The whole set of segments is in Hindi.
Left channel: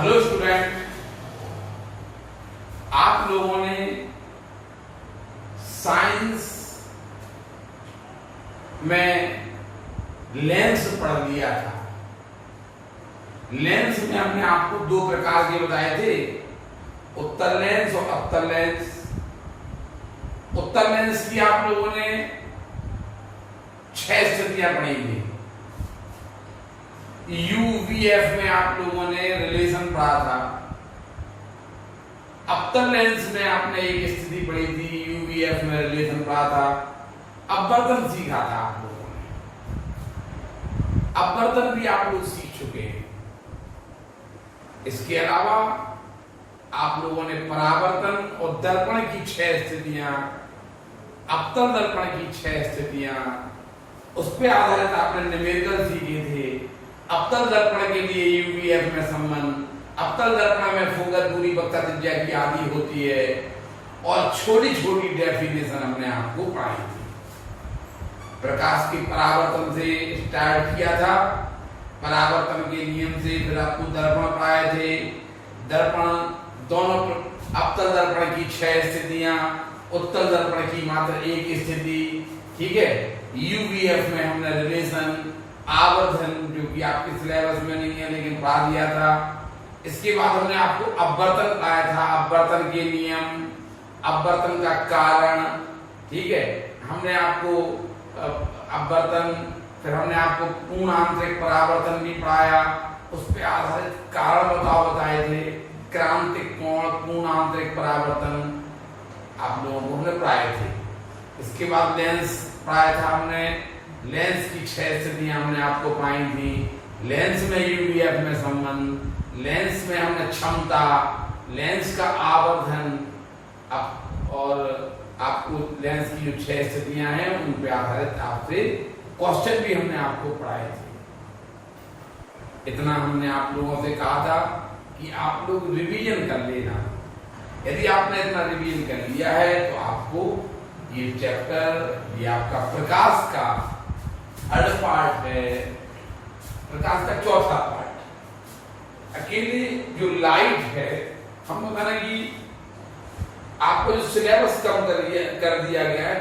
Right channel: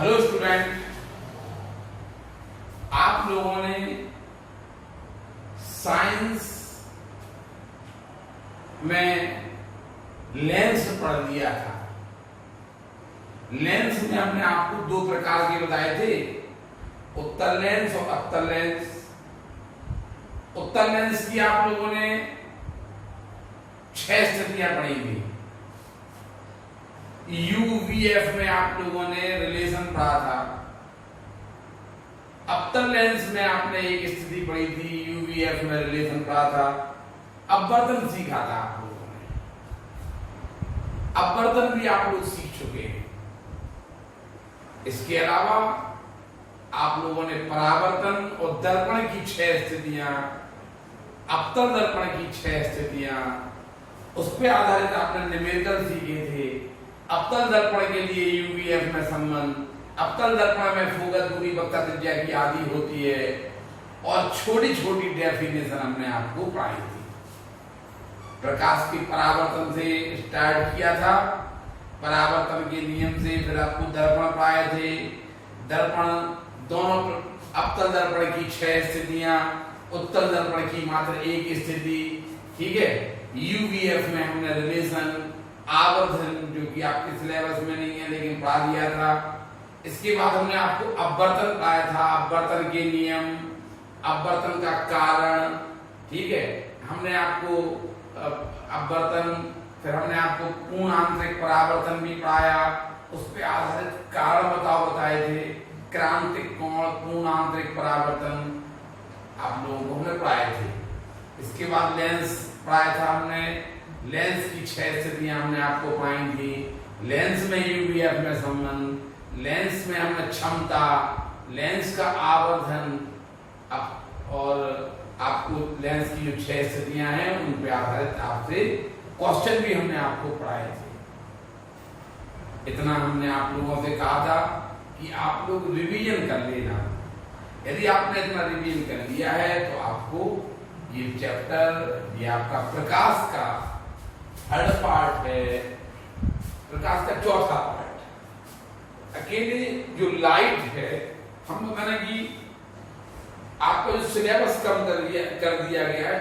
हेलो स्टूडेंट, आप लोगों ने साइंस में लेंस पढ़ लिया था। लेंस में हमने आपको दो प्रकार के बताए थे, उत्तल लेंस और अवतल लेंस। उत्तल लेंस की आप लोगों ने 6 स्थितियां पढ़ी थी। यूवीएफ में आप लोगों ने रिलेशन पढ़ा था। अवतल लेंस में आपने एक स्थिति पढ़ी थी, यूवीएफ में रिलेशन पढ़ा था। अपवर्तन सीखा था आप लोगों ने। अपवर्तन भी आप लोग सीख चुके हैं। इसके अलावा आप लोगों ने परावर्तन और दर्पण की 6 स्थितियां, अवतल दर्पण की 6 स्थितियां, उस पर आधारित आपने न्यूमेरिकल सीखे थे। अवतल दर्पण के लिए यूवीएफ में संबंध, अवतल दर्पण में फोकस दूरी वक्रता त्रिज्या की आदि होती है, और छोटी छोटी डेफिनेशन हमने आपको पढ़ाई थी। प्रकाश के परावर्तन से स्टार्ट किया था, परावर्तन के नियम से फिर आपको दर्पण पढ़ाए थे। दर्पण दोनों, अवतल दर्पण की 6 स्थितियां, उत्तल दर्पण की मात्र एक स्थिति, ठीक है। यूवीएफ में हमने रिलेशन, आवर्धन, जो कि आपके सिलेबस में नहीं है लेकिन पढ़ा दिया था। इसके बाद हमने आपको अपवर्तन पढ़ाया था, अपवर्तन के नियम, अपवर्तन का कारण, ठीक है। हमने आपको अपवर्तन, फिर हमने आपको पूर्ण आंतरिक परावर्तन भी पढ़ाया, उस पर आधारित कारण बताए थे। क्रांतिक कोण, पूर्ण आंतरिक परावर्तन आप लोगों को हमने पढ़ाए थे। इसके बाद लेंस पढ़ाया था हमने। लेंस की 6 स्थितियां हमने आपको पाई थी। लेंस में यूवीएफ में संबंध, लेंस में हमने क्षमता, लेंस का आवर्धन, और आपको लेंस की जो 6 स्थितियां हैं उन पे आधारित आपसे क्वेश्चन भी हमने आपको पढ़ाए थे। इतना हमने आप लोगों से कहा था कि आप लोग रिवीजन कर लेना। यदि आपने इतना रिवीजन कर लिया है तो आपको ये चैप्टर, ये आपका प्रकाश का थर्ड पार्ट है, प्रकाश का चौथा पार्ट। अकेले जो लाइट है, हम कहना कि आपको जो सिलेबस कम कर दिया गया है,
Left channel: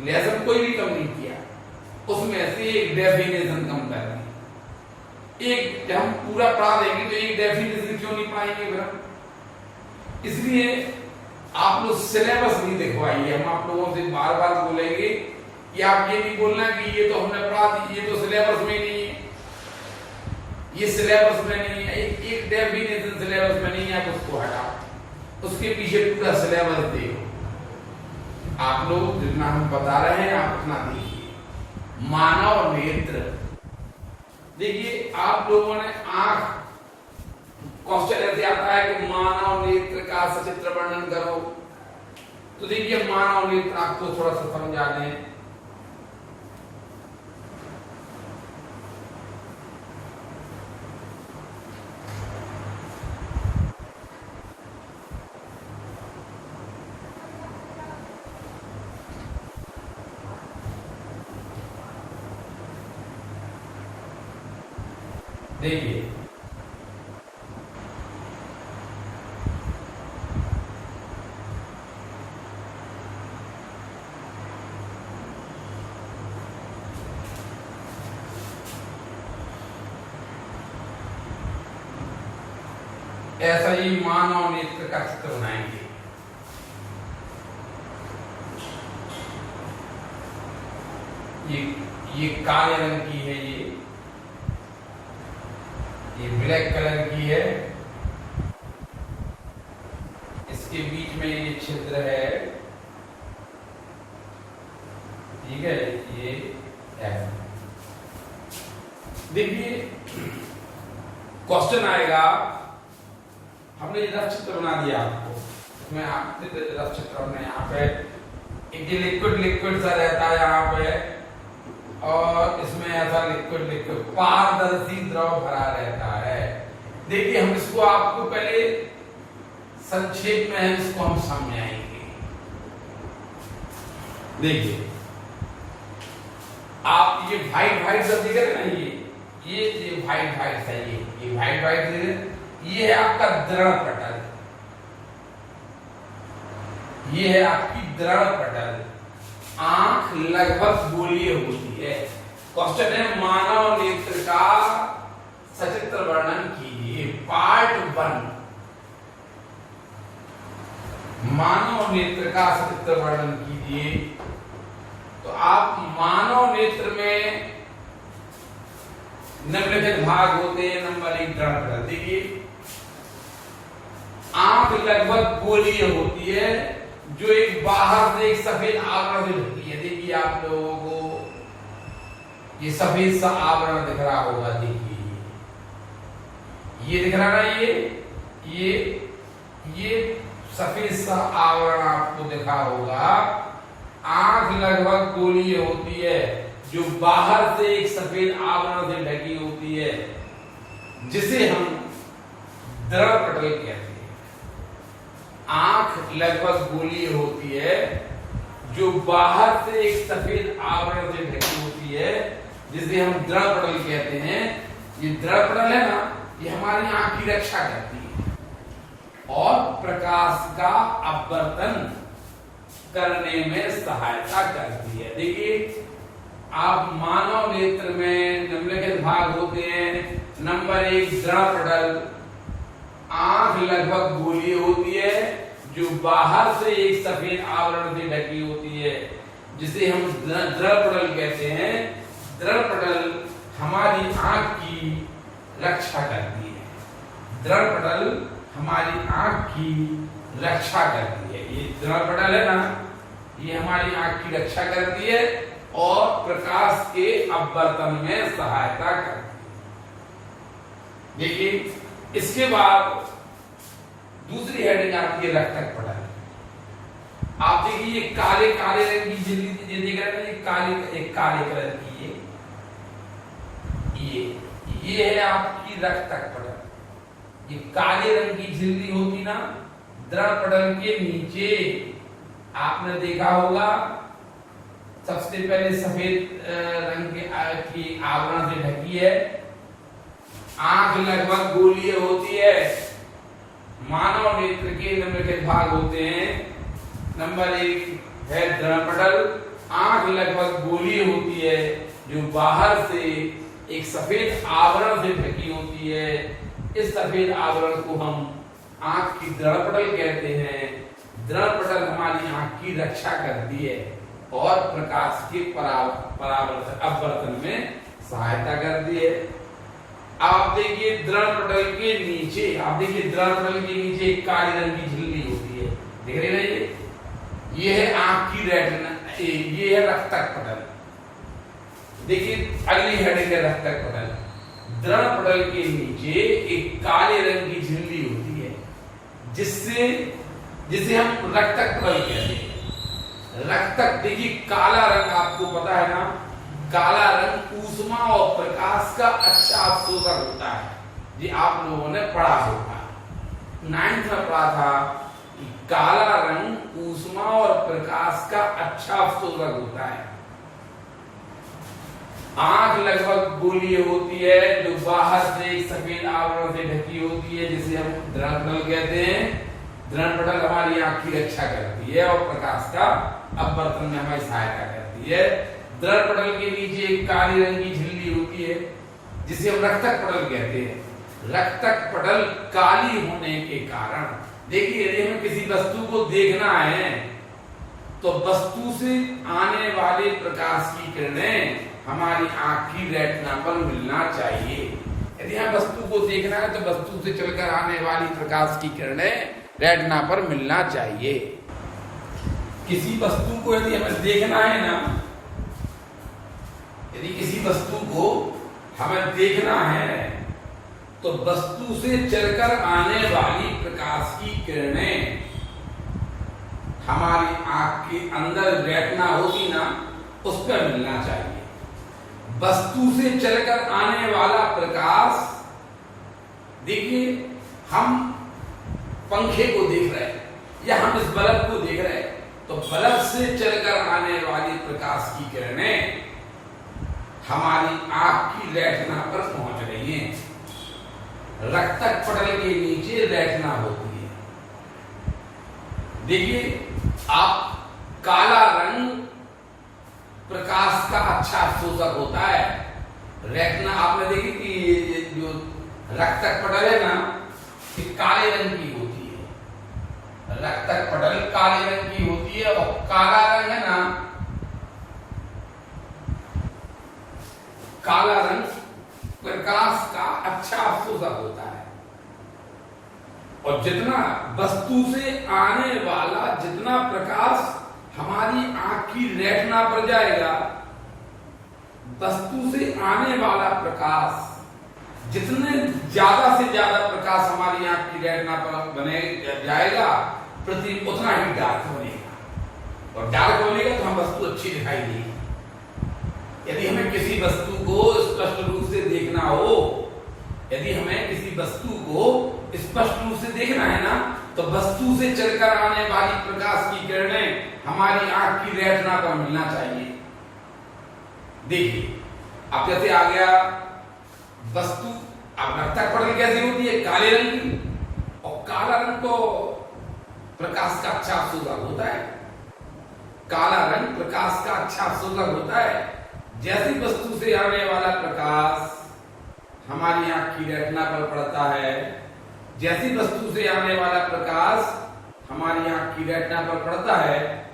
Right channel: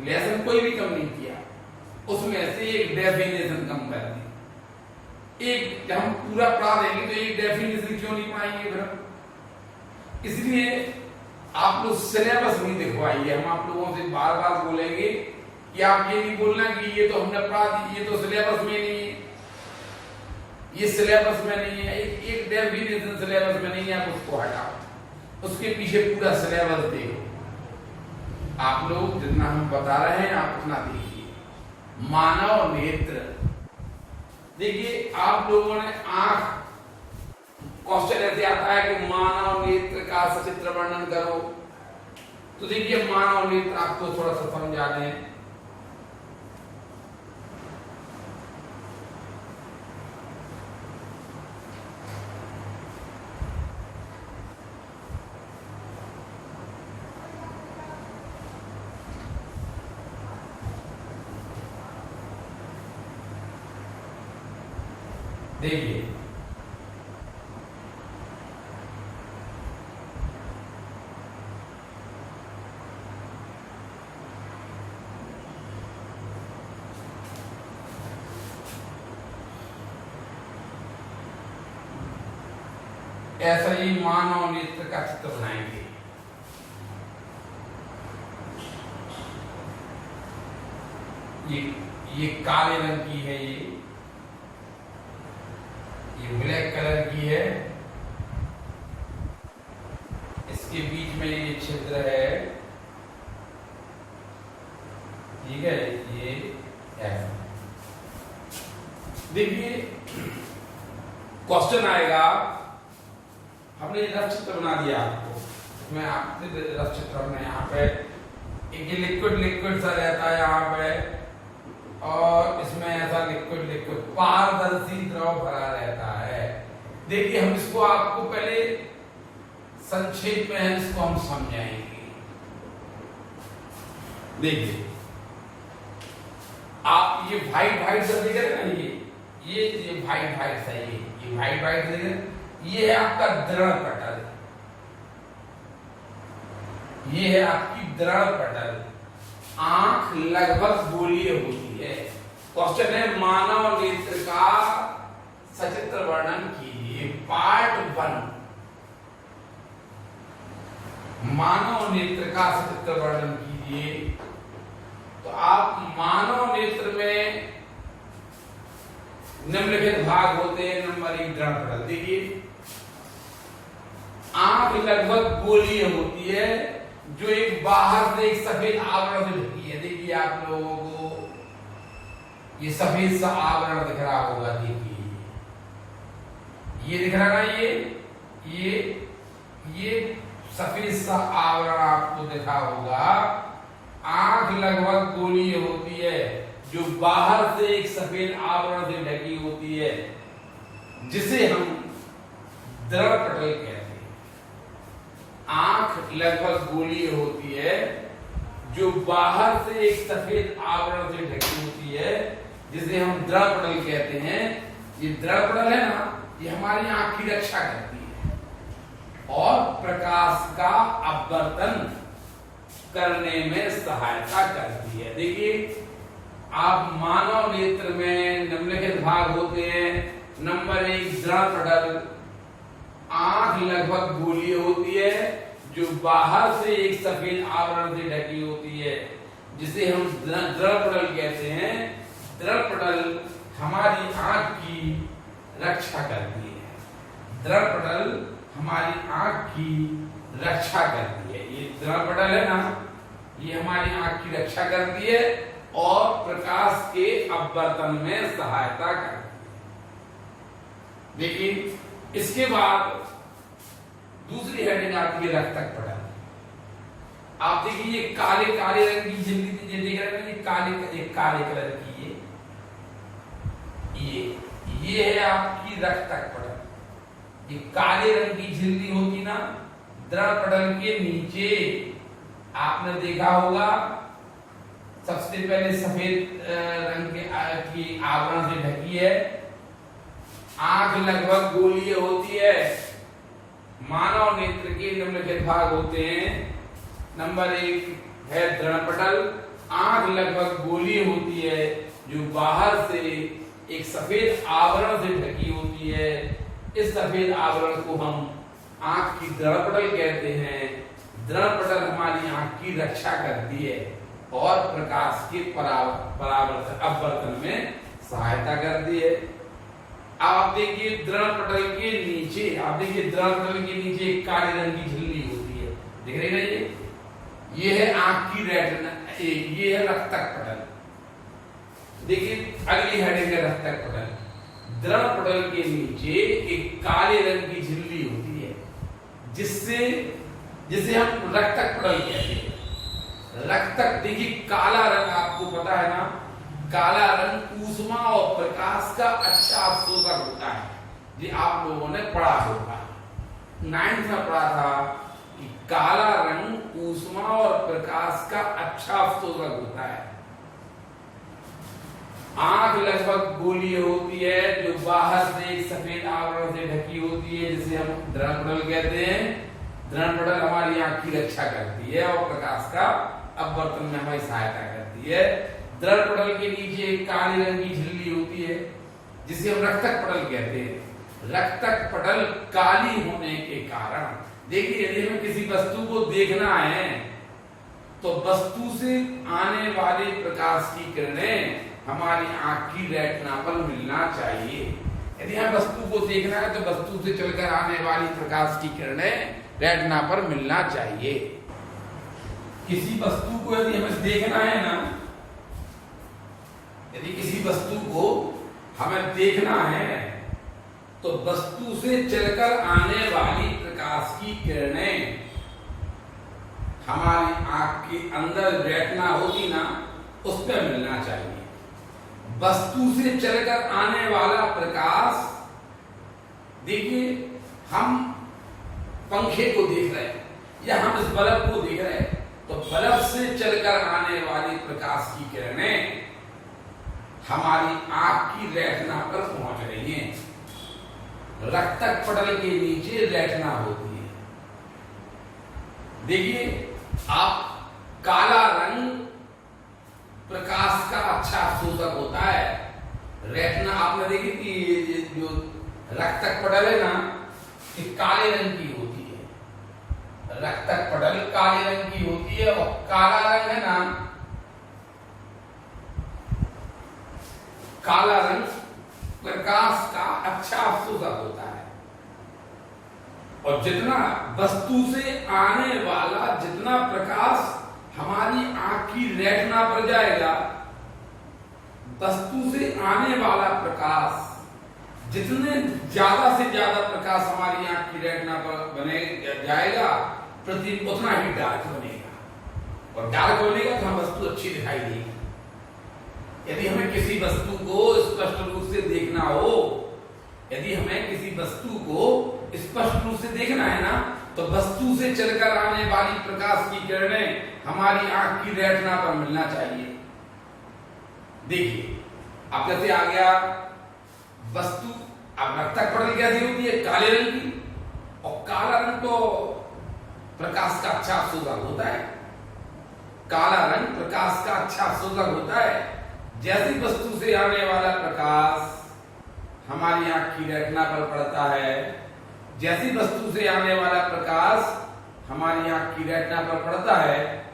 लेसन कोई भी कम नहीं किया, उसमें से एक डेफिनेशन कम कर दी। एक जब हम पूरा पढ़ा देंगे तो एक डेफिनेशन क्यों नहीं पाएंगे फिर हम? इसलिए आप लोग सिलेबस नहीं दिखवाइए। हम आप लोगों से बार बार बोलेंगे कि आप ये नहीं बोलना कि ये तो हमने पढ़ा दी, ये तो सिलेबस में नहीं है, ये सिलेबस में नहीं है। एक डेफिनेशन सिलेबस में नहीं है, आप उसको हटाओ, उसके पीछे पूरा सिलेबस देखो। आप लोग जितना हम बता रहे हैं आप उतना देखिए। मानव नेत्र, देखिए आप लोगों ने आंख, क्वेश्चन ऐसे आता है कि मानव नेत्र का सचित्र वर्णन करो, तो देखिए मानव नेत्र आपको थोड़ा सा समझा दें। देखिए ऐसा ही मानव नेत्र का चित्र बनाएंगे। ये काले रंग की है, ये ब्लैक कलर की है, इसके बीच में ये छिद्र है, ठीक है। ये देखिए क्वेश्चन आएगा, हमने रफ चित्र बना दिया आपको, उसमें आपने रफ चित्र हमने यहाँ पे एक लिक्विड सा रहता है यहाँ पे, और इसमें ऐसा लिक्विड पारदर्शी द्रव भरा रहता है। देखिए हम इसको आपको पहले संक्षेप में इसको हम समझाएंगे। देखिए आप ये व्हाइट व्हाइट सब देख रहे हैं ना, ये व्हाइट व्हाइट है, ये व्हाइट व्हाइट देख रहे हैं, ये है आपका दृढ़ पटल, ये है आपकी दृढ़ पटल। आंख लगभग गोलीय होती है। क्वेश्चन है मानव नेत्र का सचित्र वर्णन कीजिए। पार्ट 1, मानव नेत्र का सचित्र वर्णन कीजिए। तो आप मानव नेत्र में निम्नलिखित भाग होते हैं। नंबर 1 दृढ़ पटल। देखिए आंख लगभग गोलीय होती है जो एक बाहर से एक सफेद आवरण से ढकी है। देखिए आप लोगों को ये सफेद सा आवरण दिख रहा होगा। देखिए ये दिख रहा है ना, ये सफेद सा आवरण आपको दिखा होगा। आंख लगभग गोलीय होती है जो बाहर से एक सफेद आवरण से ढकी होती है, जिसे हम दृढ़ पटल कहते हैं। आंख लगभग गोलीय होती है जो बाहर से एक सफेद आवरण से ढकी होती है, जिसे हम दृढ़ पटल कहते हैं। ये दृढ़ पटल है ना, ये हमारी आंख की रक्षा करती है और प्रकाश का अपवर्तन करने में सहायता करती है। देखिए आप मानव नेत्र में निम्नलिखित भाग होते हैं। नंबर 1 दृढ़ पटल। आंख लगभग गोलीय होती है जो बाहर से एक सफेद आवरण से ढकी होती है, जिसे हम दृढ़ पटल कहते हैं। दृढ़ पटल हमारी आंख की रक्षा करती है। दृढ़ पटल हमारी आंख की रक्षा करती है। ये दृढ़ पटल है ना, ये हमारी आंख की रक्षा करती है और प्रकाश के अपवर्तन में सहायता करती है। देखिए इसके बाद दूसरी हेडिंग आती है रक्तक पटल। आप देखिए ये काले काले रंग की झिल्ली देख रहे हैं, ये काले कलर की ये है आपकी रक्तक पटल। ये काले रंग की झिल्ली होगी ना, दृढ़ पटल के नीचे आपने देखा होगा सबसे पहले सफेद रंग की आवरण से ढकी है। आंख लगभग गोलीय होती है। मानव नेत्र के निम्नलिखित भाग होते हैं। नंबर 1 है दृढ़ पटल। आंख लगभग गोलीय होती है जो बाहर से एक सफेद आवरण से ढकी होती है। इस सफेद आवरण को हम आंख की दृढ़ पटल कहते हैं। दृढ़ पटल हमारी आंख की रक्षा करती है और प्रकाश के परावर्तन अपवर्तन में सहायता करती है। आप देखिए दृढ़ पटल के नीचे, आप देखिए दृढ़ पटल के नीचे एक काले रंग की झिल्ली होती है, देख रहे हैं ये है आंख की रेटिना, ये है रक्तक पटल। देखिए अगली हेडिंग है रक्तक पटल। दृढ़ पटल के नीचे एक काले रंग की झिल्ली होती है, जिसे हम रक्तक पटल कहते हैं। रक्तक देखिए काला रंग आपको पता है ना, काला रंग ऊष्मा और प्रकाश का अच्छा अवशोषक होता है। जी आप लोगों ने पढ़ा होगा, 9th में पढ़ा था कि काला रंग ऊष्मा और प्रकाश का अच्छा अवशोषक होता है। आंख लगभग गोलीय होती है जो बाहर से एक सफेद आवरण से ढकी होती है, जिसे हम दृढ़ पटल कहते हैं। दृढ़ पटल हमारी आंख की रक्षा करती है और प्रकाश का अपवर्तन में हमारी सहायता करती है। दृढ़ पटल के नीचे एक काली रंग की झिल्ली होती है, जिसे हम रक्तक पटल कहते हैं। रक्तक पटल काली होने के कारण, देखिए यदि हमें किसी वस्तु को देखना है तो वस्तु से आने वाले प्रकाश की किरणें हमारी आंख की रेटिना पर मिलना चाहिए। यदि हमें वस्तु को देखना है तो वस्तु से चलकर आने वाली प्रकाश की किरणें रेटिना पर मिलना चाहिए। किसी वस्तु को यदि हमें देखना है ना, यदि किसी वस्तु को हमें देखना है तो वस्तु से चलकर आने वाली प्रकाश की किरणें हमारी आंख के अंदर रेटिना होगी ना, उस पर मिलना चाहिए। वस्तु से चलकर आने वाला प्रकाश, देखिए हम पंखे को देख रहे हैं या हम इस बल्ब को देख रहे हैं, तो बल्ब से चलकर आने वाली प्रकाश की किरणें हमारी आंख की रेटिना पर पहुंच रही हैं। रक्तक पटल के नीचे रेटिना होती है। देखिए, आप काला रंग प्रकाश का अच्छा शोषक होता है। रेटिना आपने देखी कि ये जो रक्तक पटल है ना, ये काले रंग की होती है। रक्तक पटल काले रंग की होती है और काला रंग है ना, काला रंग प्रकाश का अच्छा शोषक होता है। और जितना वस्तु से आने वाला जितना प्रकाश हमारी आंख की रेटिना पर जाएगा, वस्तु से आने वाला प्रकाश जितने ज्यादा से ज्यादा प्रकाश हमारी आंख की रेटिना पर बने जाएगा, प्रतिबिंब उतना ही डार्क बनेगा। और डार्क बनेगा तो हम वस्तु अच्छी दिखाई देगी। यदि हमें किसी वस्तु को स्पष्ट रूप से देखना हो, यदि हमें किसी वस्तु को स्पष्ट रूप से देखना है ना, तो वस्तु से चलकर आने वाली प्रकाश की किरणें हमारी आंख की रेटिना पर मिलना चाहिए। देखिए, अब जैसे आ गया वस्तु, अब रक्तक पटल कैसी होती है? काले रंग की। और काला रंग तो प्रकाश का अच्छा शोषक होता है। काला रंग प्रकाश का अच्छा शोषक होता है। जैसी वस्तु से आने वाला प्रकाश हमारी आंख की रेटिना पर पड़ता है, जैसी वस्तु से आने वाला प्रकाश हमारी आंख की रेटिना पर पड़ता है,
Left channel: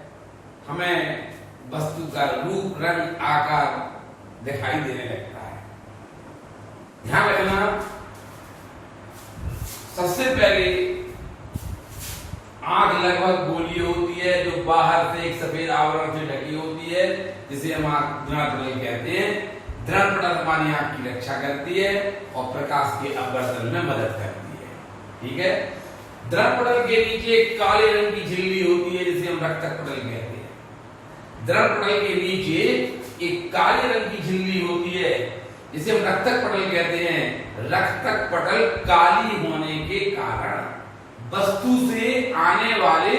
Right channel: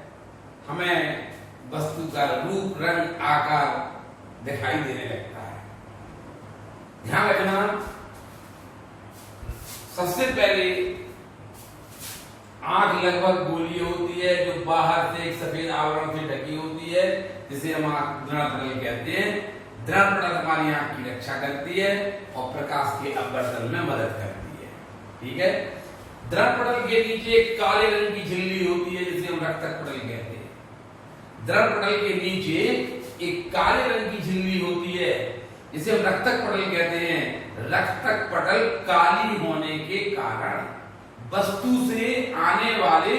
हमें वस्तु का रूप, रंग, आकार दिखाई देने लगता है। ध्यान रखना, सबसे पहले आंख लगभग गोली होती है, जो बाहर से एक सफेद आवरण से ढकी होती है, जिसे हम दृढ़पटल कहते हैं। दृढ़पटल हमारी आंख की रक्षा करती है और प्रकाश के अपवर्तन में मदद करती है। ठीक है। दृढ़पटल के नीचे एक काले रंग की झिल्ली होती है, जिसे हम रक्तक पटल कहते हैं। दृढ़पटल के नीचे एक काले रंग की झिल्ली होती है, जिसे हम रक्तक पटल कहते हैं। रक्तक पटल काली होने के कारण वस्तु से आने वाले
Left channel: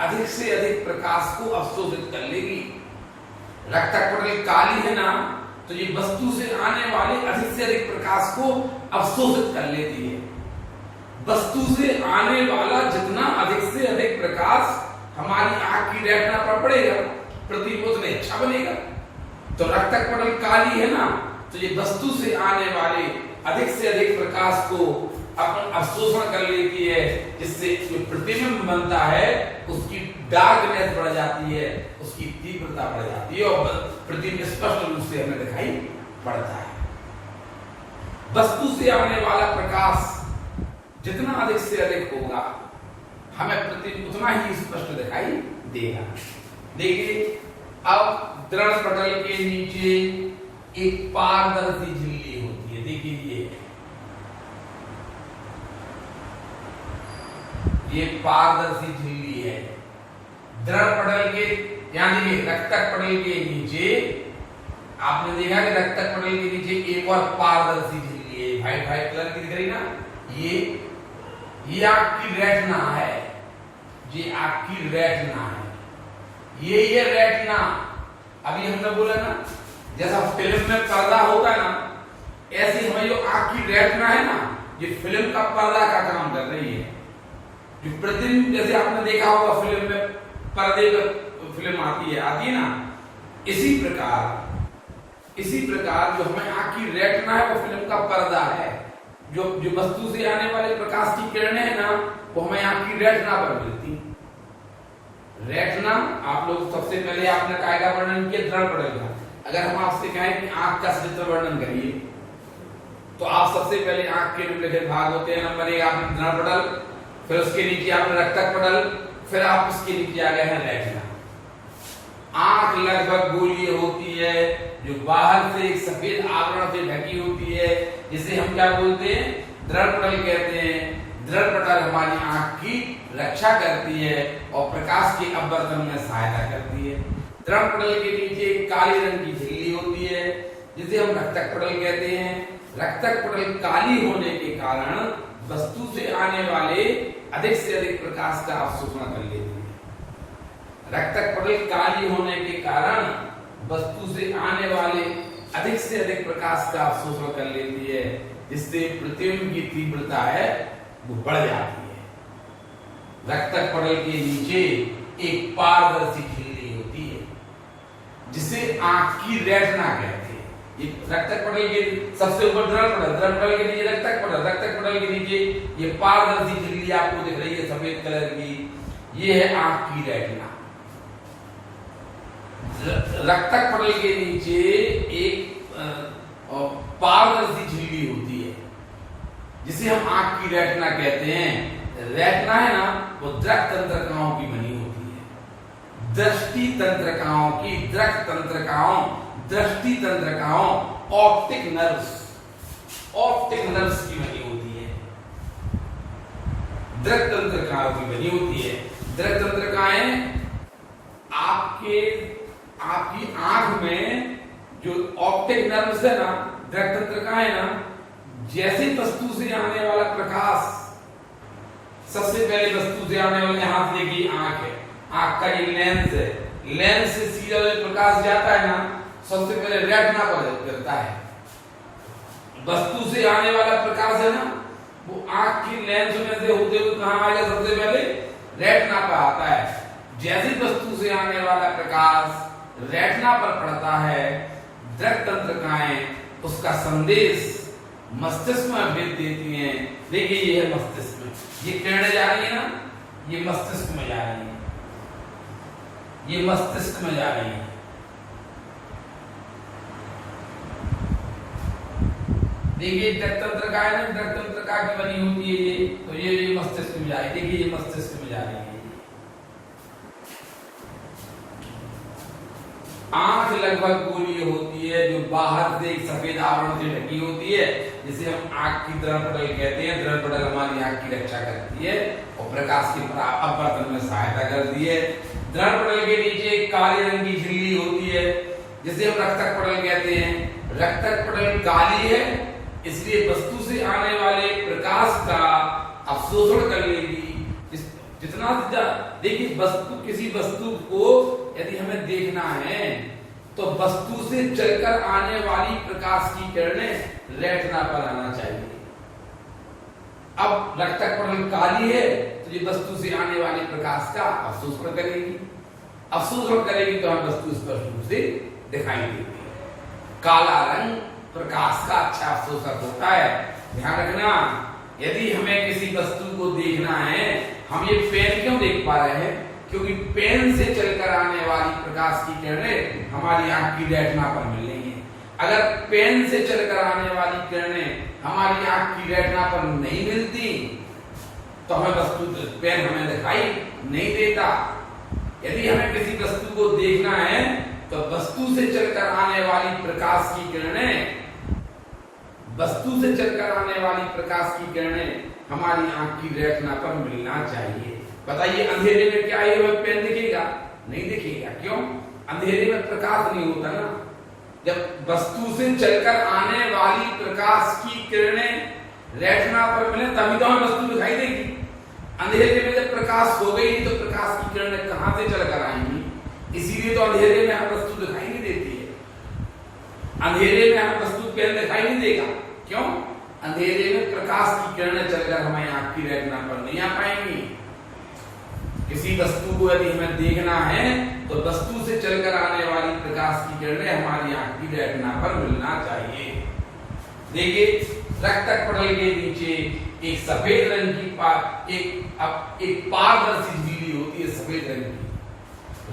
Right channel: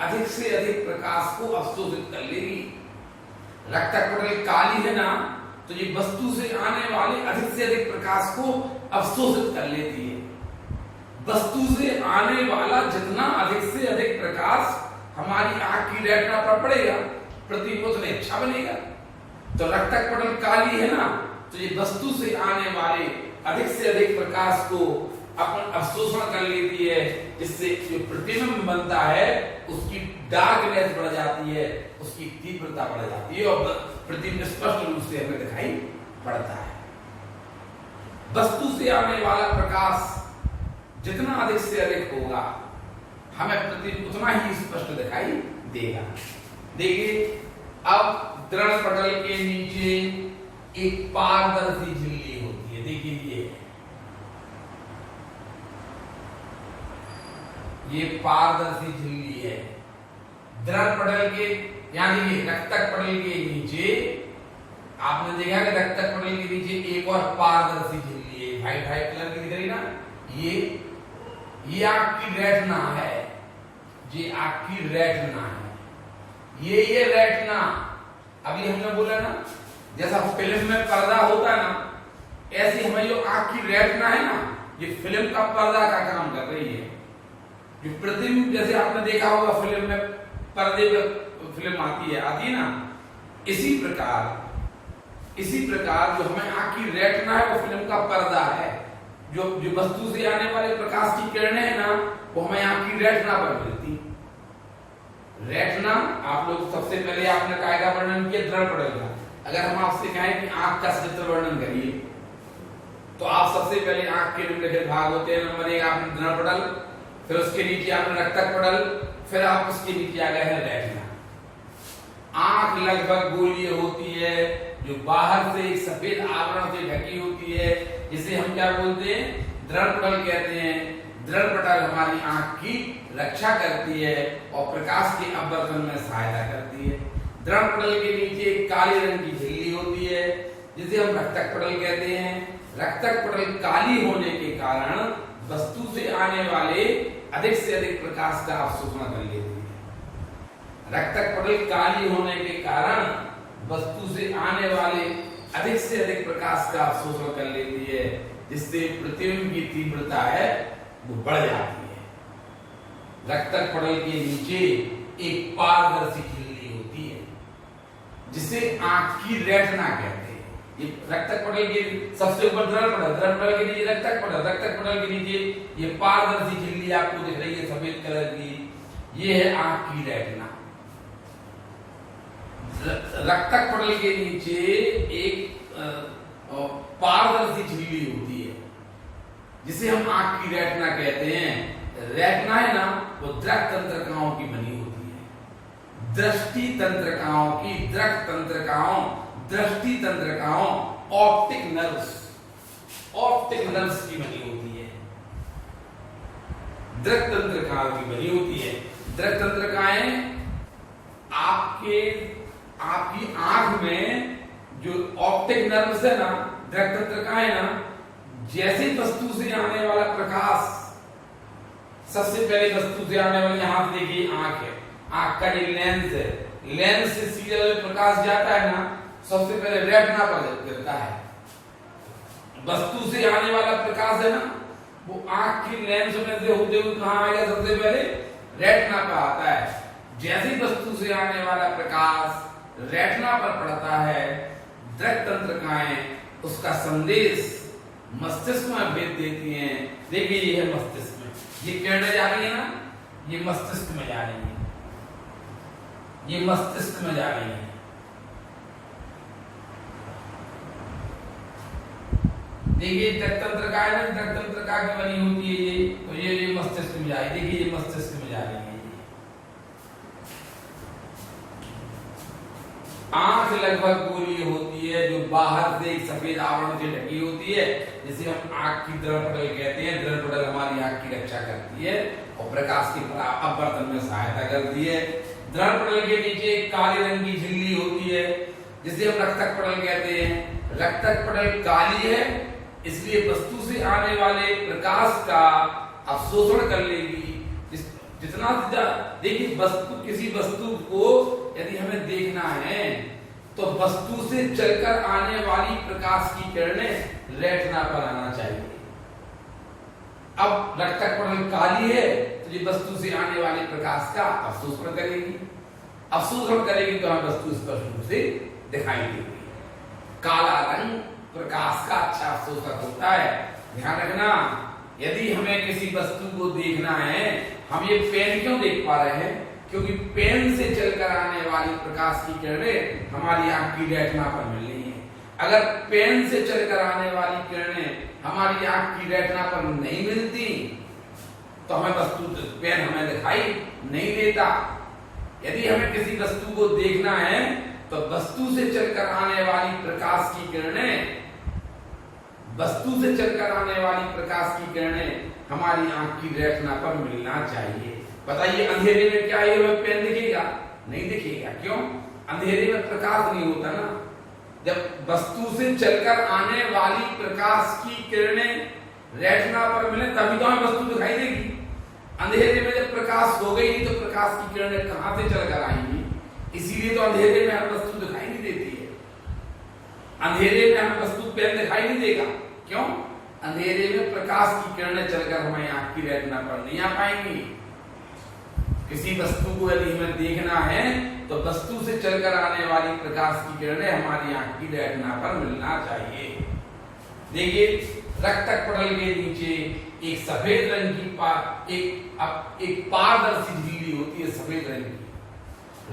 अधिक से अधिक प्रकाश को अवशोषित कर लेगी। रक्तक पटल काली है ना, तो ये वस्तु से आने वाले अधिक से अधिक प्रकाश को अवशोषित कर लेती है। वस्तु से आने वाला जितना अधिक से अधिक प्रकाश हमारी आंख की रेटिना पर पड़ेगा, प्रतिबिंब उतना अच्छा बनेगा। तो रक्तक पटल काली है ना, तो ये वस्तु से आने वाले अधिक से अधिक प्रकाश को अपन अवशोषण कर लेती है, जिससे जो प्रतिबिंब बनता है उसकी डार्कनेस बढ़ जाती है, उसकी तीव्रता बढ़ जाती है और प्रतिबिंब स्पष्ट रूप से हमें दिखाई पड़ता है। वस्तु से आने वाला प्रकाश जितना अधिक से अधिक होगा, हमें प्रतिबिंब उतना ही स्पष्ट दिखाई देगा। देखिए, अब दृढ़पटल के नीचे एक पारदर्शी झिल्ली होती है। देखिए, ये पारदर्शी झिल्ली है। दृढ़पटल के, यहां देखिए, रक्तक पटल के नीचे आपने देखा कि रक्तक पटल के नीचे एक और पारदर्शी झिल्ली है, व्हाइट व्हाइट कलर की दिख रही ना, ये आपकी रेटिना है। ये आपकी रेटिना है। ये रेटिना, अभी हमने बोला ना, जैसा फिल्म में पर्दा होता है ना, ऐसे हमारी जो आंख की रेटिना है ना, ये फिल्म का पर्दा का काम कर रही है। जो प्रतिबिंब, जैसे आपने देखा होगा फिल्म में पर्दे पर फिल्म आती है ना, इसी प्रकार जो हमें आंख की रेटिना है वो फिल्म का पर्दा है। जो वस्तु से आने वाले प्रकाश की किरणें है ना, वो हमें आंख की रेटिना पर मिलती। रेटिना, आप लोग सबसे पहले आपने काय का वर्णन किया? दृढ़पटल का। अगर हम आपसे कहें कि आंख का चित्र वर्णन करिए, तो आप सबसे पहले आंख के निम्नलिखित भाग होते हैं। नंबर 1 आपने दृढ़पटल, फिर उसके नीचे आपने रक्तक पटल, फिर आप उसके नीचे आ गए हैं रेटिना। आंख लगभग गोलीय होती है, जो बाहर से एक सफेद आवरण से ढकी होती है, जिसे हम क्या बोलते हैं? दृढ़पटल कहते हैं। दृढ़पटल हमारी आंख की रक्षा करती है और प्रकाश के अपवर्तन में सहायता करती है। दृढ़पटल के नीचे एक काले रंग की झिल्ली होती है, जिसे हम रक्तक पटल कहते हैं। रक्तक पटल काली होने के कारण वस्तु से आने वाले अधिक से अधिक प्रकाश का अवशोषण कर लेती है। रक्तक पटल काली होने के कारण वस्तु से आने वाले अधिक से अधिक प्रकाश का अवशोषण कर लेती है, जिससे प्रतिबिंब की तीव्रता है वो बढ़ जाती है। रक्तक पटल के नीचे एक पारदर्शी झिल्ली होती है, जिसे आंख की रेटिना कहते हैं। ये रक्तक पटल के सबसे ऊपर द्रव पटल के नीचे रक्तक पटल के नीचे ये पारदर्शी झिल्ली आपको दिख रही है सफेद कलर की, ये है आंख की रेटिना। रक्तक पटल के नीचे एक पारदर्शी झिल्ली होती है, जिसे हम आंख की रेटिना कहते हैं। रेटिना है ना, वो दृक तंत्रिकाओं की बनी होती है। दृष्टि तंत्रिकाओं की दृष्टि तंत्रिकाओं ऑप्टिक नर्व्स की बनी होती है। दृक तंत्रिकाओं की बनी होती है। दृक तंत्रिकाएं आपकी आंख में जो ऑप्टिक नर्व्स है ना, दृक तंत्रिकाएं ना, जैसे वस्तु से आने वाला प्रकाश, सबसे पहले वस्तु से आने वाले, यहां देखिए आंख है, आंख का ये लेंस है, लेंस से सीधा जो प्रकाश जाता है ना, सबसे पहले रेटिना पर गिरता है। वस्तु से आने वाला प्रकाश है ना, वो आंख की लेंस में से होते हुए कहां आएगा? सबसे पहले रेटिना पर आता है। जैसी वस्तु से आने वाला प्रकाश रेटिना पर पड़ता है, दृक तंत्रिकाएं उसका संदेश मस्तिष्क में भेज देती हैं। देखिए ये है मस्तिष्क में, ये किरणें जा रही है ना, ये मस्तिष्क में जा रही है, ये मस्तिष्क में जा रही है। देखिए दृक तंत्रिका है, दृक तंत्रिका की बनी होती है ये, तो ये भी मस्तिष्क में जा रही है। देखिए ये मस्तिष्क में जा रही है। आंख लगभग गोलीय होती है, जो बाहर से एक सफेद आवरण से ढकी होती है, जिसे हम आंख की द्रव पटल कहते हैं। द्रव पटल हमारी आंख की रक्षा करती है और प्रकाश के अपवर्तन में सहायता करती है। द्रव पटल के नीचे काले रंग की झिल्ली होती है, जिसे हम रक्तक पटल कहते हैं। रक्तक पटल काली है, इसलिए वस्तु से आने वाले प्रकाश का अवशोषण कर लेगी। जितना देखिए वस्तु, किसी वस्तु को यदि हमें देखना है तो वस्तु से चलकर आने वाली प्रकाश की किरणें रेटिना पर आना चाहिए। अब रक्तक पटल काली है, तो ये वस्तु से आने वाली प्रकाश का अवशोषण करेगी। अवशोषण करेगी तो हम वस्तु स्पष्ट रूप से दिखाई देगी। काला रंग प्रकाश का अच्छा अवशोषक होता है। ध्यान रखना, यदि हमें किसी वस्तु को देखना है, हम ये पेन क्यों देख पा रहे हैं? क्योंकि पेन से चलकर आने वाली प्रकाश की किरणें हमारी आंख की रेटिना पर मिल रही हैं। अगर पेन से चलकर आने वाली किरणें हमारी आंख की रेटिना पर नहीं मिलती तो हमें वस्तु, पेन हमें दिखाई नहीं देता। यदि हमें किसी वस्तु को देखना है तो वस्तु से चलकर आने वाली प्रकाश की किरणें, वस्तु से चलकर आने वाली प्रकाश की किरणें हमारी आंख की रेटिना पर मिलना चाहिए। बताइए अंधेरे में क्या ये पेन दिखेगा? नहीं दिखेगा। क्यों? अंधेरे में प्रकाश नहीं होता ना। जब वस्तु से चलकर आने वाली प्रकाश की किरणें रेटिना पर मिले तभी तो हमें वस्तु दिखाई देगी। अंधेरे में जब प्रकाश हो गई तो प्रकाश की किरणें कहां से चलकर आएंगी? इसीलिए तो अंधेरे में हमें वस्तु दिखाई नहीं देती है। अंधेरे में हमें वस्तु पेन दिखाई नहीं देगा। क्यों? अंधेरे में प्रकाश की किरणें चलकर हमारी आंख की रेटिना पर नहीं आ पाएंगी। किसी वस्तु को यदि हमें देखना है तो वस्तु से चलकर आने वाली प्रकाश की किरणें हमारी आंख की रेटिना पर मिलना चाहिए। देखिए रक्तक पटल के नीचे एक सफेद रंग की एक पारदर्शी झिल्ली होती है, सफेद रंग की।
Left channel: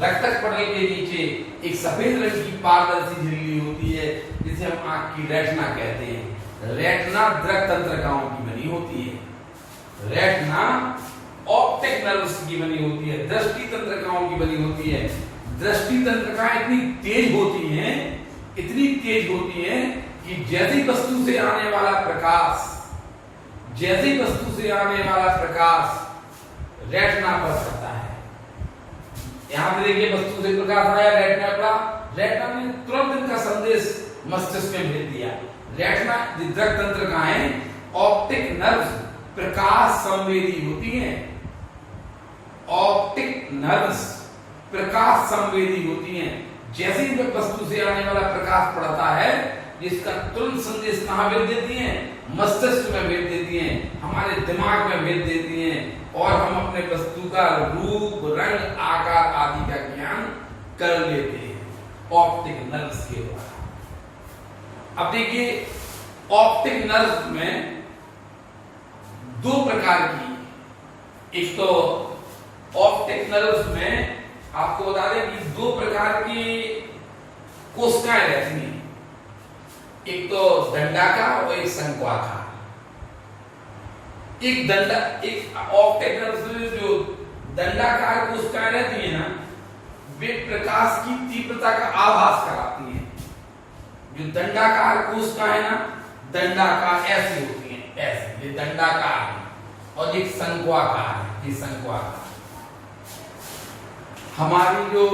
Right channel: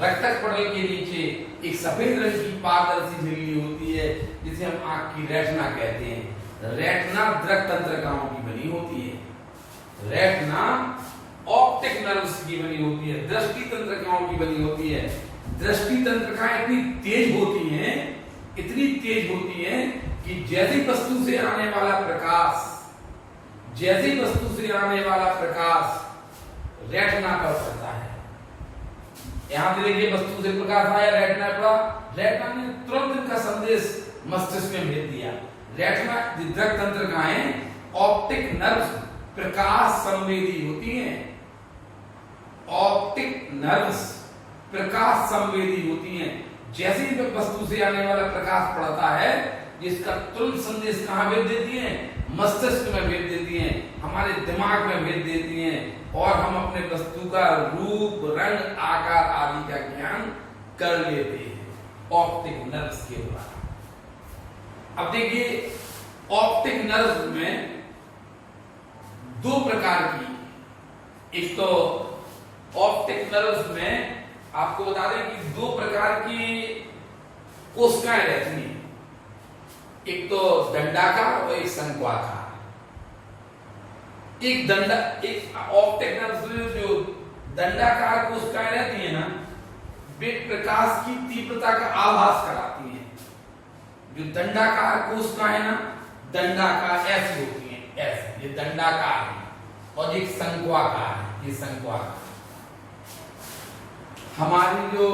रक्तक पटल के नीचे एक सफेद रंग की पारदर्शी झिल्ली होती है, जिसे हम आंख की रेटिना कहते हैं। रेटिना दृक तंत्रिकाओं की बनी होती है। रेटिना ऑप्टिक नर्व्स की बनी होती है, दृष्टि तंत्रिकाओं की बनी होती है। दृष्टि तंत्रिकाएं इतनी तेज होती हैं, इतनी तेज होती हैं कि जैसी वस्तु से आने वाला प्रकाश, जैसी वस्तु से आने वाला प्रकाश रेटिना पर पड़ता है। यहां पे देखिए वस्तु से प्रकाश आया, रेटिना पड़ा, रेटिना ने तुरंत इनका संदेश मस्तिष्क में भेज दिया। रेटिना दृक तंत्रिकाएं ऑप्टिक नर्व्स प्रकाश संवेदी होती हैं। ऑप्टिक नर्व्स प्रकाश संवेदी होती हैं। जैसे ही वस्तु से आने वाला प्रकाश पड़ता है, जिसका तुरंत संदेश कहाँ भेज देती है? मस्तिष्क में भेज देती है, हमारे दिमाग में भेज देती है, और हम अपने वस्तु का रूप, रंग, आकार आदि का ज्ञान कर लेते हैं ऑप्टिक नर्व्स के द्वारा। अब देखिए, ऑप्टिक नर्व्स में दो प्रकार की, एक तो ऑप्टिक नर्व्स में आपको बता दें कि दो प्रकार की कोशिकाएं रहती हैं, एक तो दंडाकार और एक शंक्वाकार। एक ऑप्टिक नर्व्स में जो दंडाकार कोशिकाएं रहती है ना, वे प्रकाश की तीव्रता का आभास कराती हैं। जो दंडाकार कोशिकाएं है ना, दंडाकार ऐसी होती हैं, ऐसे ये दंडाकार है, और एक शंक्वाकार है, ये शंक्वाकार। हमारी जो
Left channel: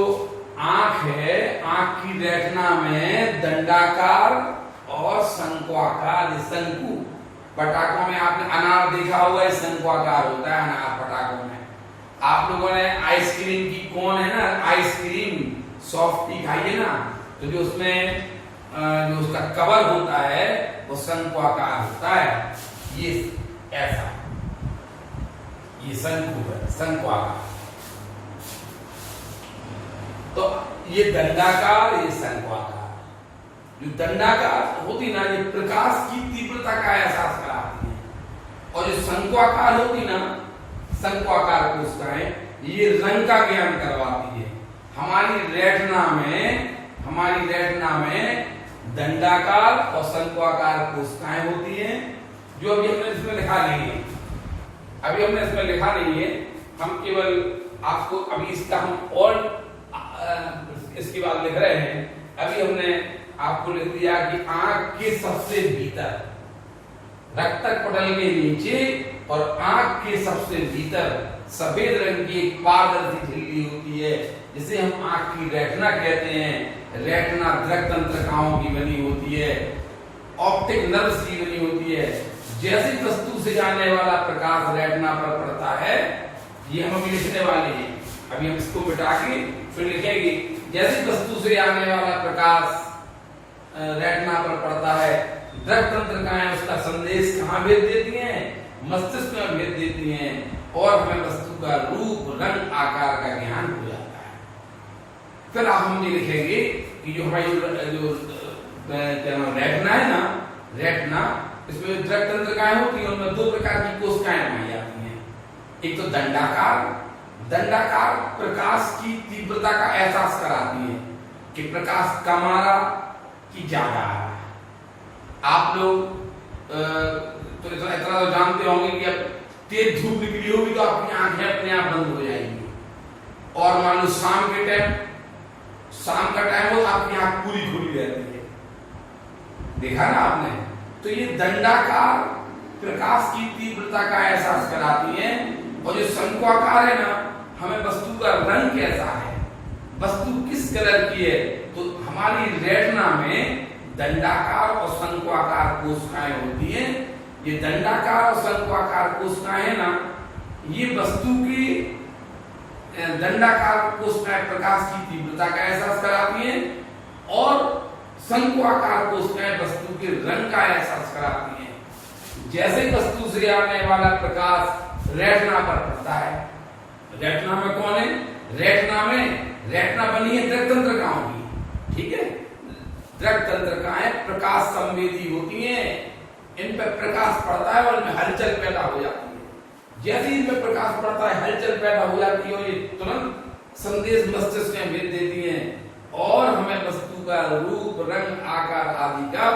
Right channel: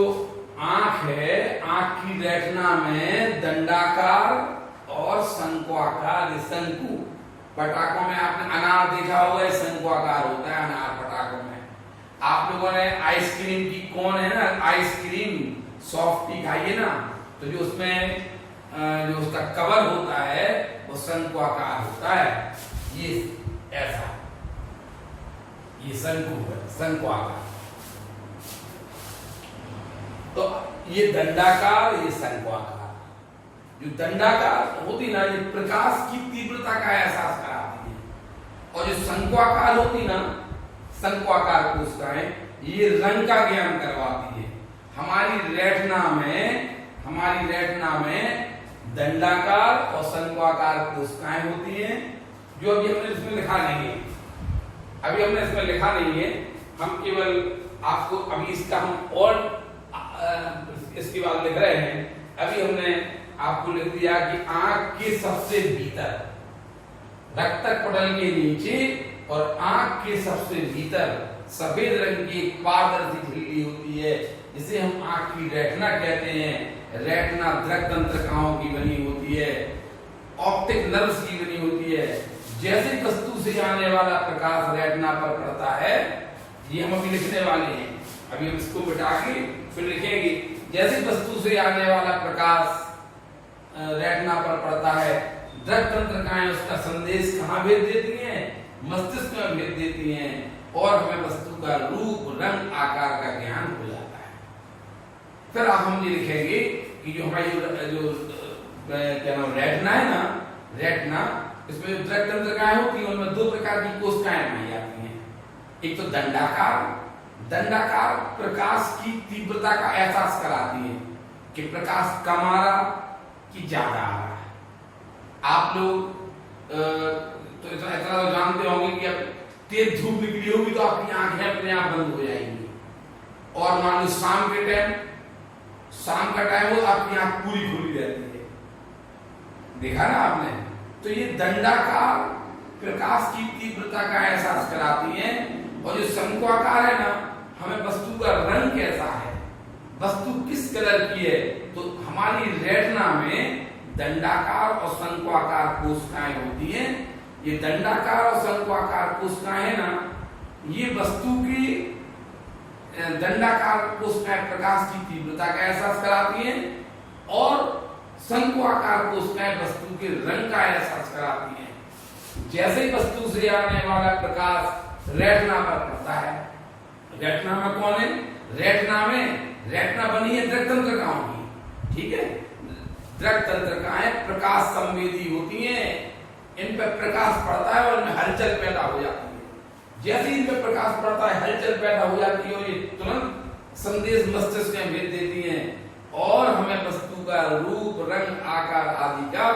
आंख है, आंख की रेटिना में दंडाकार और शंक्वाकार, ये शंकु। पटाखों में आपने अनार देखा होगा, ये शंक्वाकार होता है अनार पटाखों में। आप लोगों ने आइसक्रीम की कोन है ना, आइसक्रीम सॉफ्टी खाई है ना, तो जो उसमें जो उसका कवर होता है वो शंक्वाकार होता है, ये ऐसा, ये शंकु है, शंक्वाकार। तो ये दंडाकार, ये शंक्वाकार। जो दंडाकार होती ना, ये प्रकाश की तीव्रता का एहसास कराती है, और जो शंक्वाकार होती ना, शंक्वाकार कोशिकाएं, ये रंग का ज्ञान करवाती है। हमारी रेटिना में दंडाकार और शंक्वाकार कोशिकाएं होती हैं, जो अभी हमने इसमें लिखा नहीं है। हम केवल आपको अभी इसका हम और इसके बाद लिख रहे हैं। अभी हमने आपको लिख दिया कि आंख के सबसे भीतर, रक्तक पटल के नीचे और आंख के सबसे भीतर सफेद रंग की एक पारदर्शी झिल्ली होती है, जिसे हम आंख की रेटिना कहते हैं। रेटिना दृक तंत्रिकाओं की बनी होती है, ऑप्टिक नर्व्स की बनी होती है। जैसे वस्तु से आने वाला प्रकाश रेटिना पर पड़ता है, ये हम अभी लिखने वाले हैं। अभी हम इसको मिटा के फिर लिखेंगे। जैसे वस्तु से आने वाला प्रकाश रेटिना पर पड़ता है, दृक तंत्रिकाएं उसका संदेश कहाँ भेज देती हैं? मस्तिष्क में भेज देती हैं, और हमें वस्तु का रूप, रंग, आकार का ज्ञान हो जाता है। फिर हम ये लिखेंगे कि जो हमारी जो रेटिना है ना, रेटिना, इसमें जो दृक तंत्रिकाएं होती हैं, उनमें दो प्रकार की कोशिकाएं पाई जाती हैं। एक तो दंडाकार प्रकाश की तीव्रता का एहसास कराती है कि प्रकाश कम आ रहा कि ज्यादा आ रहा है। आप लोग तो इतना तो जानते होंगे कि अब तेज धूप निकली होगी तो आपकी आंखें अपने आप बंद हो जाएंगी, और मान लो शाम का टाइम हो तो आपकी आंख पूरी खुली रहती है। देखा ना आपने? तो ये दंडाकार प्रकाश की तीव्रता का एहसास कराती है, और जो शंक्वाकार है ना, हमें वस्तु का रंग कैसा है, वस्तु किस कलर की है। तो हमारी रेटिना में दंडाकार और शंक्वाकार कोशिकाएं होती हैं। ये दंडाकार और शंक्वाकार कोशिकाएं है ना, ये वस्तु की दंडाकार कोशिकाएं प्रकाश की तीव्रता का एहसास कराती हैं, और शंक्वाकार कोशिकाएं वस्तु के रंग का एहसास कराती हैं। जैसे वस्तु से आने वाला प्रकाश रेटिना पर पड़ता है, रेटिना में कौन है? रेटिना बनी है दृक तंत्रिकाओं की, ठीक है। दृक तंत्रिकाएं प्रकाश संवेदी होती हैं, इन पर प्रकाश पड़ता है और इनमें हलचल पैदा हो जाती है। जैसे ही इनमें प्रकाश पड़ता है, हलचल पैदा हो जाती है, और ये तुरंत संदेश मस्तिष्क में भेज देती हैं, और हमें वस्तु का रूप, रंग, आकार आदि का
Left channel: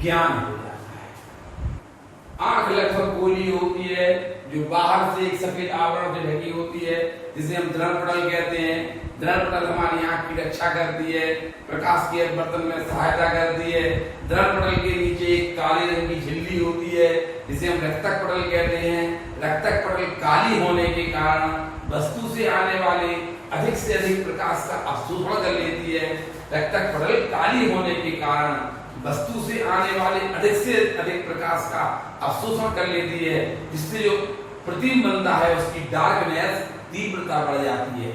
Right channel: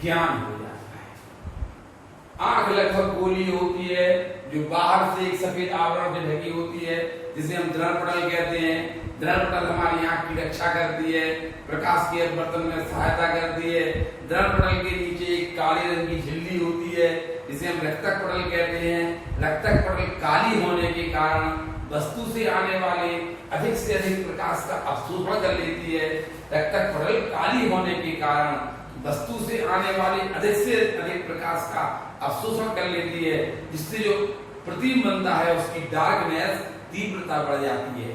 ज्ञान हो जाता है। आंख लगभग गोली होती है, जो बाहर से एक सफेद आवरण से ढकी होती है, जिसे हम दृढ़पटल कहते हैं। दृढ़पटल हमारी आंख की रक्षा करती है, प्रकाश के अपवर्तन में सहायता करती है। दृढ़पटल के नीचे एक काले रंग की झिल्ली होती है, जिसे हम रक्तक पटल कहते हैं। रक्तक पटल काली होने के कारण वस्तु से आने वाले अधिक से अधिक प्रकाश का अवशोषण कर लेती है। रक्तक पटल काली होने के कारण वस्तु से आने वाले अधिक से अधिक प्रकाश का अवशोषण कर लेती है, जिससे जो प्रतिबिंब बनता है उसकी डार्कनेस, तीव्रता बढ़ जाती है।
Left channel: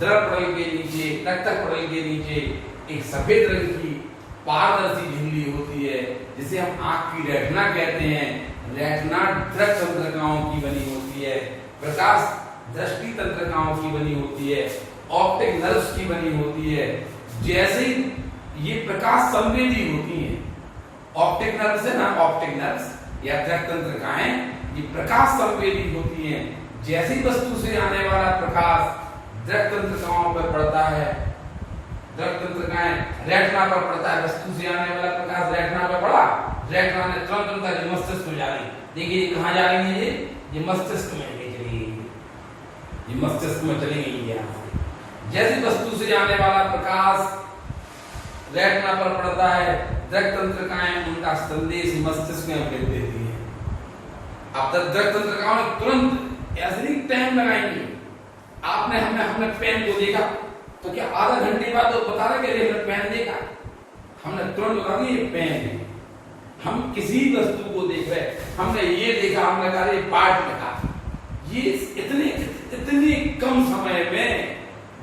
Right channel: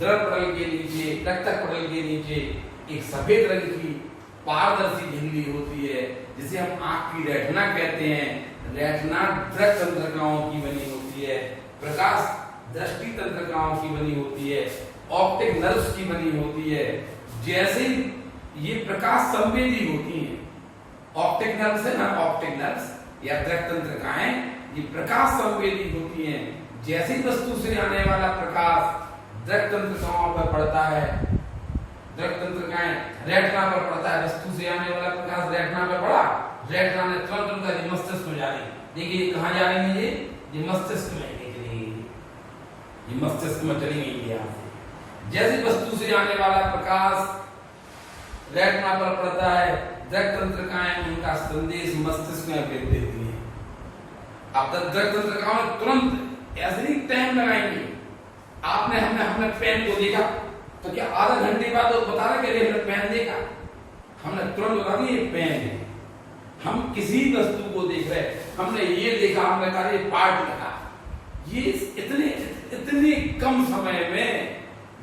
दर्पण पटल के नीचे, रक्तक पटल के नीचे एक सफेद रंग की पारदर्शी झिल्ली होती है, जिसे हम आंख की रेटिना कहते हैं। रेटिना दृष्टि तंत्रिकाओं की बनी होती है, प्रकाश दृष्टि तंत्रिकाओं की बनी होती है, ऑप्टिक नर्व्स की बनी होती है। जैसे ये प्रकाश संवेदी होती हैं, ऑप्टिक नर्व्स है ना, ऑप्टिक नर्व्स या दृष्टि तंत्रिकाएं, ये प्रकाश संवेदी होती हैं। जैसी वस्तु से आने वाला प्रकाश दृष्टि तंत्रिकाओं पर पड़ता है, दृष्टि तंत्रिकाएं रेटिना पर पड़ता है, वस्तु से आने वाला प्रकाश रेटिना पर पड़ा, रेटिना ने तुरंत मस्तिष्क में जा रही। देखिए ये कहाँ जा रही है, ये मस्तिष्क में चली गई, ये मस्तिष्क में चली गई यहाँ से। जैसी वस्तु से आने वाला प्रकाश रेटिना पर पड़ता है, दृष्टि तंत्रिकाएं उनका संदेश मस्तिष्क में भेज देती हैं। अब तक दृष्टि तंत्रिकाएं तुरंत ऐसे नहीं टाइम लगाएंगी। आपने हमने पेन को देखा तो क्या आधा घंटे बाद तो बता रहा कि हमने पेन देखा, हमने तुरंत बता दिया ये पेन है। हम किसी वस्तु को देख रहे, हमने ये देखा, हमने कहा ये पार्ट लिखा, ये इतने कम समय में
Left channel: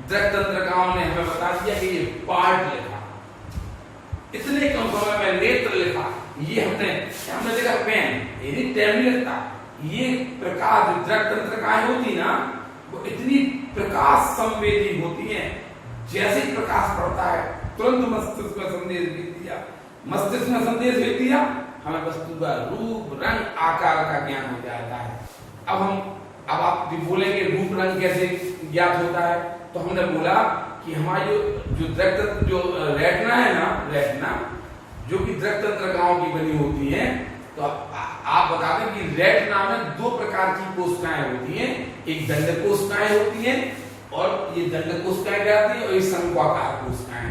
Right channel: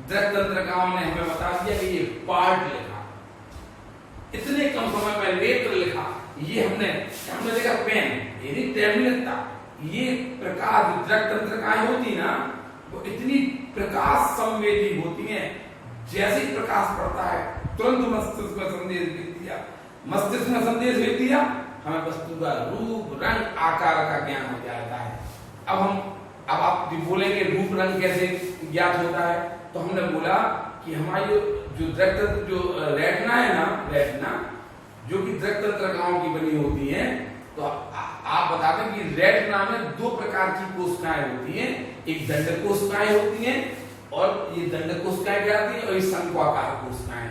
दृष्टि तंत्रिकाओं ने हमें बता दिया कि ये पार्ट लिखा, इतने कम समय में नेत्र लिखा, ये हमने देखा पेन, यदि टाइम नहीं लगता। ये प्रकाश दृष्टि तंत्रिकाएं होती ना, वो इतनी प्रकाश संवेदी होती हैं, जैसे ही प्रकाश पड़ता है तुरंत मस्तिष्क में संदेश भेज दिया, मस्तिष्क में संदेश भेज दिया, हमें वस्तु का रूप रंग आकार का ज्ञान हो जाता है। अब आप बोलेंगे रूप रंग कैसे ज्ञात होता है, तो हमने बोला कि हमारी जो रेटिना है ना, रेटिना जो कि दृष्टि तंत्रिकाओं की बनी होती है, तो आप बता दें कि रेटिना में दो प्रकार की कोशिकाएं होती हैं, एक दंड कोशिकाएं होती हैं और ये दंड कोशिकाएं कहलाती हैं, और ये शंक्वाकार कोशिकाएं।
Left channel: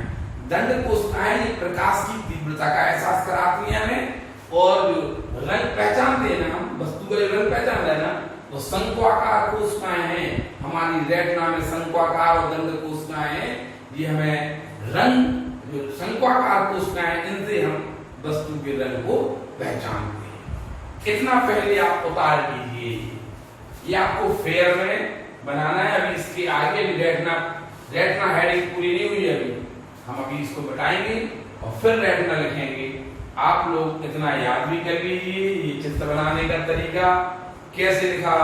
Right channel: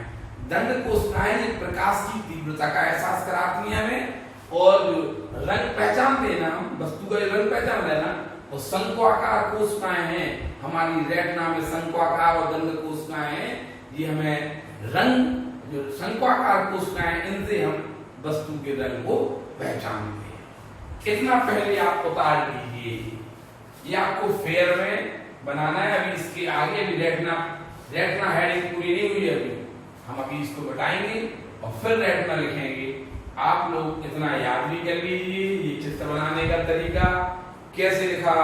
दंड कोशिकाएं प्रकाश की तीव्रता का एहसास कराती हैं हमें, और जो रंग पहचानते हैं ना, वस्तु का रंग पहचान रहे ना, वो शंक्वाकार कोशिकाएं हैं। हमारी रेटिना में शंक्वाकार और दंड कोशिकाएं हैं, ये हमें रंग, जो शंक्वाकार कोशिकाएं, इनसे हम वस्तु के रंग को पहचानते हैं। इतना पहले आप उतार लीजिए, ये आपको फेयर में बनाना है। अभी इसके आगे भी रेटिना हेडिंग पूरी नहीं हुई है, अभी हम अभी इसको बताएंगे और फिर रेटिना लिखेंगे। आप लोग इतना याद भी कर लीजिए, ये चित्र बनाने का तरीका कैसे लिखा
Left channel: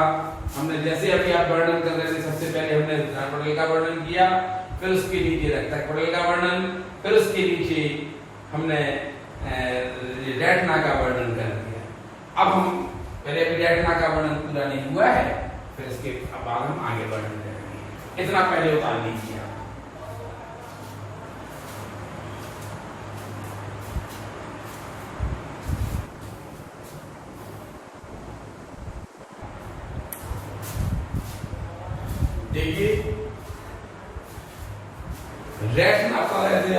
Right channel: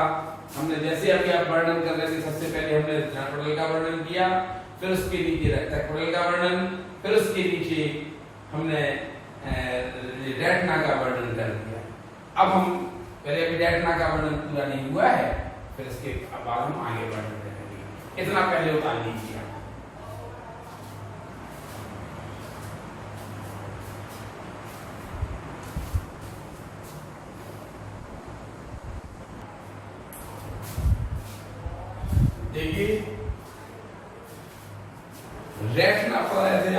हमने। जैसे अभी आप वर्णन कर रहे थे, सबसे पहले हमने दर्पण पटल का वर्णन किया, फिर उसके नीचे रक्तक पटल का वर्णन, फिर उसके नीचे हमने रेटिना का वर्णन कर दिया। अब हम पहले अभी रेटिना का वर्णन पूरा नहीं हुआ है, फिर इसके बाद हम आगे वर्णन करेंगे। इतना पहले उतार लीजिए आप। देखिए रेटिना पर ऐसे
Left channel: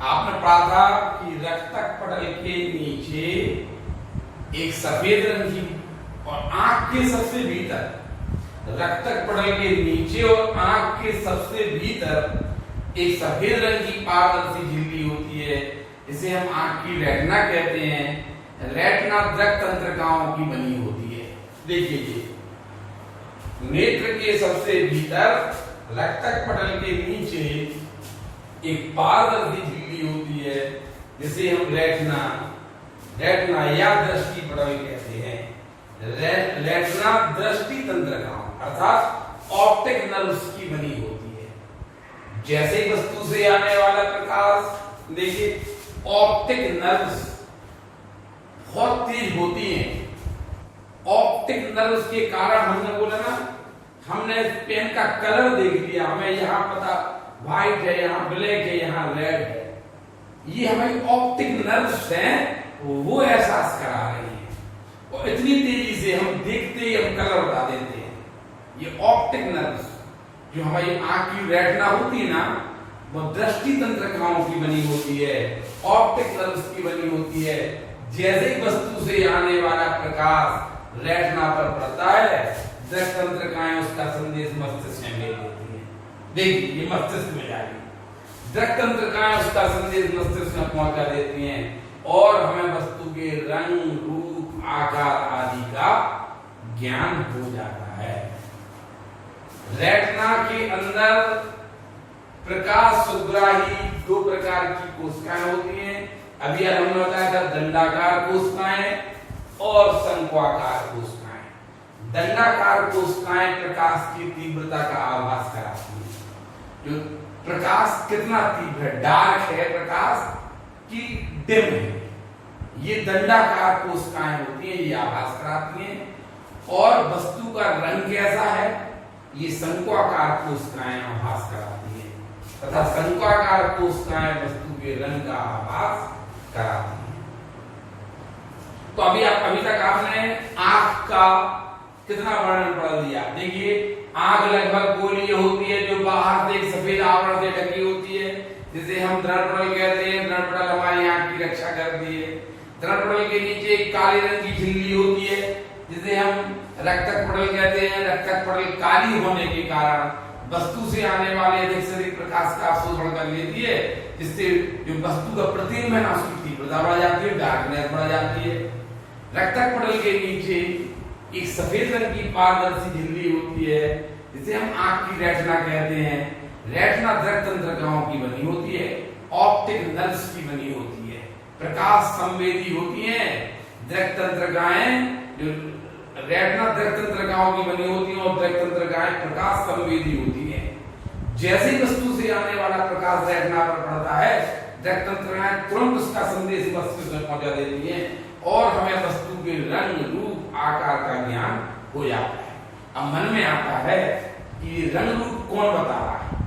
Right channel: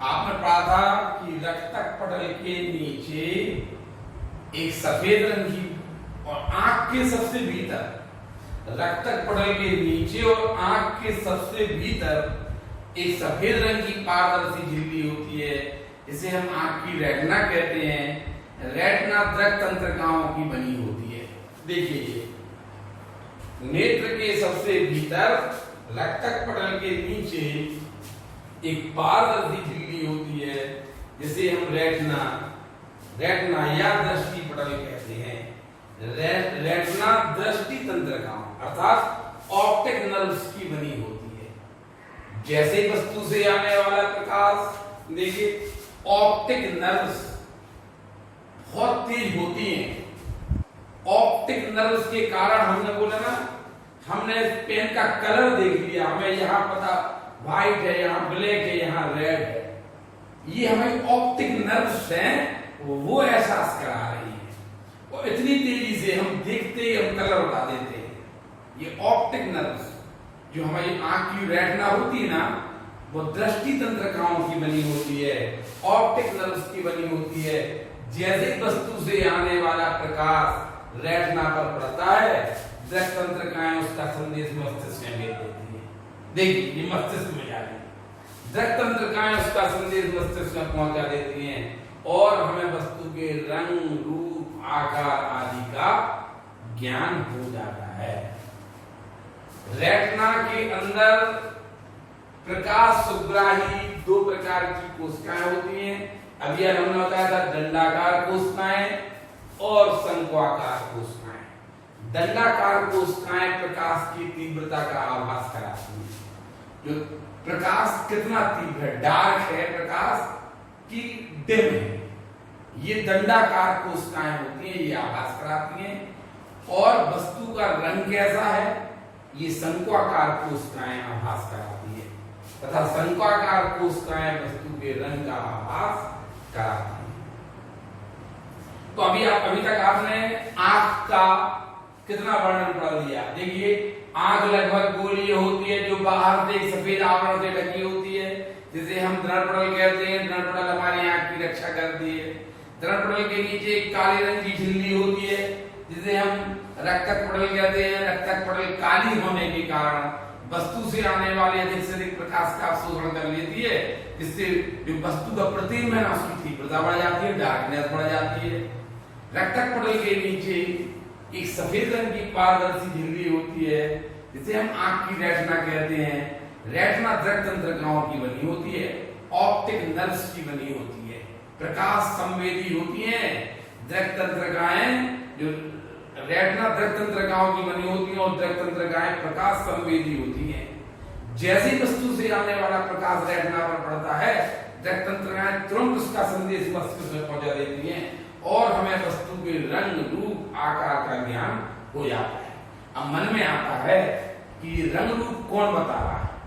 आपने पढ़ा था कि रक्तक पटल के नीचे एक सफेद रंग की, और आंख के सबसे भीतर, रक्तक पटल के नीचे और आंख के सबसे भीतर एक सफेद रंग की पारदर्शी झिल्ली होती है, इसे हम आंख की रेटिना कहते हैं। रेटिना दृष्टि तंत्रिकाओं की बनी होती है। देखिए नेत्र के सबसे भीतर रक्तक पटल के नीचे एक पारदर्शी झिल्ली होती है, जिसे हम रेटिना या दृष्टि पटल कहते हैं। रेटिना दृष्टि तंत्रिकाओं अर्थात ऑप्टिक नर्व्स की बनी होती है। जैसे वस्तु से आने वाला प्रकाश, देखिए ऑप्टिक नर्व्स बहुत तेज होती हैं। ऑप्टिक नर्व्स के कारण हमने बोला ना, हमने पेन का कलर देख लिया, हमें यहाँ पता व्हाइट है, यहाँ ब्लैक है, यहाँ रेड है, ये हमारी ऑप्टिक नर्व्स हैं, वो एहसास करा रही है। और इतनी तेजी से हम देखते ही हम कलर बता देते हैं। ये ऑप्टिक नर्व्स जो हमारी आंख की रेटिना होती है ना, वो दृष्टि तंत्रिकाओं की बनी होती है, ऑप्टिक नर्व्स की बनी होती है। जैसे वस्तु से आने वाला प्रकाश रेटिना पर पड़ता है, दृष्टि तंत्रिकाएं उसका संदेश मस्तिष्क में भेज देती है। देखिए ये मस्तिष्क में जा रही है, दृष्टि तंत्रिकाएं उसका संदेश मस्तिष्क में पहुंचा देती हैं, और हमें वस्तु के रंग, रूप, आकार आदि का ज्ञान हो जाता है। रेटिना के अंदर प्रकाश सुग्राही दो प्रकार की कोशिकाएं होती हैं। अभी आज हमने बताया था दंडाकार कोशिकाएं और शंक्वाकार कोशिकाएं। दंडाकार कोशिकाएं प्रकाश की तीव्रता का आभास कराती हैं। जो प्रकाश कितना तीव्र है, डार्क है प्रकाश की डिम है, ये दंडाकार कोशिकाएं होती हैं, ये आभास कराती हैं। और वस्तु का रंग कैसा है, ये शंक्वाकार कोशिकाएं आभास कराती है तथा शंक्वाकार कोशिकाएं वस्तु के रंग का आभास कराती है। तो अभी तक आपने आंख का कितना वर्णन पढ़ लिया। देखिए आंख लगभग गोलीय होती है जो बाहर से एक सफेद आवरण से ढकी होती है, जिसे हम दर्पण कहते हैं। दर्पण हमारी आंख की रक्षा करती है। दर्पण के नीचे एक काले रंग की झिल्ली होती है जिसे हम रक्तक पटल कहते हैं। रक्तक पटल काली होने के कारण वस्तु से आने वाले अधिक से अधिक प्रकाश का अवशोषण कर लेती है, जिससे जो वस्तु का प्रतिबिंब है ना उसकी तीव्रता बढ़ जाती है, डार्कनेस बढ़ जाती है। रक्तक पटल के नीचे एक सफेद रंग की पारदर्शी झिल्ली होती है जिसे हम आंख की रेटिना कहते हैं। रेटिना दृक तंत्रिकाओं की बनी होती है, ऑप्टिक नर्व्स की बनी होती है, प्रकाश संवेदी होती हैं। दृक तंत्रिकाएं जो रेटिना दृक तंत्रिकाओं की बनी होती हैं और दृक तंत्रिकाएं प्रकाश संवेदी होती हैं। जैसे वस्तु से आने वाला प्रकाश रेटिना पर पड़ता है, दृक तंत्रिकाएं तुरंत उसका संदेश मस्तिष्क में पहुंचा देती हैं और हमें वस्तु के रंग रूप आकार का ज्ञान हो जाता है। अब मन में आता है कि रंग रूप कौन बता रहा है,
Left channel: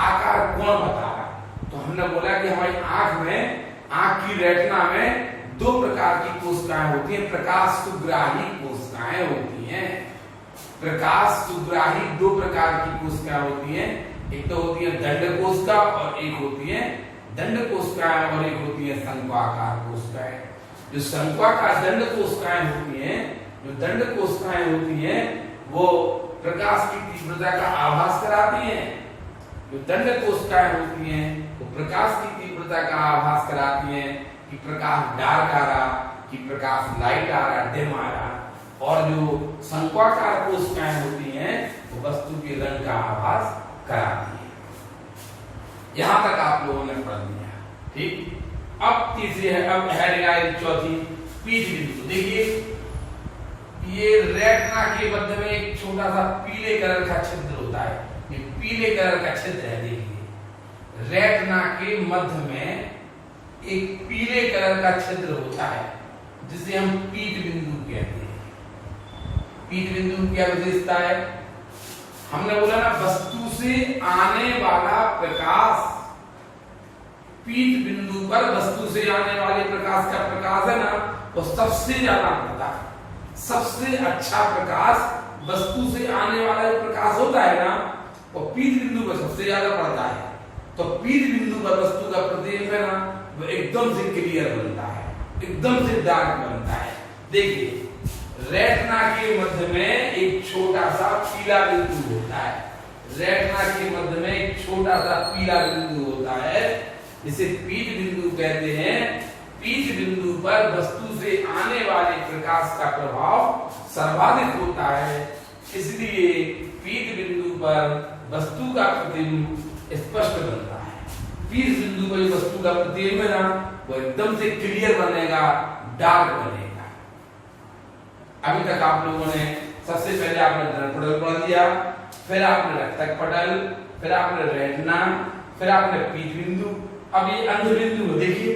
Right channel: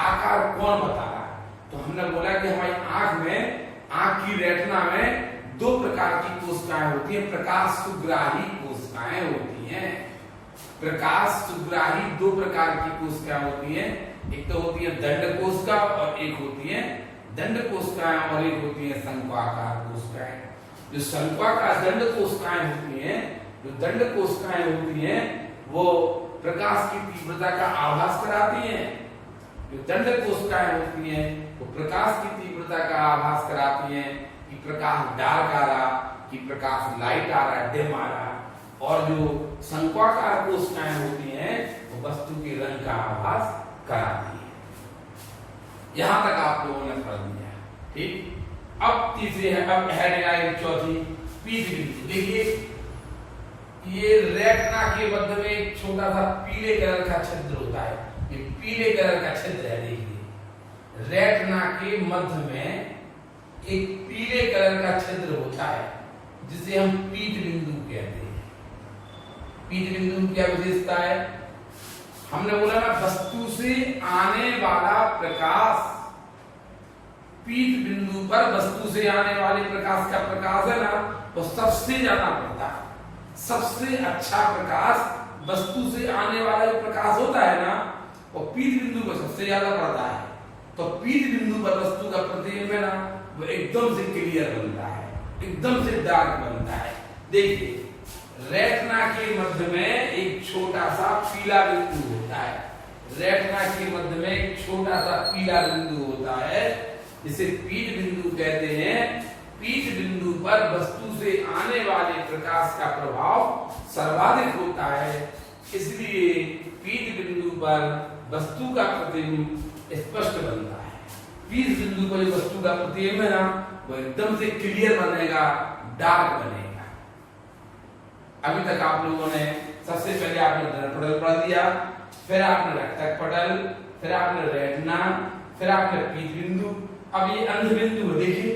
आकार कौन बता रहा है। तो हमने बोला कि हमारी आंख में, आंख की रेटिना में दो प्रकार की कोशिकाएं होती हैं, प्रकाश सुग्राही कोशिकाएं होती हैं। प्रकाश सुग्राही दो प्रकार की कोशिकाएं होती हैं, एक तो होती है दंड कोशिका और एक होती है दंड कोशिकाएं और एक होती है शंक्वाकार कोशिकाएं। जो शंक्वाकार दंड कोशिकाएं होती हैं, जो दंड कोशिकाएं होती हैं वो प्रकाश की तीव्रता का आभास कराती हैं। जो दंड कोशिकाएं होती हैं वो प्रकाश की तीव्रता का आभास कराती हैं कि प्रकाश डार्क आ रहा, कि प्रकाश लाइट आ रहा, डिम आ रहा। और जो शंक्वाकार कोशिकाएं होती हैं वो वस्तु के रंग का आभास कराती हैं। यहां तक आप लोगों ने पढ़ लिया, ठीक। अब तीसरी है, अब है चौथी पीठ बिंदु। देखिए ये रेटिना के मध्य में एक छोटा सा पीले कलर का छिद्र होता है, ये पीले कलर का छिद्र है। देखिए रेटिना के मध्य में एक पीले कलर का छिद्र होता है जिसे हम पीठ बिंदु कहते हैं। पीठ बिंदु की क्या विशेषता है, हमने बोला ना वस्तु से आने वाला प्रकाश, पीठ बिंदु पर वस्तु से आने वाले प्रकाश का प्रकाश है ना वो सबसे ज्यादा पड़ता है। सबसे अच्छा प्रकाश वस्तु से आने वाला जो प्रकाश होता है ना वो पीठ बिंदु पर सबसे ज्यादा पड़ता है। तो पीठ बिंदु पर वस्तु का प्रतिबिंब है ना वो एकदम से क्लियर बनता है, एकदम से डार्क बनता है। देखिए रेटिना के मध्य में एक छोटा सा पीला बिंदु होता है। रेटिना के मध्य में एक छोटा सा पीला बिंदु होता है जिसे पीठ बिंदु कहते हैं। पीठ बिंदु पर वस्तु से आने वाले प्रकाश का प्रभाव सर्वाधिक होता है, इसलिए पीठ बिंदु पर वस्तु का प्रतिबिंब स्पष्ट बनता है। पीठ बिंदु पर वस्तु का प्रतिबिंब है ना वो एकदम से क्लियर बनेगा, डार्क बनेगा। अभी तक आप लोगों ने सबसे पहले आपने दर्पण पढ़ दिया, फिर आपने रक्तक पटल, फिर आपने रेटिना, फिर आपने पीठ बिंदु। अब ये अंध बिंदु देखिए,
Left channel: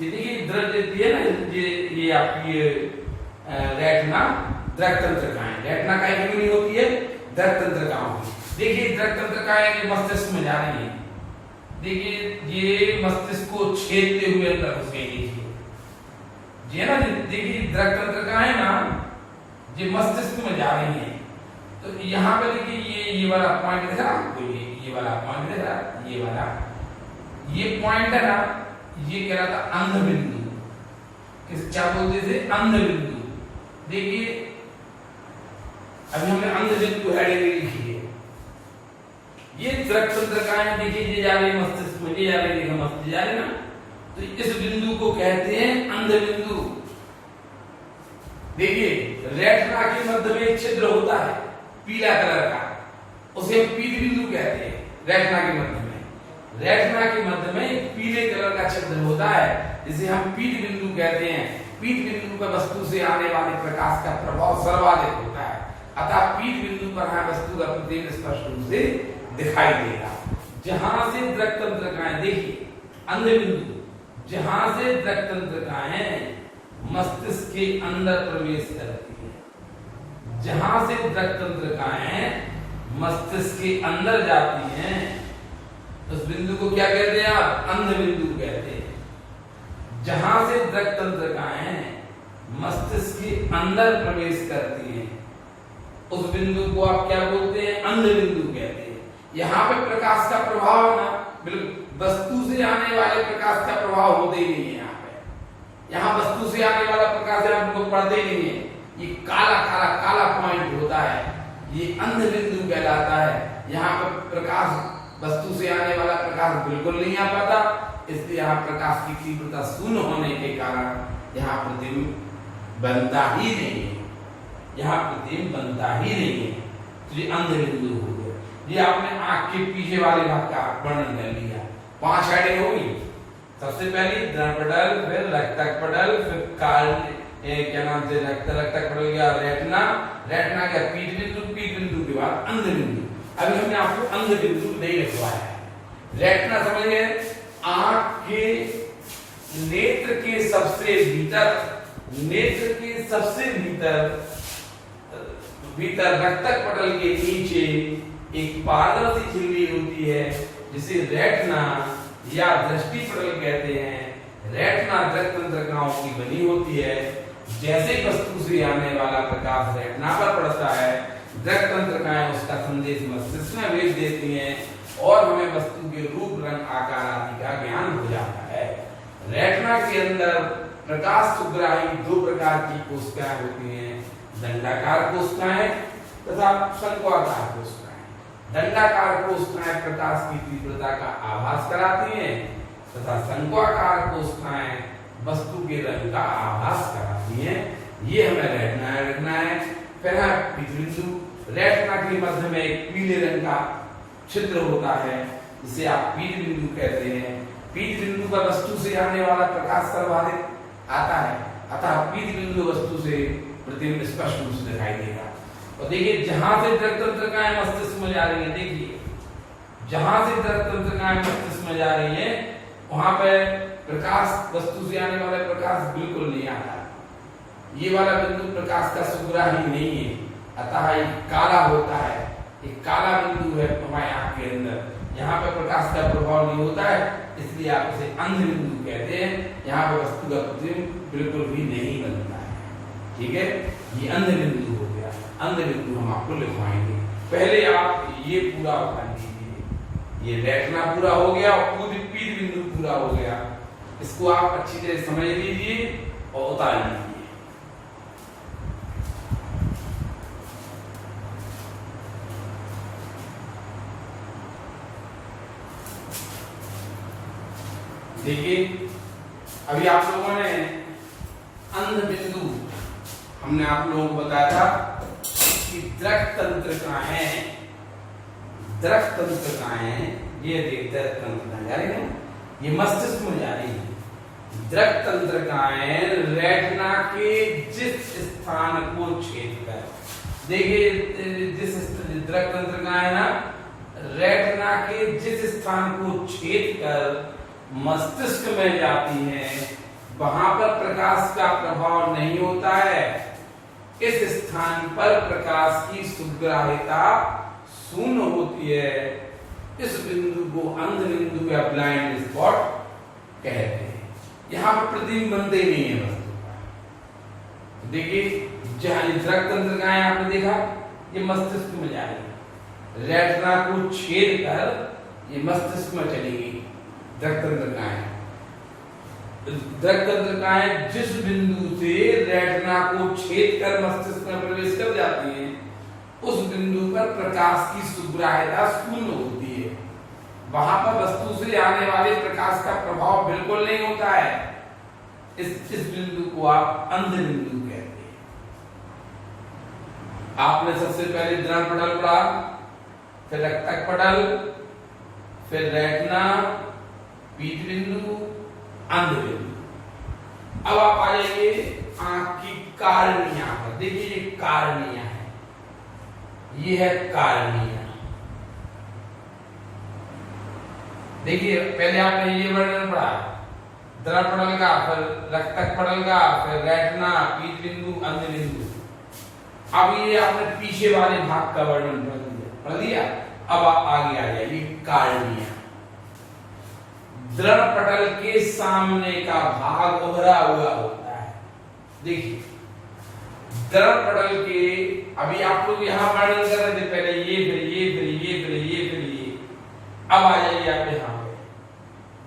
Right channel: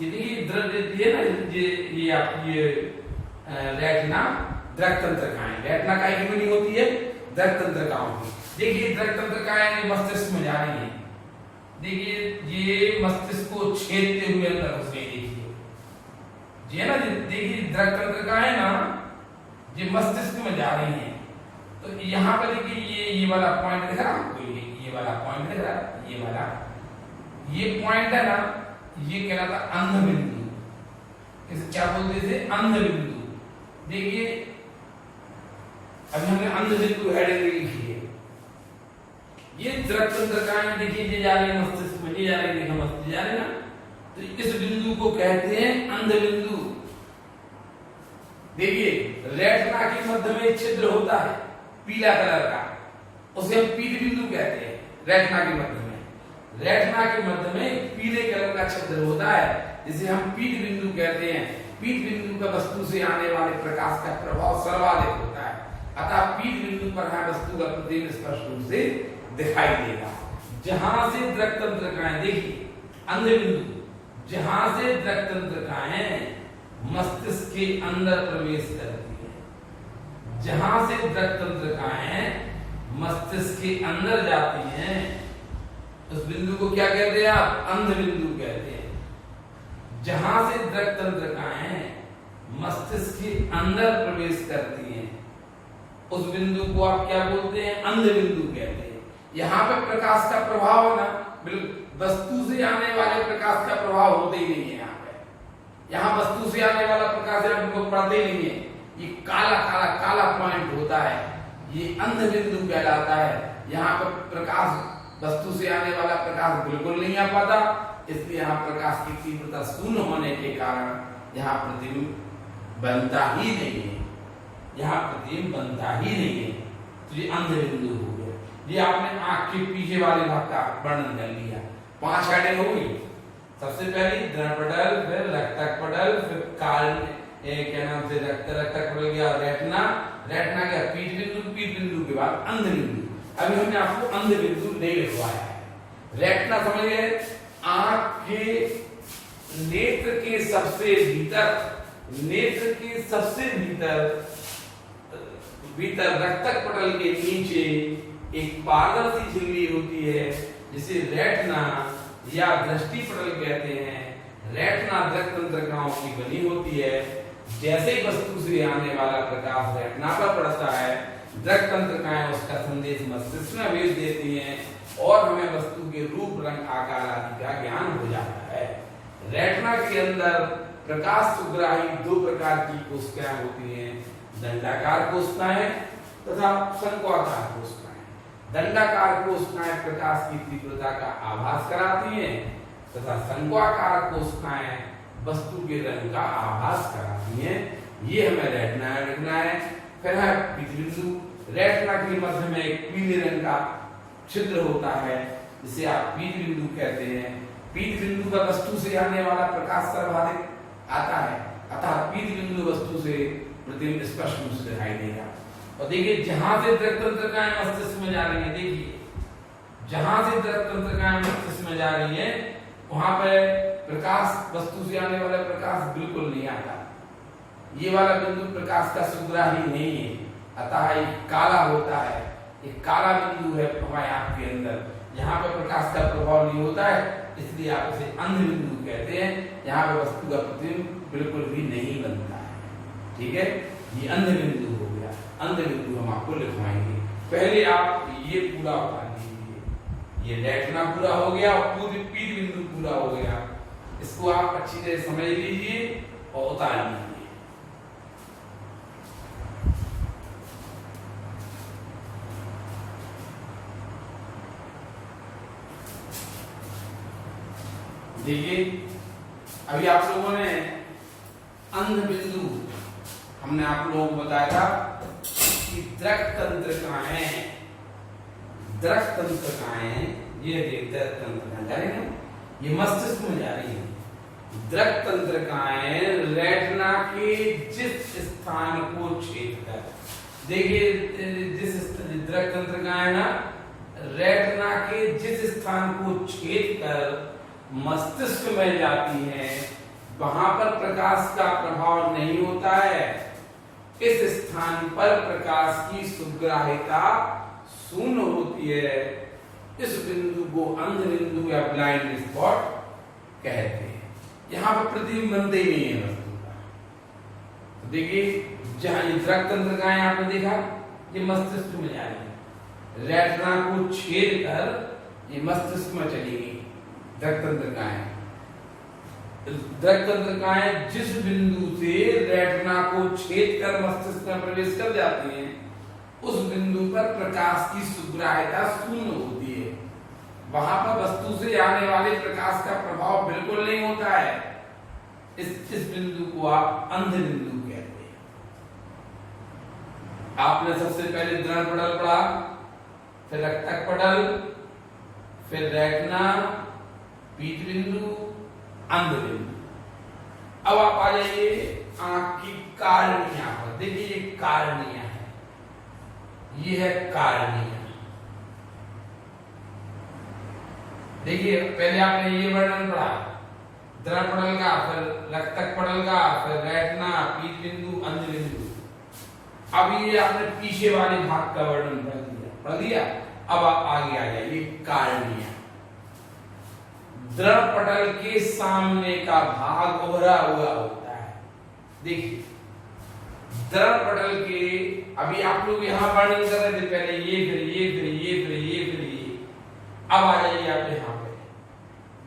ये देखिए द्रव्य दिए ना, ये आपकी रेटिना दृक तंत्रिकाएं, रेटिना काय की बनी होती है, दृक तंत्रिकाओं की। देखिए दृक तंत्रिकाएं मस्तिष्क में जा रही हैं। देखिए ये मस्तिष्क को छेदते हुए अंदर घुस गई। देखिए ये ना, देखिए दृक तंत्रिकाएं ना ये मस्तिष्क में जा रही हैं। तो यहाँ पे देखिए ये वाला पॉइंट दिख रहा है आपको, ये वाला पॉइंट दिख रहा है, ये वाला ये पॉइंट है ना, ये कह रहा था अंध बिंदु। इसे क्या बोलते थे, अंध बिंदु। देखिए अभी हमने अंध बिंदु हेडिंग लिखी है। ये दृक तंत्रिकाएं देखिए ये जा रही है मस्तिष्क में, ये जा रही है मस्तिष्क जा रही है ना, तो इस बिंदु को कहते हैं अंध बिंदु। देखिए रेटिना के मध्य में एक छिद्र होता है पीला कलर का, उसे हम पीत बिंदु कहते हैं। रेटिना के मध्य में, रेटिना के मध्य में एक पीले कलर का छिद्र होता है जिसे हम पीत बिंदु कहते हैं। पीत बिंदु पर वस्तु से आने वाले प्रकाश का प्रभाव सर्वाधिक होता है, अतः पीत बिंदु पर हमें वस्तु का प्रतिबिंब स्पष्ट रूप से दिखाई देगा। जहां से दृक तंत्रिकाएं, देखिए अंध बिंदु, जहां से दृक तंत्रिकाएं मस्तिष्क के अंदर प्रवेश करती है, जहां से दृक तंत्रिकाएं मस्तिष्क के अंदर जाती हैं, उस बिंदु को क्या कहते हैं आप? अंध बिंदु कहते हैं। जहां से दृक तंत्रिकाएं मस्तिष्क के अंदर प्रवेश करती हैं, उस बिंदु को आप क्या बोलते हैं? अंध बिंदु कहते हैं। यहाँ पे प्रकाश का प्रभाव है ना, बिल्कुल वस्तु से आने वाले प्रकाश का प्रभाव होते ही नहीं है। यहाँ पे, यहाँ वस्तु से आने वाला प्रकाश आपको पड़ते ही नहीं है। ये काला काला काला पॉइंट होता है, ये अंध बिंदु कहलाता है। यहाँ पर प्रकाश, वस्तु से आने वाला प्रकाश बिल्कुल नहीं आ पाता, इसलिए यहाँ प्रकाश की तीव्रता शून्य होने के कारण यहाँ प्रतिबिंब बनता ही नहीं है, यहाँ प्रतिबिंब बनता ही नहीं है। तो ये अंध बिंदु हो गया। ये आपने आंख के पीछे वाले भाग का वर्णन कर लिया। 5 हेडिंग हो गई। सबसे पहली दृढ़पटल, फिर रक्तक पटल, फिर क्या नाम से रक्तक पटल गया रेटिना, रेटिना गया पीत बिंदु, पीत बिंदु के बाद अंध बिंदु। अभी हमने आपको अंध बिंदु नहीं लिखवाया है। रेटिना समझ गए? आंख के नेत्र के सबसे भीतर, नेत्र के सबसे भीतर रक्तक पटल के नीचे एक पारदर्शी झिल्ली होती है जिसे रेटिना या दृष्टि पटल कहते हैं। रेटिना दृक तंत्रिकाओं की बनी होती है। जैसे वस्तु से आने वाला प्रकाश रेटिना पर पड़ता है, दृक तंत्रिकाएं उसका संदेश मस्तिष्क में भेज देती हैं और हमें वस्तु के रूप, रंग, आकार आदि का ज्ञान हो जाता है। रेटिना के अंदर प्रकाश सुग्राही 2 प्रकार की कोशिकाएं होती हैं, दंडाकार कोशिकाएं तथा शंक्वाकार कोशिकाएं। दंडाकार कोशिकाएं प्रकाश की तीव्रता का आभास कराती हैं तथा शंक्वाकार कोशिकाएं वस्तु के रंग का आभास कराती हैं। ये हमें रेटिना लिखना है। फिर है पीत बिंदु। रेटिना के मध्य में एक पीले रंग का छिद्र होता है जिसे आप पीत बिंदु कहते हैं। पीत बिंदु का वस्तु से आने वाला प्रकाश सर्वाधिक आता है, अतः पीत बिंदु वस्तु से प्रतिबिंब स्पष्ट रूप से दिखाई देगा। और देखिए जहां से दृक तंत्रिकाएं मस्तिष्क में जा रही है, देखिए जहां से दृक तंत्रिकाएं मस्तिष्क में जा रही है वहां पे प्रकाश, वस्तु से आने वाला प्रकाश बिल्कुल नहीं आता। ये वाला बिंदु प्रकाश का सुग्राही नहीं है, अतः ये काला होता है। एक काला बिंदु है हमारे आंख के अंदर, यहाँ पे प्रकाश का प्रभाव नहीं होता है, इसलिए आप इसे अंध बिंदु कहते हैं। यहाँ पे वस्तु का प्रतिबिंब बिल्कुल भी नहीं बनता है। ठीक है, ये अंध बिंदु हो गया। अंध बिंदु हम आपको लिखवाएंगे। पहले आप ये पूरा उतार लीजिए, ये रेटिना पूरा हो गया और पूरी पीत बिंदु पूरा हो गया। इसको आप अच्छी तरह समझ लीजिए और उतार लीजिए। देखिए अभी आप लोगों ने अंध बिंदु, हमने आप लोगों को बताया था कि दृक तंत्रिकाएं, दृक तंत्रिकाएं, ये दृक तंत्रिकाएं जा रही है, ये मस्तिष्क में जा रही है। दृक तंत्रिकाएं रेटिना के जिस स्थान को छेद कर, देखिए जिस दृक तंत्रिकाएं ना रेटिना के जिस स्थान को छेद कर मस्तिष्क में जाती है, वहां पर प्रकाश का प्रभाव नहीं होता है। इस स्थान पर प्रकाश की सुग्राह्यता शून्य होती है। इस बिंदु को अंध बिंदु या ब्लाइंड स्पॉट कहते हैं। यहाँ पर प्रतिबिंब बनते नहीं है वस्तु का। देखिए जहां दृक तंत्रिकाएं आपने देखा, ये मस्तिष्क में जा रही है, रेटिना को छेद कर ये मस्तिष्क में चलेगी। दृक तंत्रिकाएं, दृक तंत्रिकाएं जिस बिंदु से रेटिना को छेद कर मस्तिष्क में प्रवेश कर जाती हैं, उस बिंदु पर प्रकाश की सुग्राह्यता शून्य होती है। वहां पर वस्तु से आने वाले प्रकाश का प्रभाव बिल्कुल नहीं होता है। इस बिंदु को आप अंध बिंदु कहते हैं। आपने सबसे पहले दृढ़ पटल पढ़ा, फिर रक्तक पटल, फिर रेटिना, पीत बिंदु, अंध बिंदु। अब आप आ जाइए आंख की कार्निया पर। देखिए ये कार्निया है, ये है कार्निया। देखिए पहले आपने ये वर्णन पढ़ा, द्रव पटल का, फिर रक्तक पटल का, फिर रेटिना, पीत बिंदु, अंध बिंदु। अब ये आपने पीछे वाले भाग का वर्णन पढ़ लिया। अब आप आगे आ जाइए कार्निया। द्रव पटल के सामने का भाग उभरा हुआ होता है। देखिए द्रव पटल के, अभी आप लोग यहां वर्णन कर रहे थे पहले ये, फिर ये, फिर ये, फिर ये, फिर ये। अब आ जाइए आप यहां पे,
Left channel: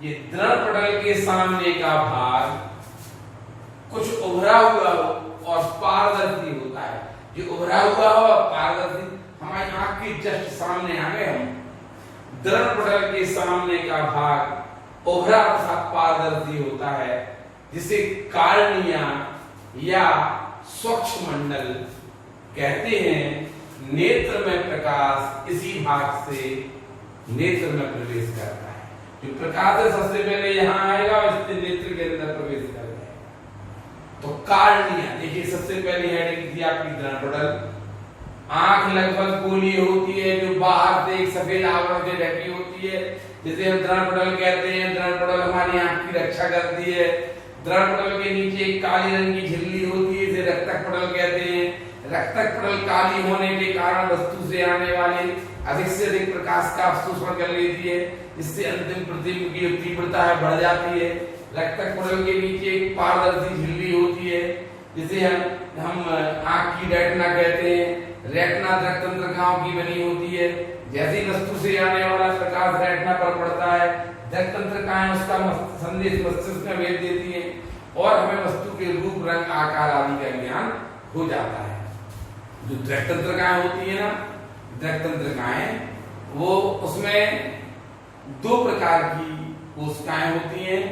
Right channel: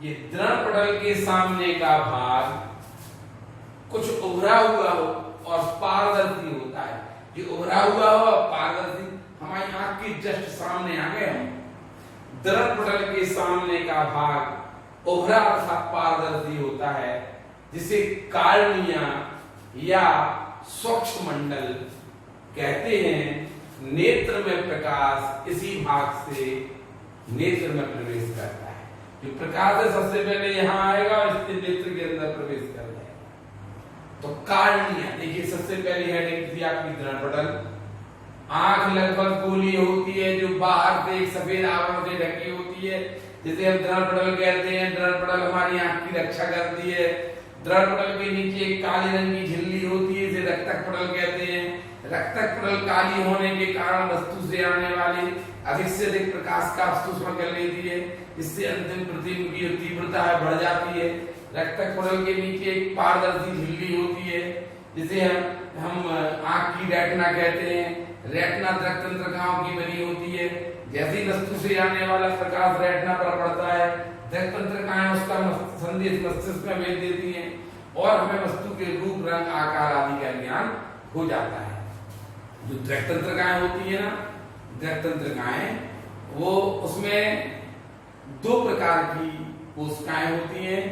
ये द्रव पटल के सामने का भाग कुछ उभरा हुआ हो और पारदर्शी होता है। जो उभरा हुआ हो और पारदर्शी, हमारी आंख के जस्ट सामने आ गए हम। द्रव पटल के सामने का भाग उभरा तथा पारदर्शी होता है, जिसे कार्निया या स्वच्छ मंडल कहते हैं। नेत्र में प्रकाश इसी भाग से नेत्र में प्रवेश करता है। जो प्रकाश है सबसे पहले यहाँ आएगा और इससे नेत्र के अंदर प्रवेश कर जाएगा। तो कार्निया, देखिए सबसे पहले हेडिंग थी आपकी द्रव पटल। आंख लगभग गोलीय होती है, जो बाहर से एक सफेद आवरण से ढकी होती है, जिसे हम द्रव पटल कहते हैं। द्रव पटल हमारी आंख की रक्षा करती है। द्रव पटल के नीचे एक काली रंग की झिल्ली होती है, इसे रक्तक पटल कहते हैं। रक्तक पटल काली होने के कारण वस्तु से आने वाले अधिक से अधिक प्रकाश का अवशोषण कर लेती है, इससे अंतिम प्रतिबिंब की तीव्रता है बढ़ जाती है। रक्तक पटल के नीचे एक पारदर्शी झिल्ली होती है, जिसे हम आंख की रेटिना कहते हैं। रेटिना रक्त तंत्रिकाओं की बनी होती है। जैसी वस्तु से आने वाला प्रकाश रेटिना पर पड़ता है, रक्त तंत्रिकाएं उसका संदेश मस्तिष्क में भेज देती हैं और हमें वस्तु के रूप, रंग, आकार आदि का ज्ञान हो जाता है। जो रक्त तंत्रिकाएं होती है ना, रक्त तंत्रिकाएं, वो उसमें दो प्रकार की कोशिकाएं होती हैं,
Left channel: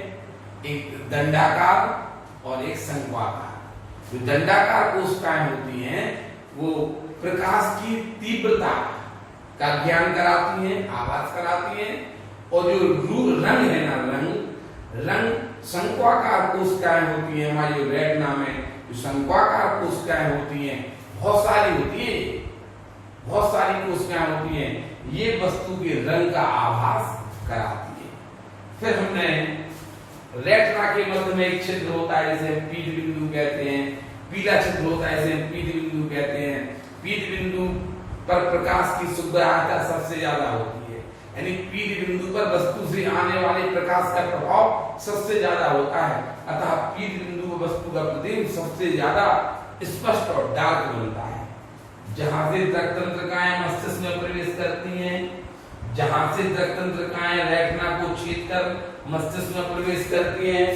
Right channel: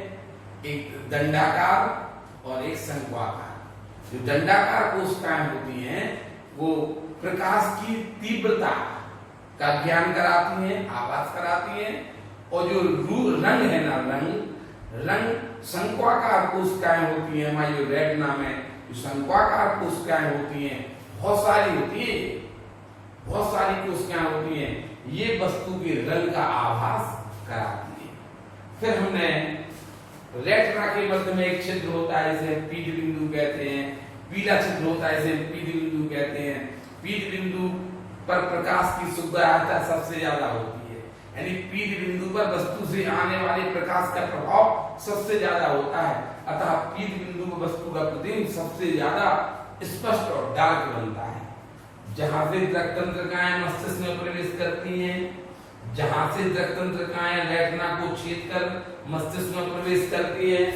एक दंडाकार और एक शंक्वाकार। जो दंडाकार कोशिकाएं होती हैं वो प्रकाश की तीव्रता का ज्ञान कराती हैं, आभास कराती हैं। और जो रंग है ना, रंग शंक्वाकार कोशिकाएं होती हैं। हमारी जो रेटिना में जो शंक्वाकार कोशिकाएं होती हैं, बहुत सारी होती है, बहुत सारी कोशिकाएं होती हैं, ये वस्तु के रंग का आभास कराती है। फिर हमने रेटिना के मध्य में एक छिद्र होता है, इसे पीत बिंदु कहते हैं। पीला छिद्र होता है, इसे पीत बिंदु कहते हैं। पीत बिंदु पर प्रकाश की सुग्राह्यता सबसे ज्यादा होती है, यानी पीत बिंदु पर वस्तु से आने वाले प्रकाश का प्रभाव सबसे ज्यादा होता है। अतः पीत बिंदु पर वस्तु का प्रतिबिंब सबसे ज्यादा स्पष्ट और डार्क बनता है। जहां से रक्त तंत्रिकाएं मस्तिष्क में प्रवेश करती हैं, जहां से रक्त तंत्रिकाएं रेटिना को छेद कर मस्तिष्क में प्रवेश करती हैं,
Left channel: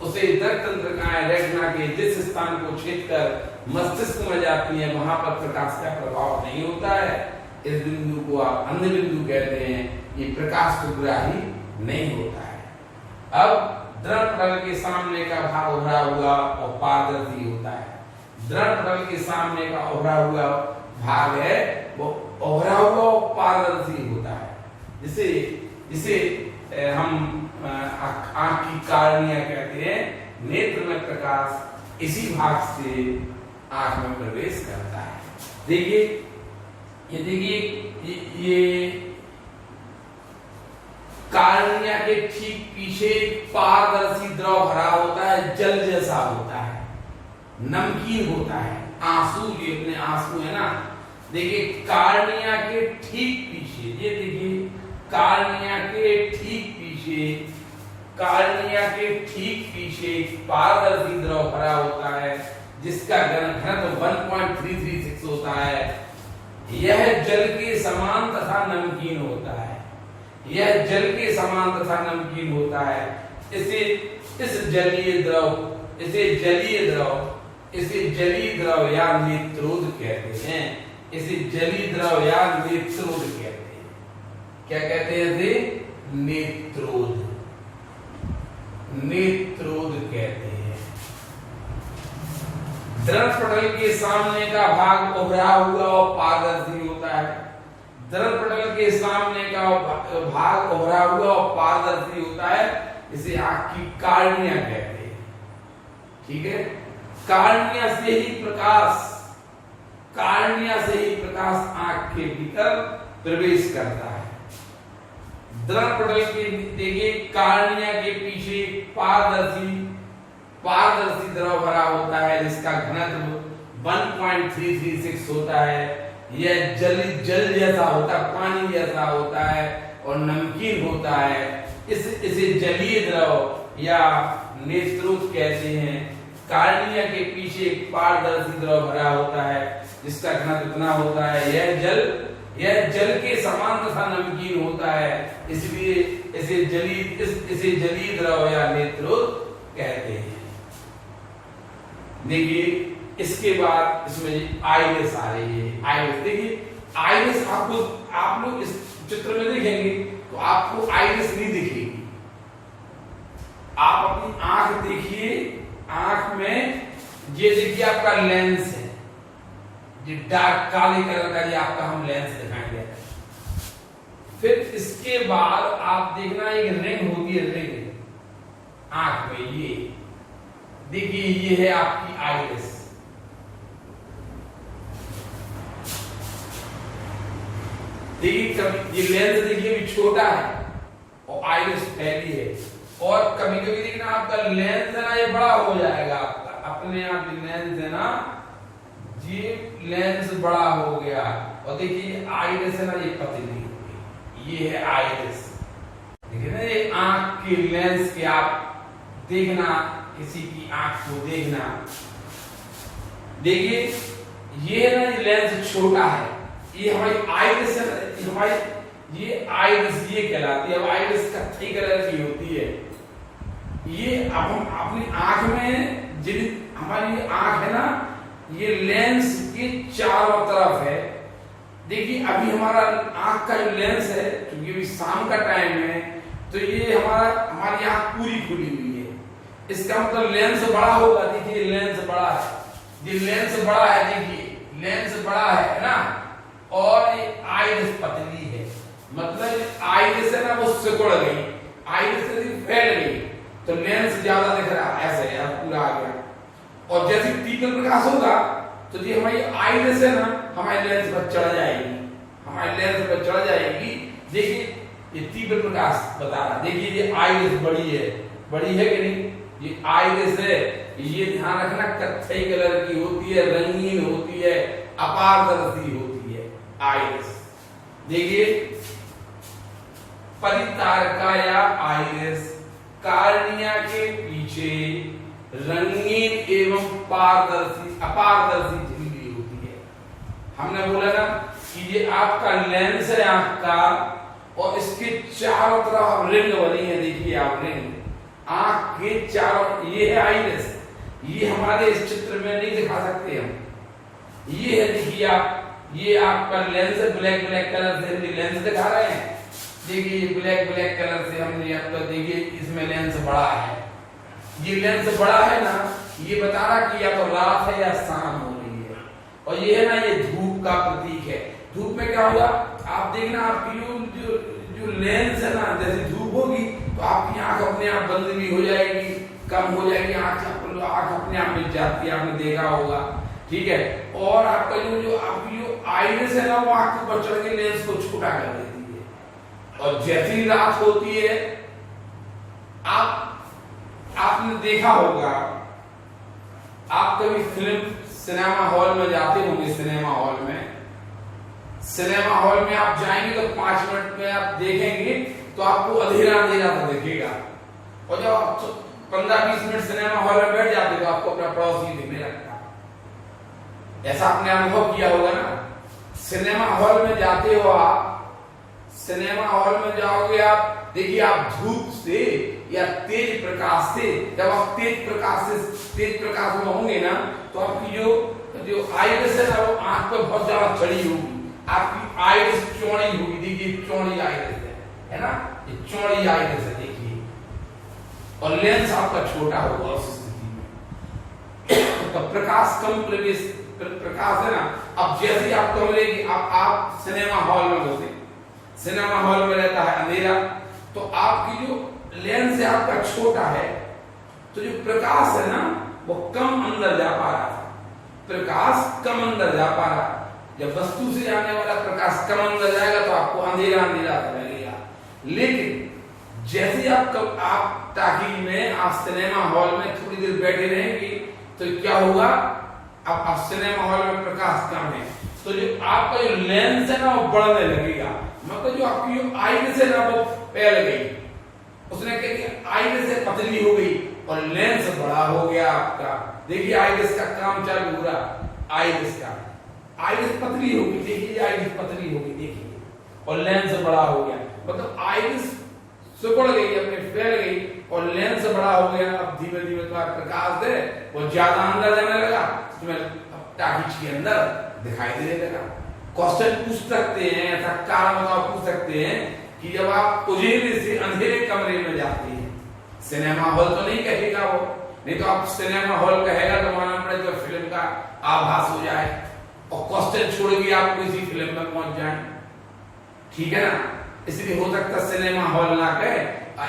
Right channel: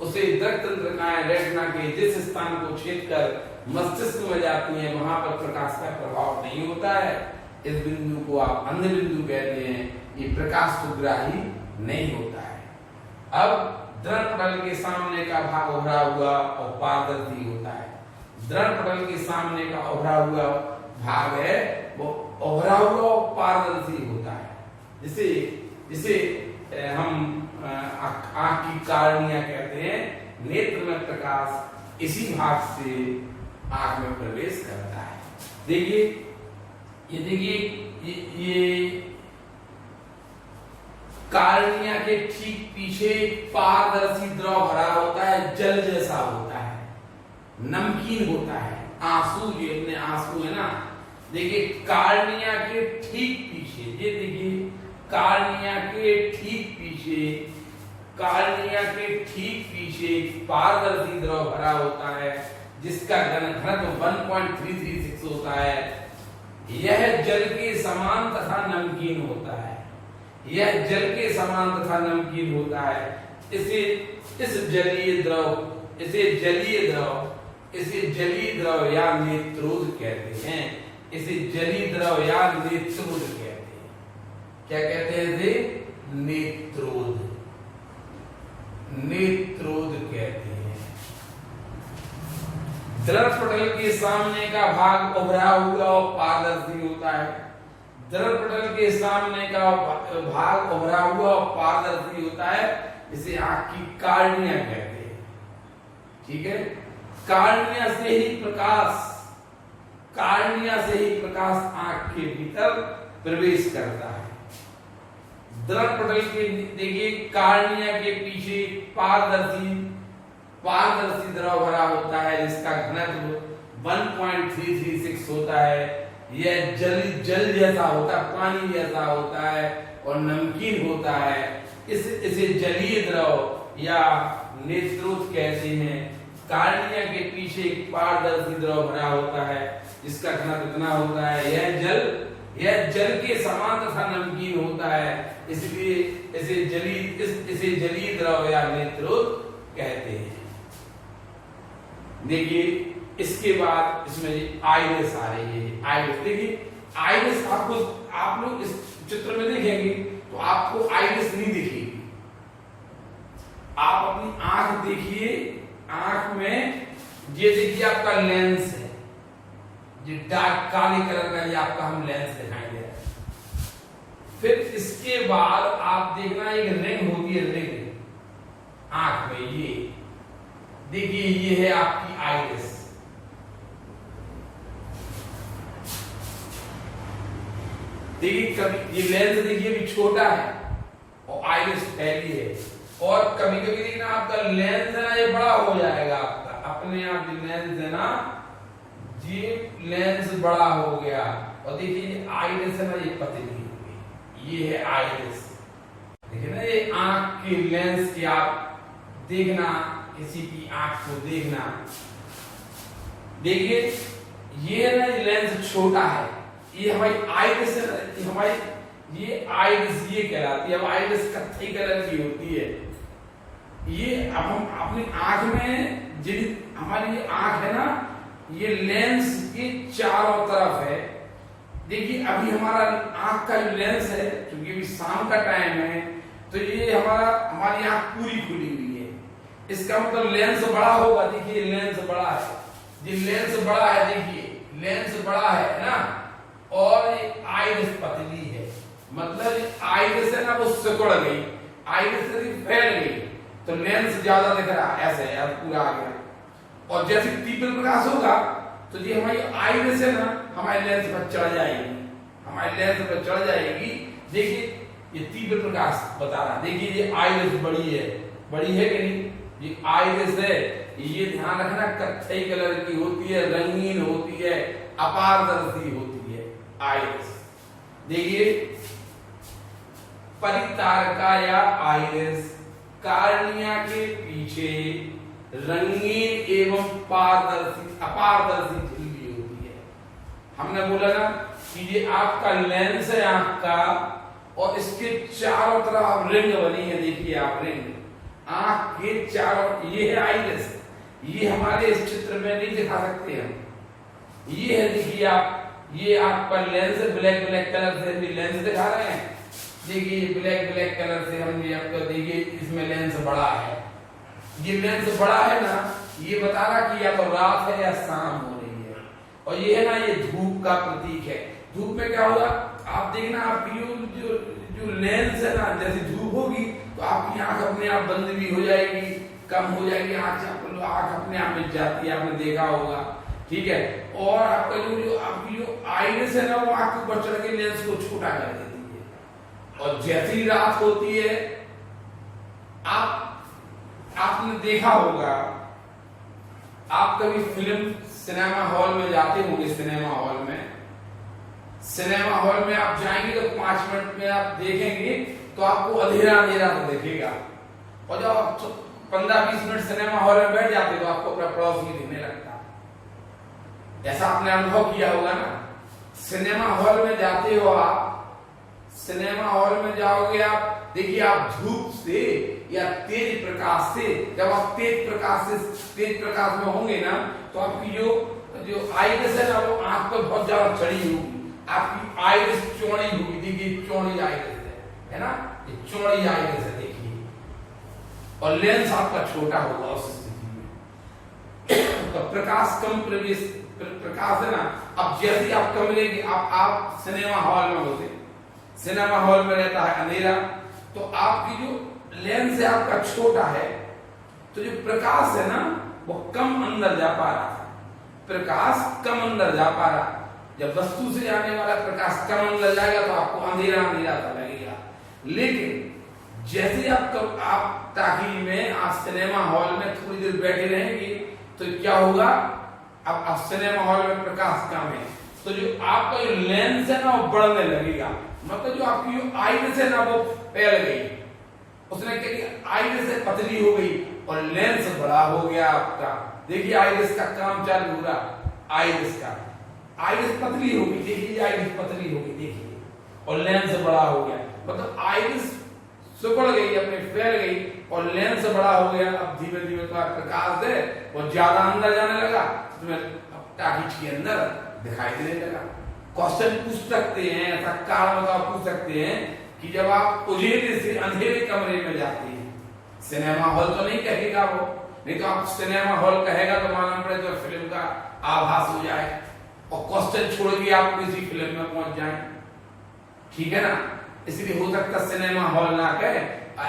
उसे रक्त तंत्रिकाएं रेटिना के जिस स्थान को छेद कर मस्तिष्क में जाती हैं, वहां पर प्रकाश का प्रभाव नहीं होता है। इस बिंदु को आप अंध बिंदु कहते हैं। ये प्रकाश सुग्राही नहीं होता है। अब द्रव पटल के सामने का भाग उभरा हुआ और पारदर्शी होता है। द्रव पटल के सामने का उभरा हुआ भाग है वो उभरा हुआ और पारदर्शी होता है, जिसे हम आंख की कार्निया कहते हैं। नेत्र में प्रकाश इसी भाग से आंख में प्रवेश करता है। देखिए ये कार्निया के ठीक पीछे पारदर्शी द्रव भरा होता है, जल जैसा होता है, नमकीन होता है, आंसू, ये अपने आंसू है ना। देखिए कार्निया के ठीक पीछे, ये देखिए कार्निया के ठीक पीछे पारदर्शी द्रव भरा होता है, जिसका घनत्व 1.336 होता है। यह जल के समान तथा नमकीन होता है। यह जल के समान तथा नमकीन होता है। इसे जलीय द्रव या नेत्रोद कहते हैं। इसे जलीय द्रव या नेत्रोद कहते हैं। क्या कहते हैं इसे? नेत्रोद कहते हैं। द्रव पटल के सामने का भाग उभरा हुआ और पारदर्शी होता है। दर्पण के सामने का भाग उभरा हुआ और पारदर्शी होता है, इसे आंख की कार्निया कहते हैं। ठीक है, कार्निया से ही प्रकाश आंख के भीतर प्रवेश करता है। दर्पण के देखिए कार्निया के पीछे पारदर्शी द्रव भरा होता है, जिसका घनत्व 1.336 होता है। यह जल जैसा होता है, पानी जैसा होता है और नमकीन होता है। इसे जलीय द्रव या नेत्रोत कहते हैं। कार्निया के पीछे एक पारदर्शी द्रव भरा होता है, जिसका घनत्व इतना होता है, यह जल के समान तथा नमकीन होता है, इसलिए इसे जलीय द्रव या नेत्रोत कहते हैं। देखिए इसके बाद इसमें आइरिस आ रही है। आइरिस देखिए, आइरिस आप लोग इस चित्र में देखेंगे तो आपको आइरिस नहीं दिखेगी। आप अपनी आंख देखिए, आंख में ये देखिए आपका लेंस है, ये डार्क काले कलर का, ये आपका हम लेंस दिखाएंगे। फिर इसके बाद आप देखना एक रिंग होती है, रिंग आंख में, ये देखिए ये है आपकी आइरिस। देखिए कभी ये लेंस देखिए भी छोटा है और आइरिस फैली है, और कभी कभी देखना आपका लेंस है ना, ये बड़ा हो जाएगा आपका अपने आप। लेंस है ना, ये लेंस बड़ा हो गया, और देखिए आइरिस है ना, ये पतली हो गई। ये है आइरिस। देखिए ना, ये आंख के लेंस के आप देखना, किसी की आंख को देखना, देखिए ये ना, ये लेंस छोटा है, ये हमारी आइरिस है ना, हमारी ये आइरिस ये कहलाती है। अब आइरिस कत्थई कलर की होती है। ये अब हम अपनी आंख में, जिन हमारी आंख है ना, ये लेंस के चारों तरफ है। देखिए अभी हमारा आंख का जो लेंस है, क्योंकि अभी शाम का टाइम है, तो ये हमारी आंख पूरी खुली हुई है। इसका मतलब लेंस बड़ा होगा। देखिए लेंस बड़ा है, ये लेंस बड़ा है, देखिए लेंस बड़ा है ना, और आइरिस पतली है। मतलब आइरिस है ना, वो सिकुड़ गई, आइरिस फैल गई, तो लेंस ज्यादा दिख रहा है, ऐसे यार पूरा आ गया। और जैसे तीव्र प्रकाश होगा तो ये हमारी आइरिस है ना, हमारे लेंस पर चढ़ जाएगी, हमारे लेंस पर चढ़ जाएगी। देखिए ये तीव्र प्रकाश बता रहा, देखिए ये आइरिस बड़ी है कि नहीं, ये आइरिस है। ये ध्यान रखना, कत्थई कलर की होती है, रंगीन होती है, अपारदर्शी होती है आइरिस। देखिए परितारका या आइरिस कार्निया के पीछे रंगीन एवं अपारदर्शी झिल्ली होती है। हमने बोला ना कि ये आपका लेंस है आंख का, और इसके चारों तरफ रिंग बनी है। देखिए आप रिंग, आंख के चारों, ये है आइरिस। ये हमारे इस चित्र में नहीं दिखा सकते हम। ये है, देखिए आप, ये आपका लेंस है, ब्लैक कलर से हम लेंस दिखा रहे हैं। देखिए ब्लैक कलर से हमने आपका, देखिए इसमें लेंस बड़ा है। ये लेंस बड़ा है ना, ये बता रहा कि या तो रात है या शाम हो रही है। और ये है ना, ये धूप का प्रतीक है। धूप में क्या होगा, आप देखना, आपकी जो लेंस है ना, जैसे धूप होगी तो आपकी आंख अपने आप बंद भी हो जाएगी, कम हो जाएगी आंख अपने आप मिट जाती है, आपने देखा होगा। ठीक है, और आपका आपकी जो आइरिस है ना, वो आंख के ऊपर चढ़ के लेंस को छोटा कर देती है। और जैसी रात होती है, आपने देखा होगा, आप कभी फिल्म सिनेमा हॉल में जाते होंगे। सिनेमा हॉल में आप जाएंगे तो 5 मिनट में आप देखेंगे तो आपको अंधेरा तो दिखेगा, और जब आप 15-20 मिनट सिनेमा हॉल में बैठ जाते तो आपको अपना पड़ोसी दिखने लगता। ऐसा आपने अनुभव किया होगा ना। सिनेमा हॉल में जाते हो आप, सिनेमा हॉल में जाओगे आप, देखिए आप धूप से या तेज प्रकाश से, जब आप तेज प्रकाश में होंगे ना, तो आपकी जो आइरिस है ना, वो आंख पर बहुत ज्यादा चढ़ी होगी, आपकी आइरिस चौड़ी होगी। देखिए चौड़ी आइरिस है ना, ये चौड़ी आइरिस है, देखिए। और लेंस आपका छोटा होगा उस स्थिति में, तो प्रकाश प्रकाश है ना, अब जैसे ही आप कमरे की आप सिनेमा हॉल में होते, सिनेमा हॉल में रहता है अंधेरा, तो आपकी जो लेंस है आपका छोटा है, तो जो प्रकाश है ना वो कम अंदर जा पा रहा था, प्रकाश कम अंदर जा पा रहा। जब वस्तु से आने वाला प्रकाश कम अंदर जाएगा तो आपको अंधेरा अंधेरा सा लगेगा। लेकिन जैसे आप ताकि में आप सिनेमा हॉल में थोड़ी देर बैठे रहेंगे तो क्या होगा, अब आप सिनेमा हॉल में प्रकाश कम है तो जो आपका जो लेंस है ना वो बढ़ने लगेगा, मतलब जो आपकी जो आइरिस है ना वो फैल गई, उसने क्या किया आइरिस से पतली हो गई और लेंस बड़ा हो गया आपका। देखिए आइरिस का काम चालू हो रहा, आइरिस का आइरिस पतली हो गई, देखिए आइरिस पतली हो गई देखिए, और लेंस बड़ा हो गया, मतलब आइरिस सुकड़ गई अपने फैल गई और लेंस बड़ा हो गया। अब धीमे धीमे तुम्हारा प्रकाश है वो ज्यादा अंदर जाने लगा, तुम्हें टाकिज के अंदर दिखाई देने लगा। क्वेश्चन पूछ सकते हैं, ऐसा कारण पूछ सकते हैं कि जब आप उजेले से अंधेरे कमरे में जाते हैं, सिनेमा हॉल तो नहीं कहेगा वो, नहीं तो आप सिनेमा हॉल कहेगा तो मालूम पड़े तो फिल्म का आभास हो जाए और क्वेश्चन छोड़ के आप किसी फिल्म में पहुंच जाएं, ठीक है ना। इसलिए हो सकता सिनेमा हॉल ना कहे,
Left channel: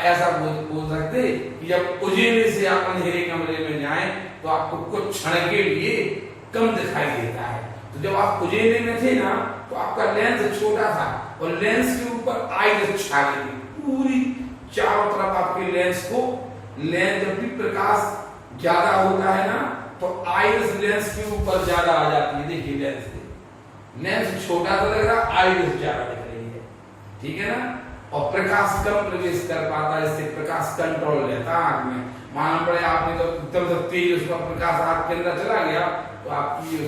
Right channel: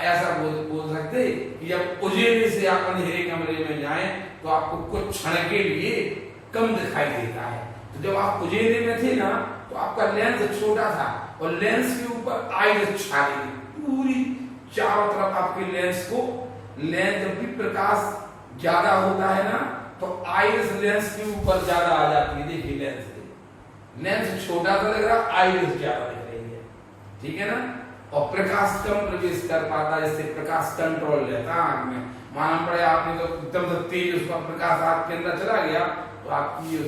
ऐसा बोल सकते कि जब उजेले से आप अंधेरे कमरे में जाएं तो आपको कुछ क्षण के लिए कम दिखाई देता है। तो जब आप उजेले में थे ना तो आपका लेंस छोटा था और लेंस के ऊपर आइरिस छा गई पूरी चारों तरफ आपके लेंस को। लेंस जब भी प्रकाश ज्यादा होता है ना तो आइरिस लेंस के ऊपर ज्यादा आ जाती है। देखिए लेंस छोटा सा लग रहा, आइरिस ज्यादा दिख रही है, ठीक है ना। और प्रकाश कम प्रवेश कर पाता है, इससे प्रकाश कंट्रोल रहता है आंख में। मालूम पड़े आपने तो एकदम से तेज उसका प्रकाश आपके अंदर चला गया तो आपकी जो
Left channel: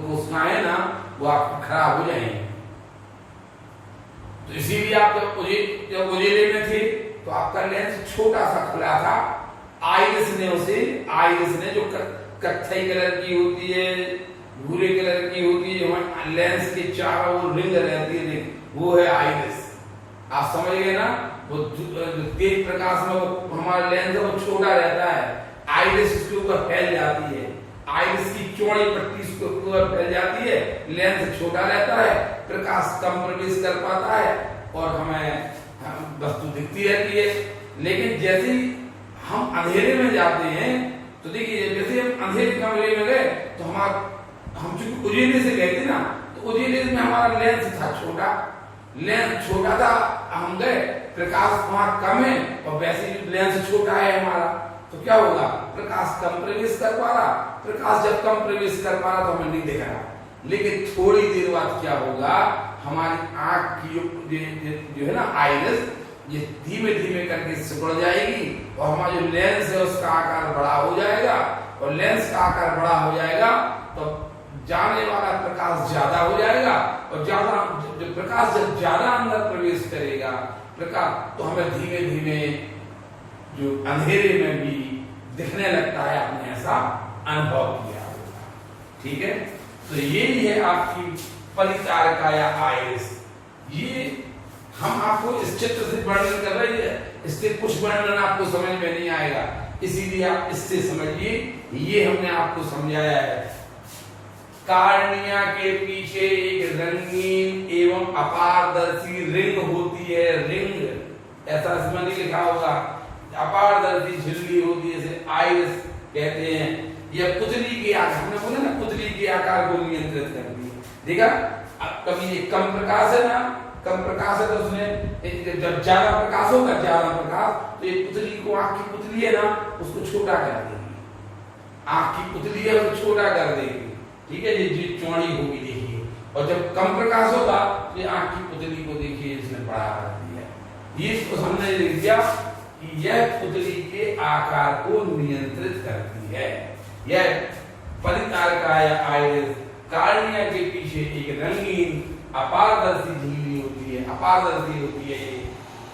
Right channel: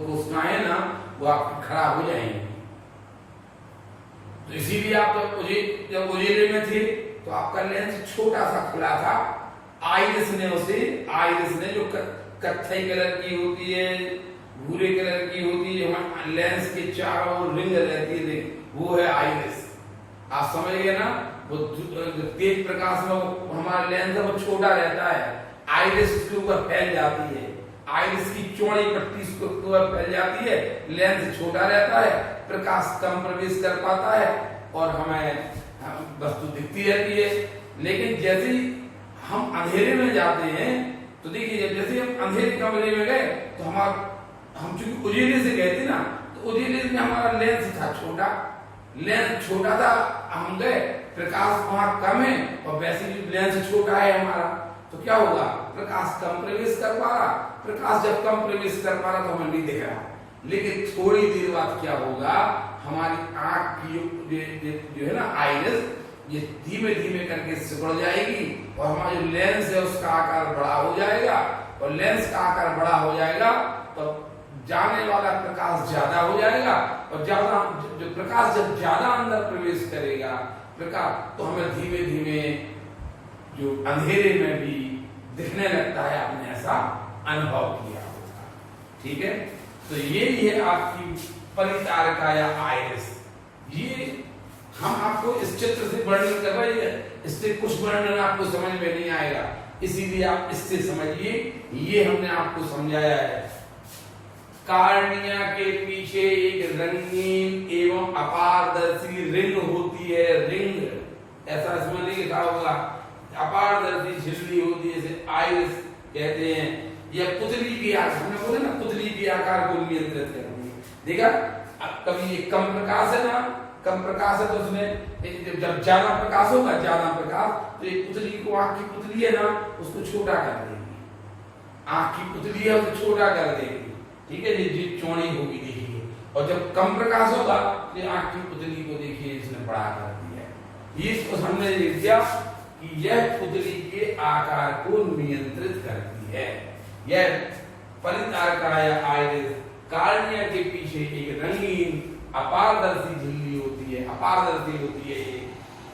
कोशिकाएं ना वो आपकी खराब हो जाएंगी। तो इसीलिए आप जब उजेले में थे तो आपका लेंस छोटा सा खुला था, आइरिस ने जो कत्थई कलर की होती है, भूरे कलर की होती है, लेंस के चारों ओर रिंग रहती है, वो है आइरिस। आप समझ गए ना, वो तेज प्रकाश में वो हमारा लेंस है वो छोटा रहता है, आइरिस उसके ऊपर फैल जाती है, आइरिस की चौड़ी पट्टी उसके ऊपर फैल जाती है, लेंस छोटा रहता है, प्रकाश कम प्रवेश कर पाता है और हमें वस्तु दिखती रहती है। लेकिन जैसे ही हम अंधेरे में जाते हैं तो देखिए जैसे हम अंधेरे कमरे में गए तो हम चूंकि उजेले से गए थे ना तो उजेले में हमारा लेंस था छोटा, लेंस छोटा था, हम गए प्रकाश वहां कम है और वैसे ही लेंस छोटा है हमारा, तो क्या होगा प्रकाश कम प्रवेश कर पा रहा, प्रकाश जब कम प्रवेश कर पा रहा तो हमें नहीं दिख रहा। लेकिन थोड़ी देर बाद क्या होगा, हमारी आंख की जो है ना आइरिस ये धीमे धीमे करके सिकुड़ जाएगी और हमारा जो लेंस है उसका आकार बड़ा हो जाएगा और लेंस का आकार बड़ा हो जाएगा तो जाने वाला प्रकाश ज्यादा हो जाएगा और ज्यादा जो प्रकाश जब ज्यादा अंदर प्रवेश करेगा प्रकाश तो हमें धीमे धीमे जो अंधेरे में भी दिखने लगता है, आपने ऐसा अनुभव किया होगा, ठीक है। तो यही है आपकी पलितारका या आइरिस। ये हम आपको इस चित्र से वर्णन कर रहे हैं, इससे कुछ वर्णन आपको समझ में नहीं आएगा, इसीलिए आप इससे समझिए। ये हमने आपको समझाया है। कार्निया के पीछे एक रंगीन एवं अपारदर्शी रिंग होती है, रिंग ऐसा इसमें नहीं लिखा होगा, अपारदर्शी झिल्ली होती है, जैसे आइरिस कहते हैं। यह पुतली के आकार, हमने बोला ना पुतली के आकार को नियंत्रित करती है। देखा कभी ये कम प्रकाश है ना, कम प्रकाश है तो उसमें जब ज्यादा प्रकाश होगा, ज्यादा प्रकाश तो ये पुतली को, आंख की पुतली है ना उसको छोटा कर देगी, आंख की पुतली है उसको छोटा कर देगी, ठीक है, ये चौड़ी होगी देखिए। और जब कम प्रकाश होगा तो ये आंख की पुतली को देखिए इसने बड़ा कर दिया। ये इसको हमने लिख दिया कि यह पुतली के आकार को नियंत्रित करती है। यह पलितारका या आइरिस कार्निया के पीछे एक रंगीन अपारदर्शी झिल्ली होती है, अपारदर्शी होती है, ये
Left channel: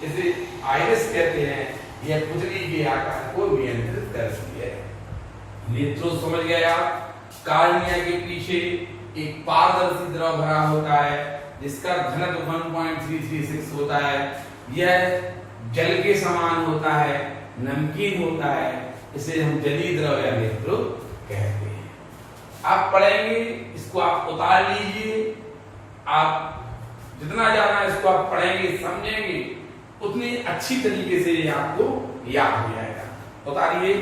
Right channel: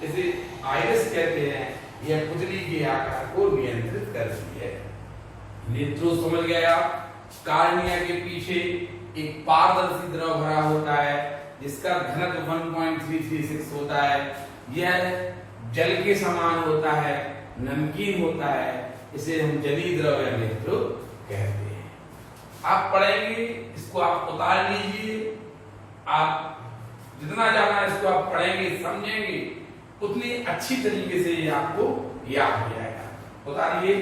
इसे आइरिस कहते हैं। यह पुतली के आकार को नियंत्रित करती है। नेत्रों समझ गए आप। कार्निया के पीछे एक पारदर्शी द्रव भरा होता है जिसका घनत्व 1.336 होता है। यह जल के समान होता है, नमकीन होता है, इसे हम जलीय द्रव या नेत्र कहते हैं। आप पढ़ेंगे, इसको आप उतार लीजिए। आप जितना ज्यादा इसको आप पढ़ेंगे समझेंगे उतनी अच्छी तरीके से ये आपको याद हो जाएगा। उतारिए।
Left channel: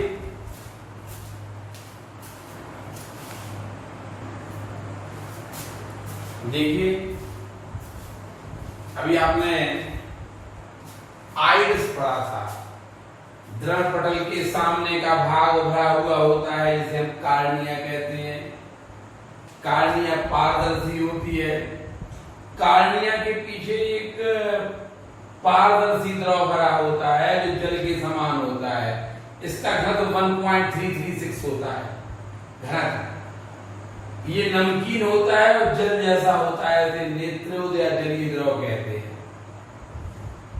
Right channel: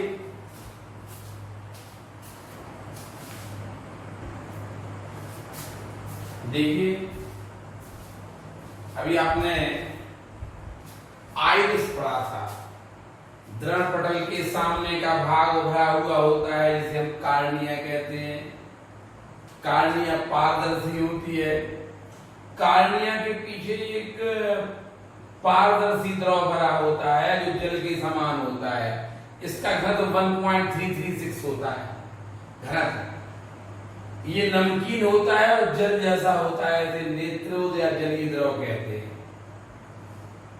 देखिए अभी आपने आइरिस पढ़ा था। दृढ़ पटल के सामने का भाग भरा हुआ होता है जिसे हम कार्निया कहते हैं। कार्निया पारदर्शी होती है। कार्निया के पीछे एक पारदर्शी द्रव भरा होता है जो जल के समान होता है। इसका घनत्व 1.336 होता है। घनत्व ये नमकीन होता है और जल जैसा होता है, इसे नेत्रोद या जलीय द्रव कहते हैं।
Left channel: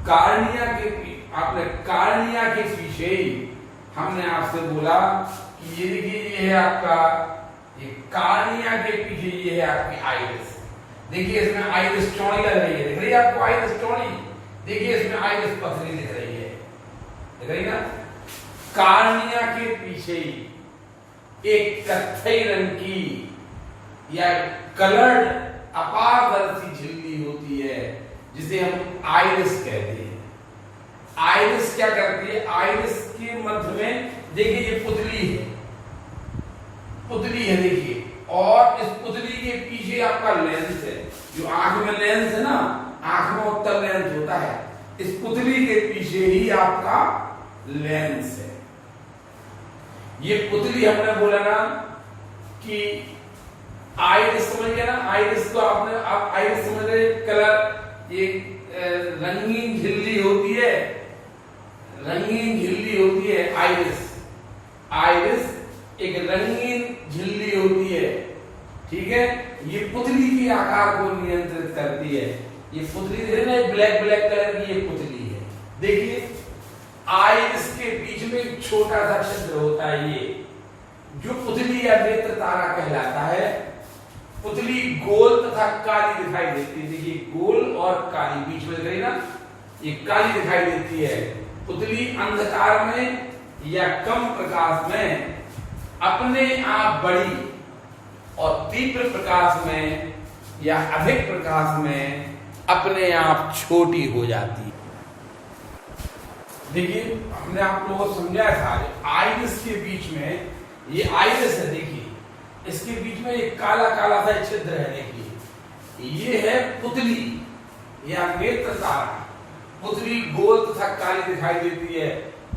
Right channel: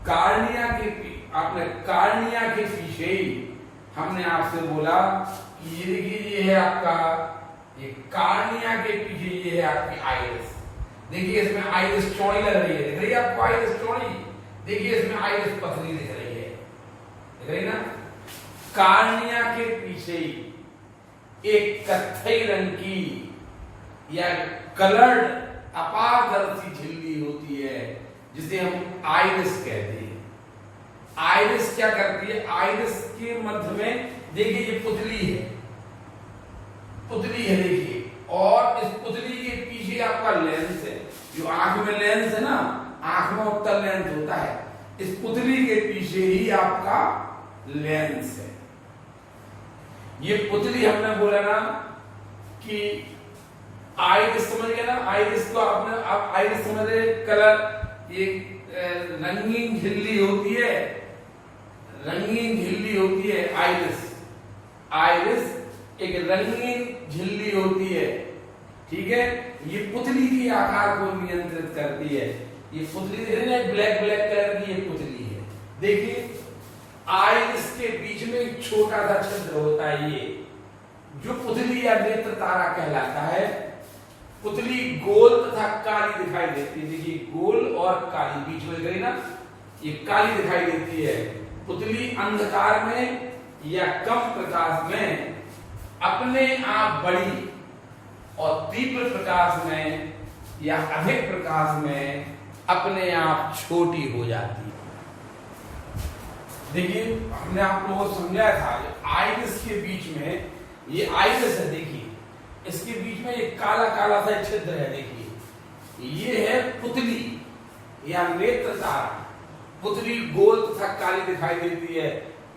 कार्निया के आपने कार्निया के पीछे ही हमने आपसे बोला कि ये देखिए ये है आपका, ये कार्निया के पीछे ये है आपकी आइरिस। देखिए इसमें आइरिस चौड़ी लग रही है, दिख रही है आपको आइरिस चौड़ी। देखिए इसमें आइरिस पतली दिख रही है, दिख रही ना। कार्निया के पीछे एक कत्थई रंग की या कलर्ड अपारदर्शी झिल्ली होती है जिसे हम आइरिस कहते हैं। आइरिस क्या करती है, आइरिस के मध्य में देखिए ये पुतली है, पुतली है देखिए, और इस पुतली के पीछे आपका लेंस है। जो आंख में लेंस है ना, आंख में उत्तर लेंस होता है, इस पुतली के पीछे ही आपका लेंस है। ये पुतली हमने बोला ना कि आइरिस समझ गया ना। आइरिस को आपने आप आइरिस समझ रहे, कलर ये रंगीन झिल्ली होती है, रंगीन झिल्ली होती है आइरिस। आइरिस एक रंगीन झिल्ली होती है, ठीक है। ये पुतली के आकार को नियंत्रित करती है। ये पुतली ब्लैक ब्लैक कलर की ये पुतली है। देखिए आइरिस के बीच में एक छोटा सा छिद्र होता है, ये जो पुतली या नेत्र तारा कहलाता है। पुतली गोल तथा काली दिखाई देती है। देखिए गोल और काली बीच में गई ना, ये काली दिखाई देती है। पुतली अंधकार में या कम प्रकाश में अपने आप बड़ी और तीव्र प्रकाश में या अधिक प्रकाश में अपने आप छोटी हो जाती है। देखिए हमने आप लोगों को समझाया था आइरिस के बीच में, ये आइरिस है देखिए, इसके बीच में एक काला काला सा छिद्र है। देखिए ये है पुतली या नेत्र तारा। पुतली गोल तथा काली दिखाई देती है।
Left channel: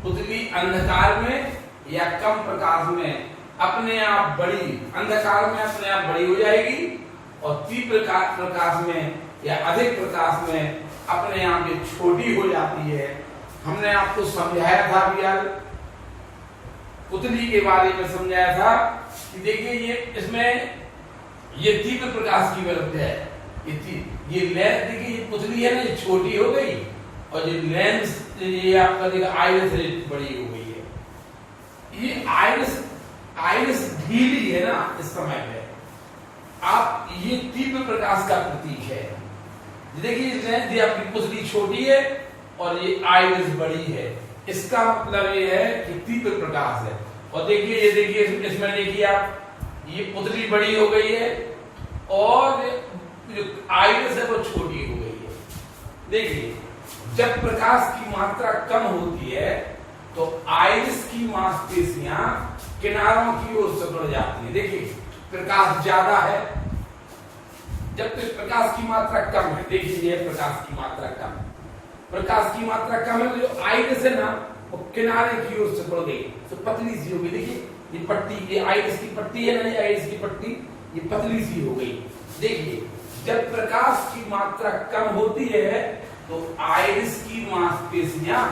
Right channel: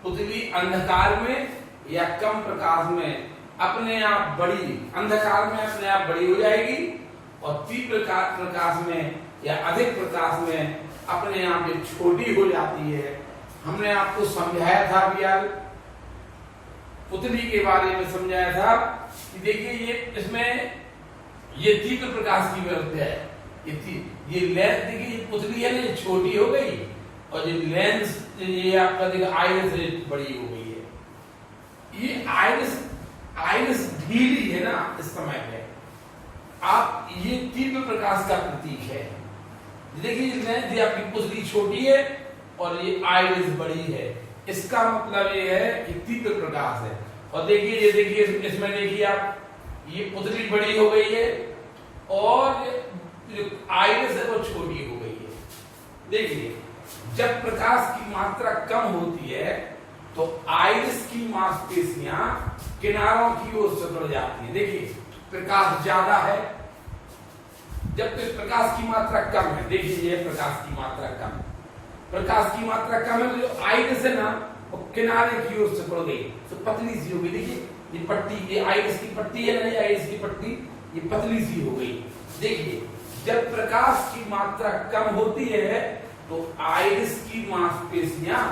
पुतली अंधकार में या कम प्रकाश में अपने आप बड़ी, अंधकार में अपने आप बड़ी हो जाएगी और तीव्र प्रकाश में या अधिक प्रकाश में अपने आप ये छोटी हो जाती है। हमने आपको समझाया था भी यार, पुतली के बारे में समझाया था कि देखिए ये इसमें ये तीव्र प्रकाश की विरुद्ध है। ये लेंस देखिए, ये पुतली है ना, ये छोटी हो गई और ये लेंस ये आपका देखिए आइरिस बड़ी हो गई है। ये आइरिस ढीली है ना इस समय पे। आप ये तीव्र प्रकाश का प्रतीक है। देखिए लेंस ये आपकी पुतली छोटी है और ये आइरिस बड़ी है। इसका मतलब ये है कि तीव्र प्रकाश है। और देखिए ये देखिए इसमें देखिए आप, ये पुतली बड़ी हो गई है और जो आइरिस है वो छोटी हो गई है। देखिए जब प्रकाश की मात्रा कम होती है तो आइरिस की मांसपेशियां किनारों की ओर सिकुड़ जाती है। देखिए प्रकाश ज्यादा है, जब तक प्रकाश की मात्रा कम है, देखिए ये प्रकाश की मात्रा कम है, प्रकाश की मात्रा कम है, जो आइरिस है ना वो किनारे की ओर सिकुड़ गई, तो पतली सी हो गई। देखिए ये पट्टी, ये आइरिस की पट्टी है ना, ये आइरिस की पट्टी ये पतली सी हो गई। देखिए जब प्रकाश की मात्रा कम होती है तो आइरिस की मांसपेशियां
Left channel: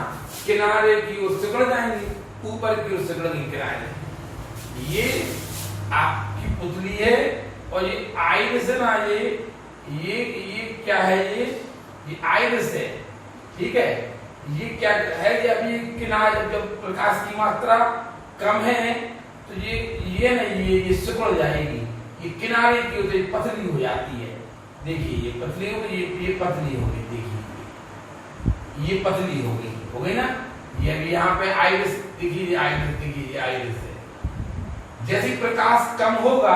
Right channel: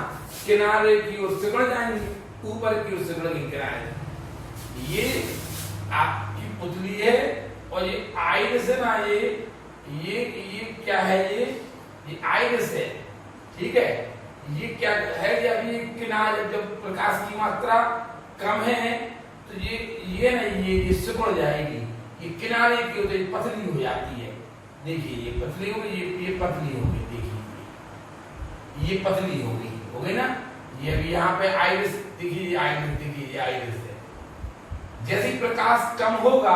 किनारे की ओर सिकुड़ जाएंगी, ऊपर की ओर सिकुड़ेंगी किनारे। ये आपकी पुतली है और ये आइरिस है ना, ये क्या है, ये आइरिस है, ठीक है। ये क्या है, ये अभी किनारे जब प्रकाश की मात्रा कम है तो ये ना ये सिकुड़ जाएगी, ये किनारे की ओर पतली हो जाती है। देखिए ये पतली हो गई, ये पतली हो गई। देखिए ये पतली हो गई ना। ये अभी यहाँ पे आइरिस देखिए, आइरिस देखिए, ये आइरिस है। जैसे प्रकाश कम होगा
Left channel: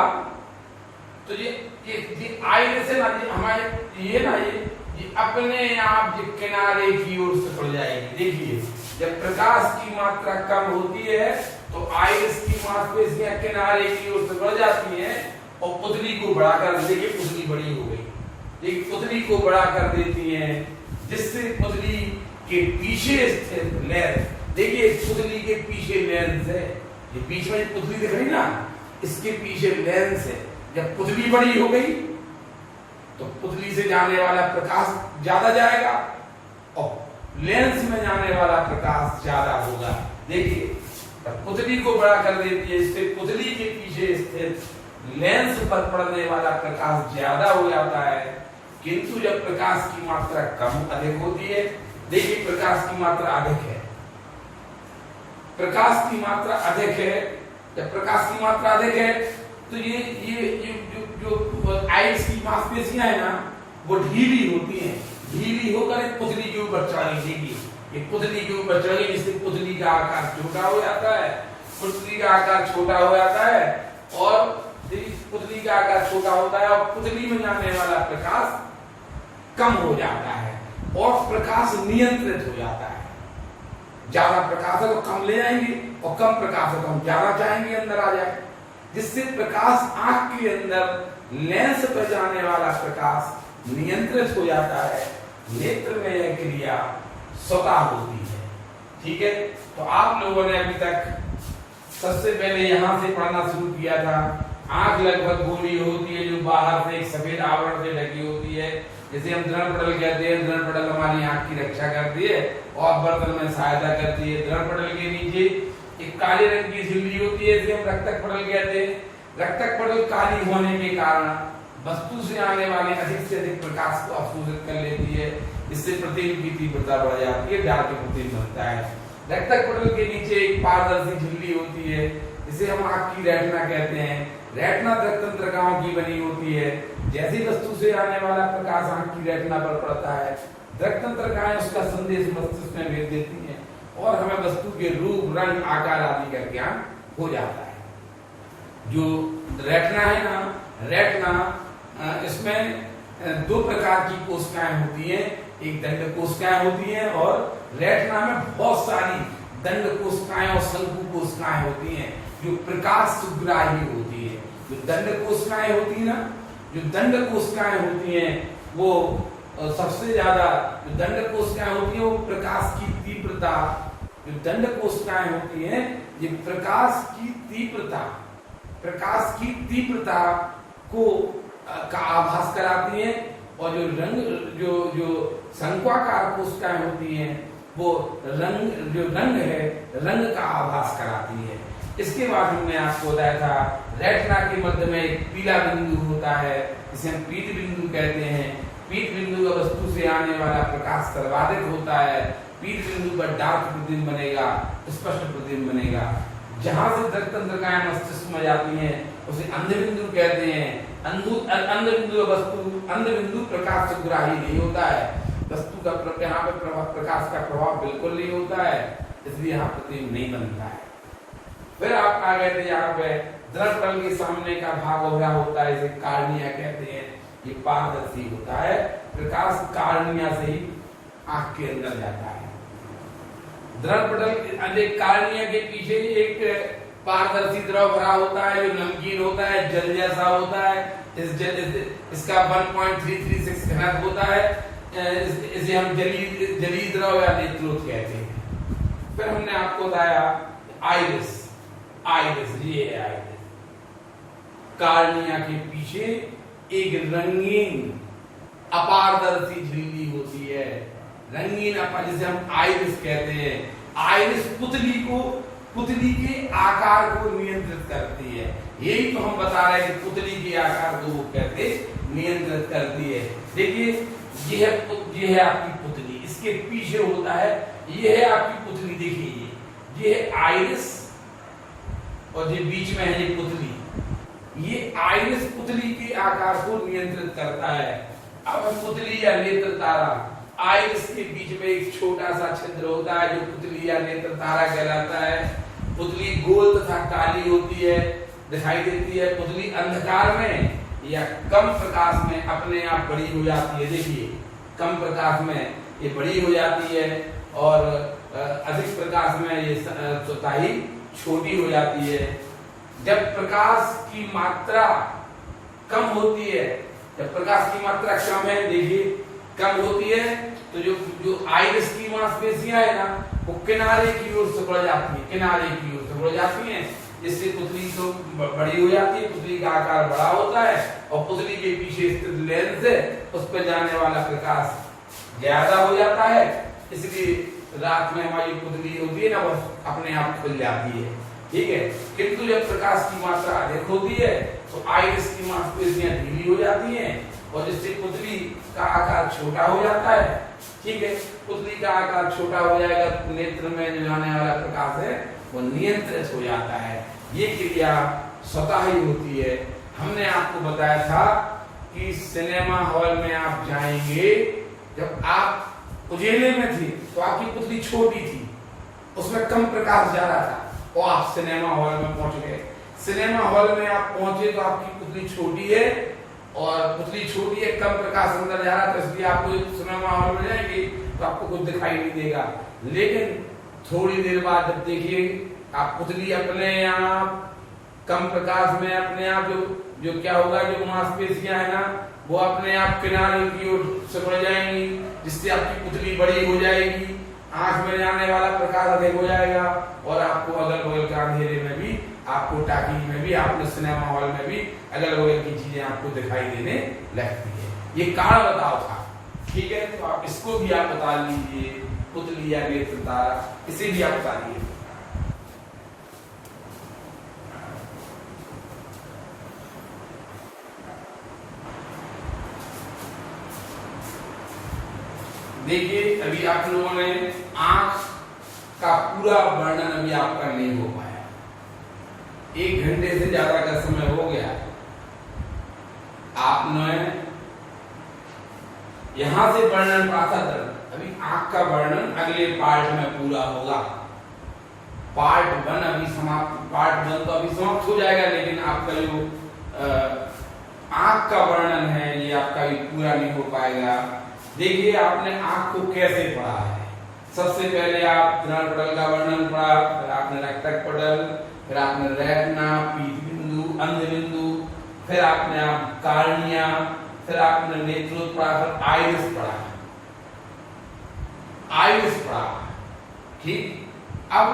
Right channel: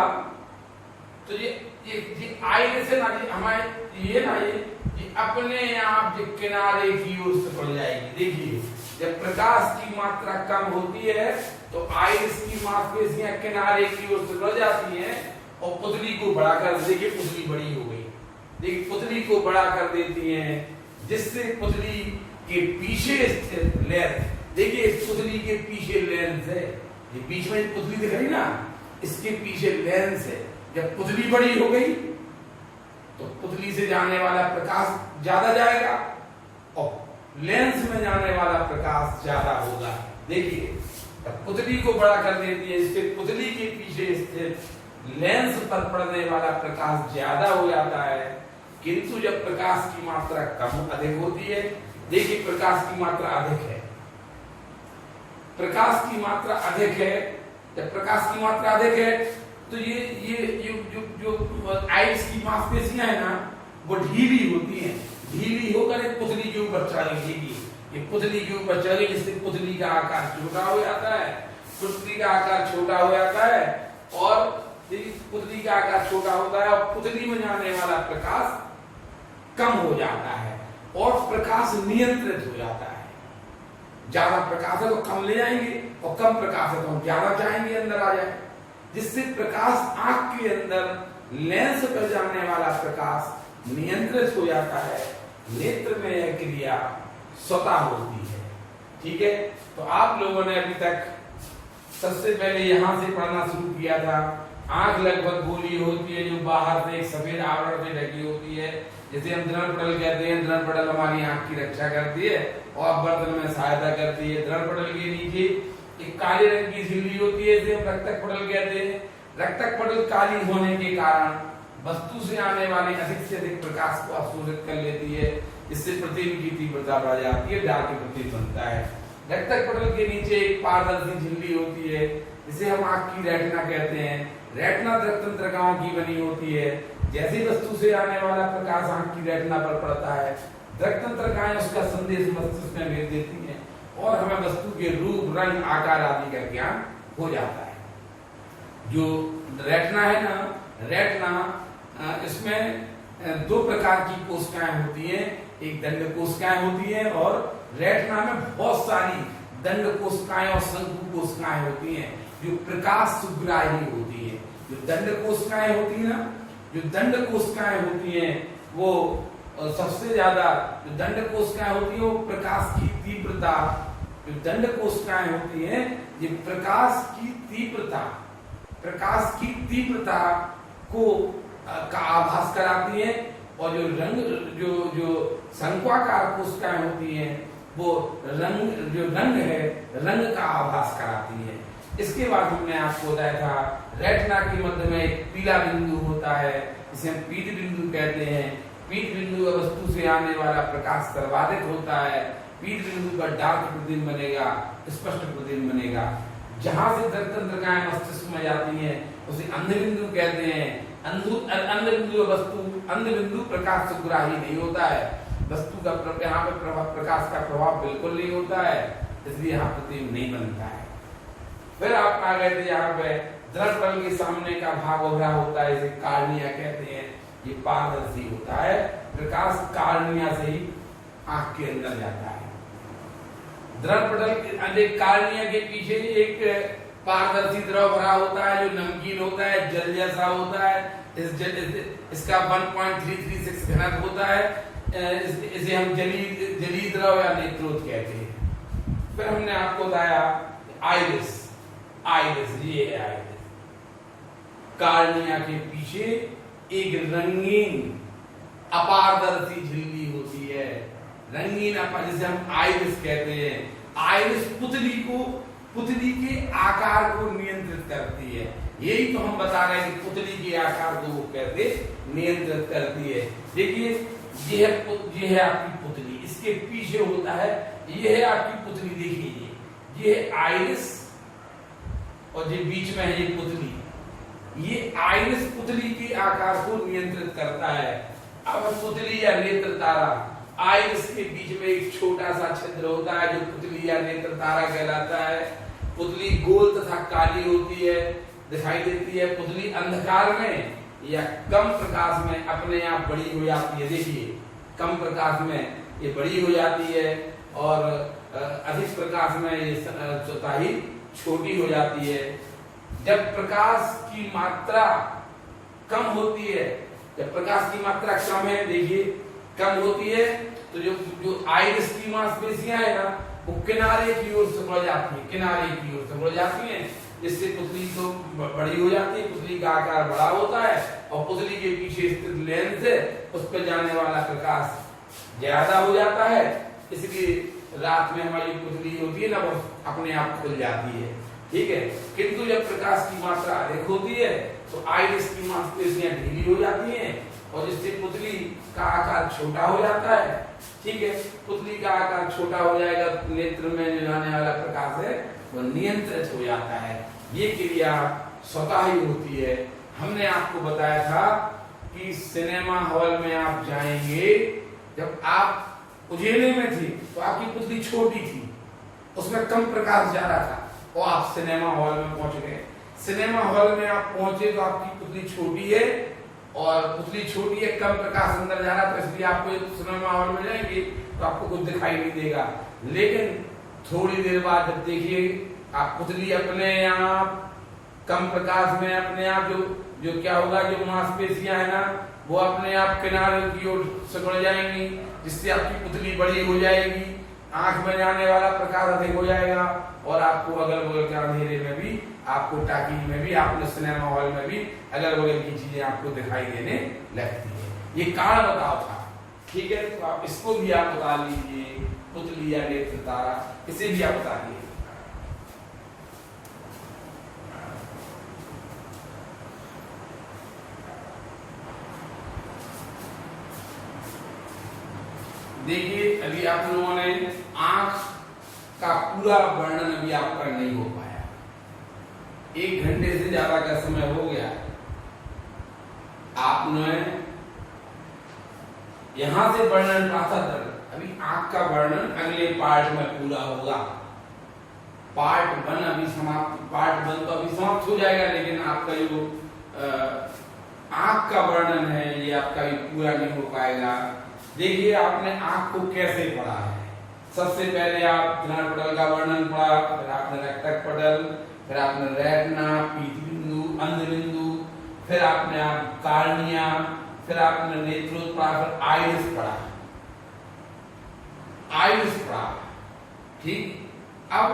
तो ये आइरिस है ना, ये हमारे ये ना ये अपने आप ये किनारे की ओर सिकुड़ जाएगी। देखिए जब प्रकाश की मात्रा कम होती है तो आइरिस की मांसपेशियां किनारे की ओर सिकुड़ जाती हैं और पुतली को बड़ा कर, देखिए पुतली बड़ी हो गई, देखिए पुतली को बड़ा कर देती हैं, जिससे पुतली के पीछे स्थित लेंस, देखिए पुतली के पीछे लेंस है, ये बीच में पुतली दिख रही ना, इसके पीछे लेंस है। जब पुतली बड़ी हो गई तो पुतली से जाने वाला प्रकाश ज्यादा जाएगा और लेंस में जाने वाला प्रकाश ज्यादा होगा। देखिए पुतली को बड़ा कर देती है, इससे पुतली के पीछे स्थित लेंस पर पड़ने वाला प्रकाश ज्यादा हो जाता है। किंतु जब प्रकाश की मात्रा कम अधिक होती है, देखिए प्रकाश की मात्रा अधिक है, प्रकाश की मात्रा अधिक है, जब प्रकाश की मात्रा अधिक है तो ये जो आइरिस की मांसपेशियां है ना वो ढीली होती हैं, ढीली होकर एक पुतली के ऊपर चढ़ जाएगी, ये पुतली के ऊपर चढ़ेगी, जिससे पुतली का आकार छोटा हो जाता है, पुतली का आकार छोटा हो जाता है और पुतली का आकार छोटा होता है और पुतली में जाने वाला प्रकाश कम हो जाता है और प्रकाश नियंत्रित हो जाता है। ज्यादा प्रकाश है तो कम ले जाएंगे और कम प्रकाश है तो हम ज्यादा चाहेंगे अंदर आ जाए, जिससे प्रकाश आंख के अंदर लेंस पर जाने वाला प्रकाश नियंत्रित हो जाता है। नेत्र में यह क्रिया स्वतः होती है। ठीक है, तो आप लोगों ने अभी तक सबसे पहले यहां से पढ़ना शुरू किया था। आंख लगभग गोली होती है जो बाहर से एक सफेद आवरण से ढकी होती है, जैसे हम दृढ़ पटल कहते हैं। दृढ़ पटल हमारी आंख की रक्षा करती है और वर्तन में सहायता करती है। दृढ़ पटल के नीचे एक काले रंग की झिल्ली होती है, इसे हम रक्तक पटल कहते हैं। रक्तक पटल काली होने के कारण वस्तु से आने वाले अधिक से अधिक प्रकाश को अवशोषित कर लेती है, इससे प्रतिबिंब की तीव्रता बढ़ जाती है, डार्क प्रतिबिंब बनता है। रक्तक पटल के नीचे एक पारदर्शी झिल्ली होती है, इसे हम आंख की रेटिना कहते हैं। रेटिना दृक् तंत्रिकाओं की बनी होती है, जैसी वस्तु से आने वाला प्रकाश आंख की रेटिना पर पड़ता है, दृक् तंत्रिकाएं उसका संदेश मस्तिष्क में भेज देती हैं और हमें वस्तु के रूप, रंग, आकार आदि का ज्ञान हो जाता है। जो रेटिना है ना, रेटिना इसमें दो प्रकार की कोशिकाएं होती हैं, एक दंड कोशिकाएं होती हैं और रेटिना में बहुत सारी दंड कोशिकाएं और शंकु कोशिकाएं होती हैं जो प्रकाश सुग्राही होती है। जो दंड कोशिकाएं होती है ना, जो दंड कोशिकाएं होती हैं वो सबसे ज्यादा, जो दंड कोशिकाएं होती है वो प्रकाश की तीव्रता, जो दंड कोशिकाएं होती हैं ये प्रकाश की तीव्रता को का आभास कराती है और जो शंक्वाकार कोशिकाएं होती हैं वो रंग है, रंग का आभास कराती है। इसके बाद हमने आपको बताया था रेटिना के मध्य में एक पीला बिंदु होता है, इसे हम पीत बिंदु कहते हैं। पीत बिंदु का वस्तु से आने वाला प्रकाश सर्वाधिक होता है। पीत बिंदु पर डार्क प्रतिबिंब बनेगा, स्पष्ट प्रतिबिंब बनेगा। जहां से दृक् तंत्रिकाएं मस्तिष्क में जाती हैं उसे अंध बिंदु कहते हैं। अंध बिंदु प्रकाश सुग्राही नहीं होता है, वस्तु का यहाँ पर प्रकाश का प्रभाव बिल्कुल नहीं होता है, इसलिए यहाँ प्रतिबिंब नहीं बनता है। फिर आप आ गए थे यहाँ पे दृढ़ पटल के सामने का भाग उभरा होता है, इसे कार्निया कहते हैं। ये पारदर्शी होता है, प्रकाश कार्निया से ही आंख के अंदर जाता है। दृढ़ पटल कार्निया के पीछे एक पारदर्शी द्रव भरा होता है जो नमकीन होता है, जल जैसा होता है। इसका 1.336 घनत्व होता है, इसे हम जलीय द्रव या नेत्रोत कहते हैं। फिर हमने आपको बताया आइरिस, ये है आइरिस। कार्निया के पीछे एक रंगीन अपारदर्शी झिल्ली होती है, रंगीन जिसे हम आइरिस कहते हैं। आइरिस पुतली के आकार को नियंत्रित करती है। यही तो हम बता रहे हैं कि पुतली के आकार को वो कैसे नियंत्रित करती है। देखिए ये है आपकी पुतली, इसके पीछे होता है, ये है आपकी पुतली। देखिए ये है आइरिस और जो बीच में है ये पुतली। ये आइरिस पुतली के आकार को नियंत्रित करता है। अब पुतली या नेत्र तारा, आइरिस के बीच में एक छोटा सा छिद्र होता है जो पुतली या नेत्र तारा कहलाता है। पुतली गोल तथा काली होती है, दिखाई देती है। पुतली अंधकार में या कम प्रकाश में अपने आप बड़ी हो जाती है। देखिए कम प्रकाश में ये बड़ी हो जाती है और अधिक प्रकाश में ये स्वतः ही छोटी हो जाती है। जब प्रकाश की मात्रा कम होती है, जब प्रकाश की मात्रा कम है, देखिए कम होती है, तो जो आइरिस की मांसपेशियां है ना, वो किनारे की ओर से बढ़ जाती है, किनारे की ओर से बढ़ जाती हैं, जिससे पुतली तो बड़ी हो जाती है, पुतली का आकार बड़ा होता है और पुतली के पीछे स्थित लेंस है उस पर जाने वाला प्रकाश ज्यादा हो जाता है, इसलिए रात में हमारी पुतली होती है ना, वो अपने आप खुल जाती है। ठीक है, किंतु जब प्रकाश की मात्रा अधिक होती है तो आइरिस की मांसपेशियां ढीली हो जाती हैं और जिससे पुतली का आकार छोटा हो जाता है। ठीक है, पुतली का आकार छोटा हो जाएगा, नेत्र में जो जाने वाला प्रकाश है वो नियंत्रित हो जाता है। ये क्रिया स्वतः ही होती है। हमने आपको बताया था कि सिनेमा हॉल में आप जाएंगे, जब आप उजेले में थी तो आपकी पुतली छोटी थी, उसमें कम प्रकाश ज्यादा था और आप सिनेमा हॉल में पहुंच गए। सिनेमा हॉल में आप पहुंचे तो आपकी पुतली छोटी है और पुतली छोटी है, कम प्रकाश अंदर जा रहा है, तो इसलिए आपको सिनेमा हॉल में जाएंगे तो आपको कुछ दिखाई नहीं देगा। लेकिन थोड़ी देर बाद जब देखिए आप पुतली अपने आप कम प्रकाश में अपने आप जो क्या होगा, जो मांसपेशियां है ना, वो अपने आप किनारे की ओर से बढ़ जाएंगी, जिससे आपकी पुतली बड़ी हो जाएगी, आंख में जाने वाला प्रकाश अधिक हो जाएगा और आपको अगल बगल के अंधेरे में भी, आपको टाकी में भी, आपने सिनेमा हॉल में भी अगल बगल की चीजें आपको दिखाई देने लगती है। ये कारण बताओ था। ठीक है, तो आप इसको भी आप बता लीजिए, पुतली या नेत्र तारा, इसे भी आप बताइए। देखिए अभी आप लोगों ने आंख का पूरा वर्णन अभी आपका नहीं हो पाया, 1 घंटे से ज्यादा का समय हो गया। आपने यहां से वर्णन पाता था, अभी आंख का वर्णन अगले पार्ट में पूरा होगा। पार्ट 1 अभी समाप्त, पार्ट 1 तो अभी समाप्त हो जाएगा, लेकिन आपका जो आंख का वर्णन है ये आपका भी पूरा नहीं हो पाएगा। देखिए आपने आंख को कैसे पढ़ा है। सबसे पहले आप दृढ़ पटल का वर्णन पढ़ा, फिर आपने रक्तक पटल, फिर आपने रेटिना, पीत बिंदु, अंध बिंदु, फिर आपने आप कार्निया, फिर आपने नेत्रोत्पल पढ़ा, फिर आइरिस पढ़ा, आइरिस पढ़ा। ठीक, अब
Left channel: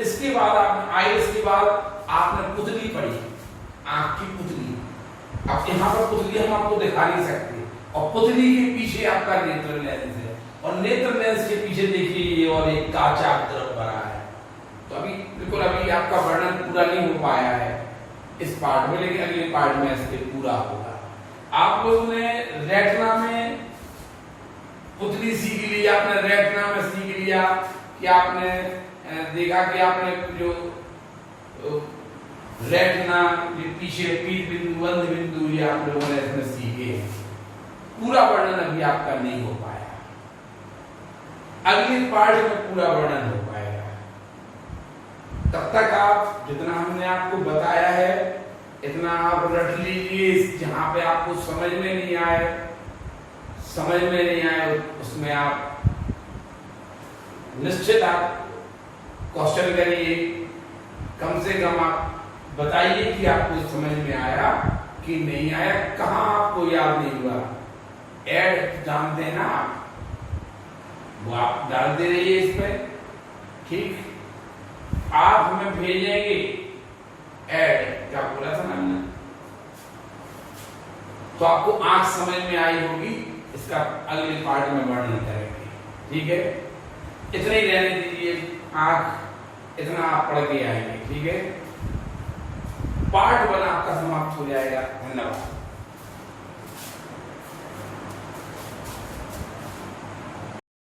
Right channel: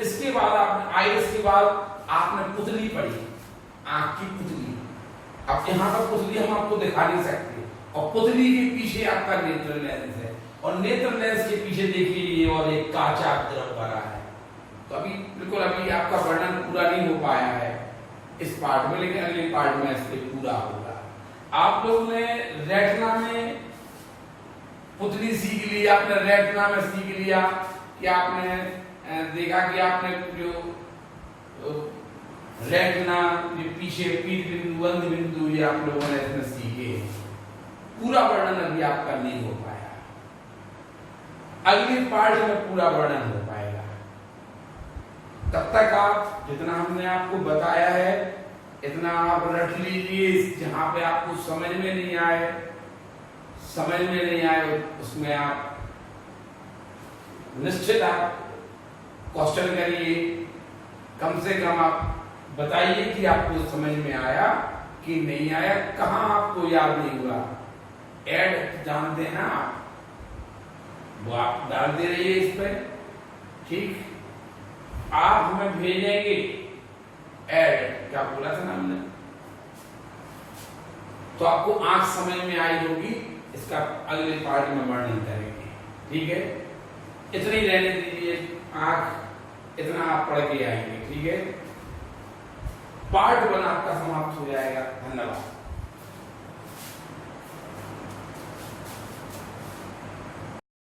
इसके बाद आपने आइरिस के बाद आपने पुतली पढ़ी, आंख की पुतली। अब यहाँ पर पुतली हम आपको दिखा नहीं सकते और पुतली के पीछे आपका नेत्र लेंस है और नेत्र लेंस के पीछे देखिए ये और एक काचा द्रव भरा है। तो अभी बिल्कुल अभी आपका वर्णन पूरा नहीं हो पाया है इस पार्ट में, लेकिन अगले पार्ट में इसके पूरा होगा। आप लोगों ने रेटिना में पुतली सीख ली, आपने रेटिना में सीख लिया कि आपने देखा कि आपने जो रेटिना, जो पीछे पीत बिंदु, अंध बिंदु, ये आप लोगों ने इसमें सीखे। पूरा वर्णन अभी आपका नहीं हो पाया, अगले पार्ट में पूरा वर्णन हो पाएगा। तब तक आप जितना हमने आपको बताया है इतना आप रट लीजिए। जहां पे आपको समझ में नहीं आए उसमें आप निश्चित आप क्वेश्चन करिए, कम से कम आप बताइए कि आपको समझ में आया कि नहीं आया, कहां आपको याद नहीं हुआ। ऐड जानते हैं ना आप, वो आप डालते रहिए इस पे। ठीक, आप हमें भेजेंगे ऐड, क्या बोला था ना हमने, तो आपको आंख समझ में आई होगी, इसका अगले पार्ट में वर्णन करेंगे। ठीक है, इतना ही रहने दीजिए, आंख इतना आप पढ़ के आएंगे। ठीक है, पार्ट 1 आपका समाप्त हो जाएगा। धन्यवाद।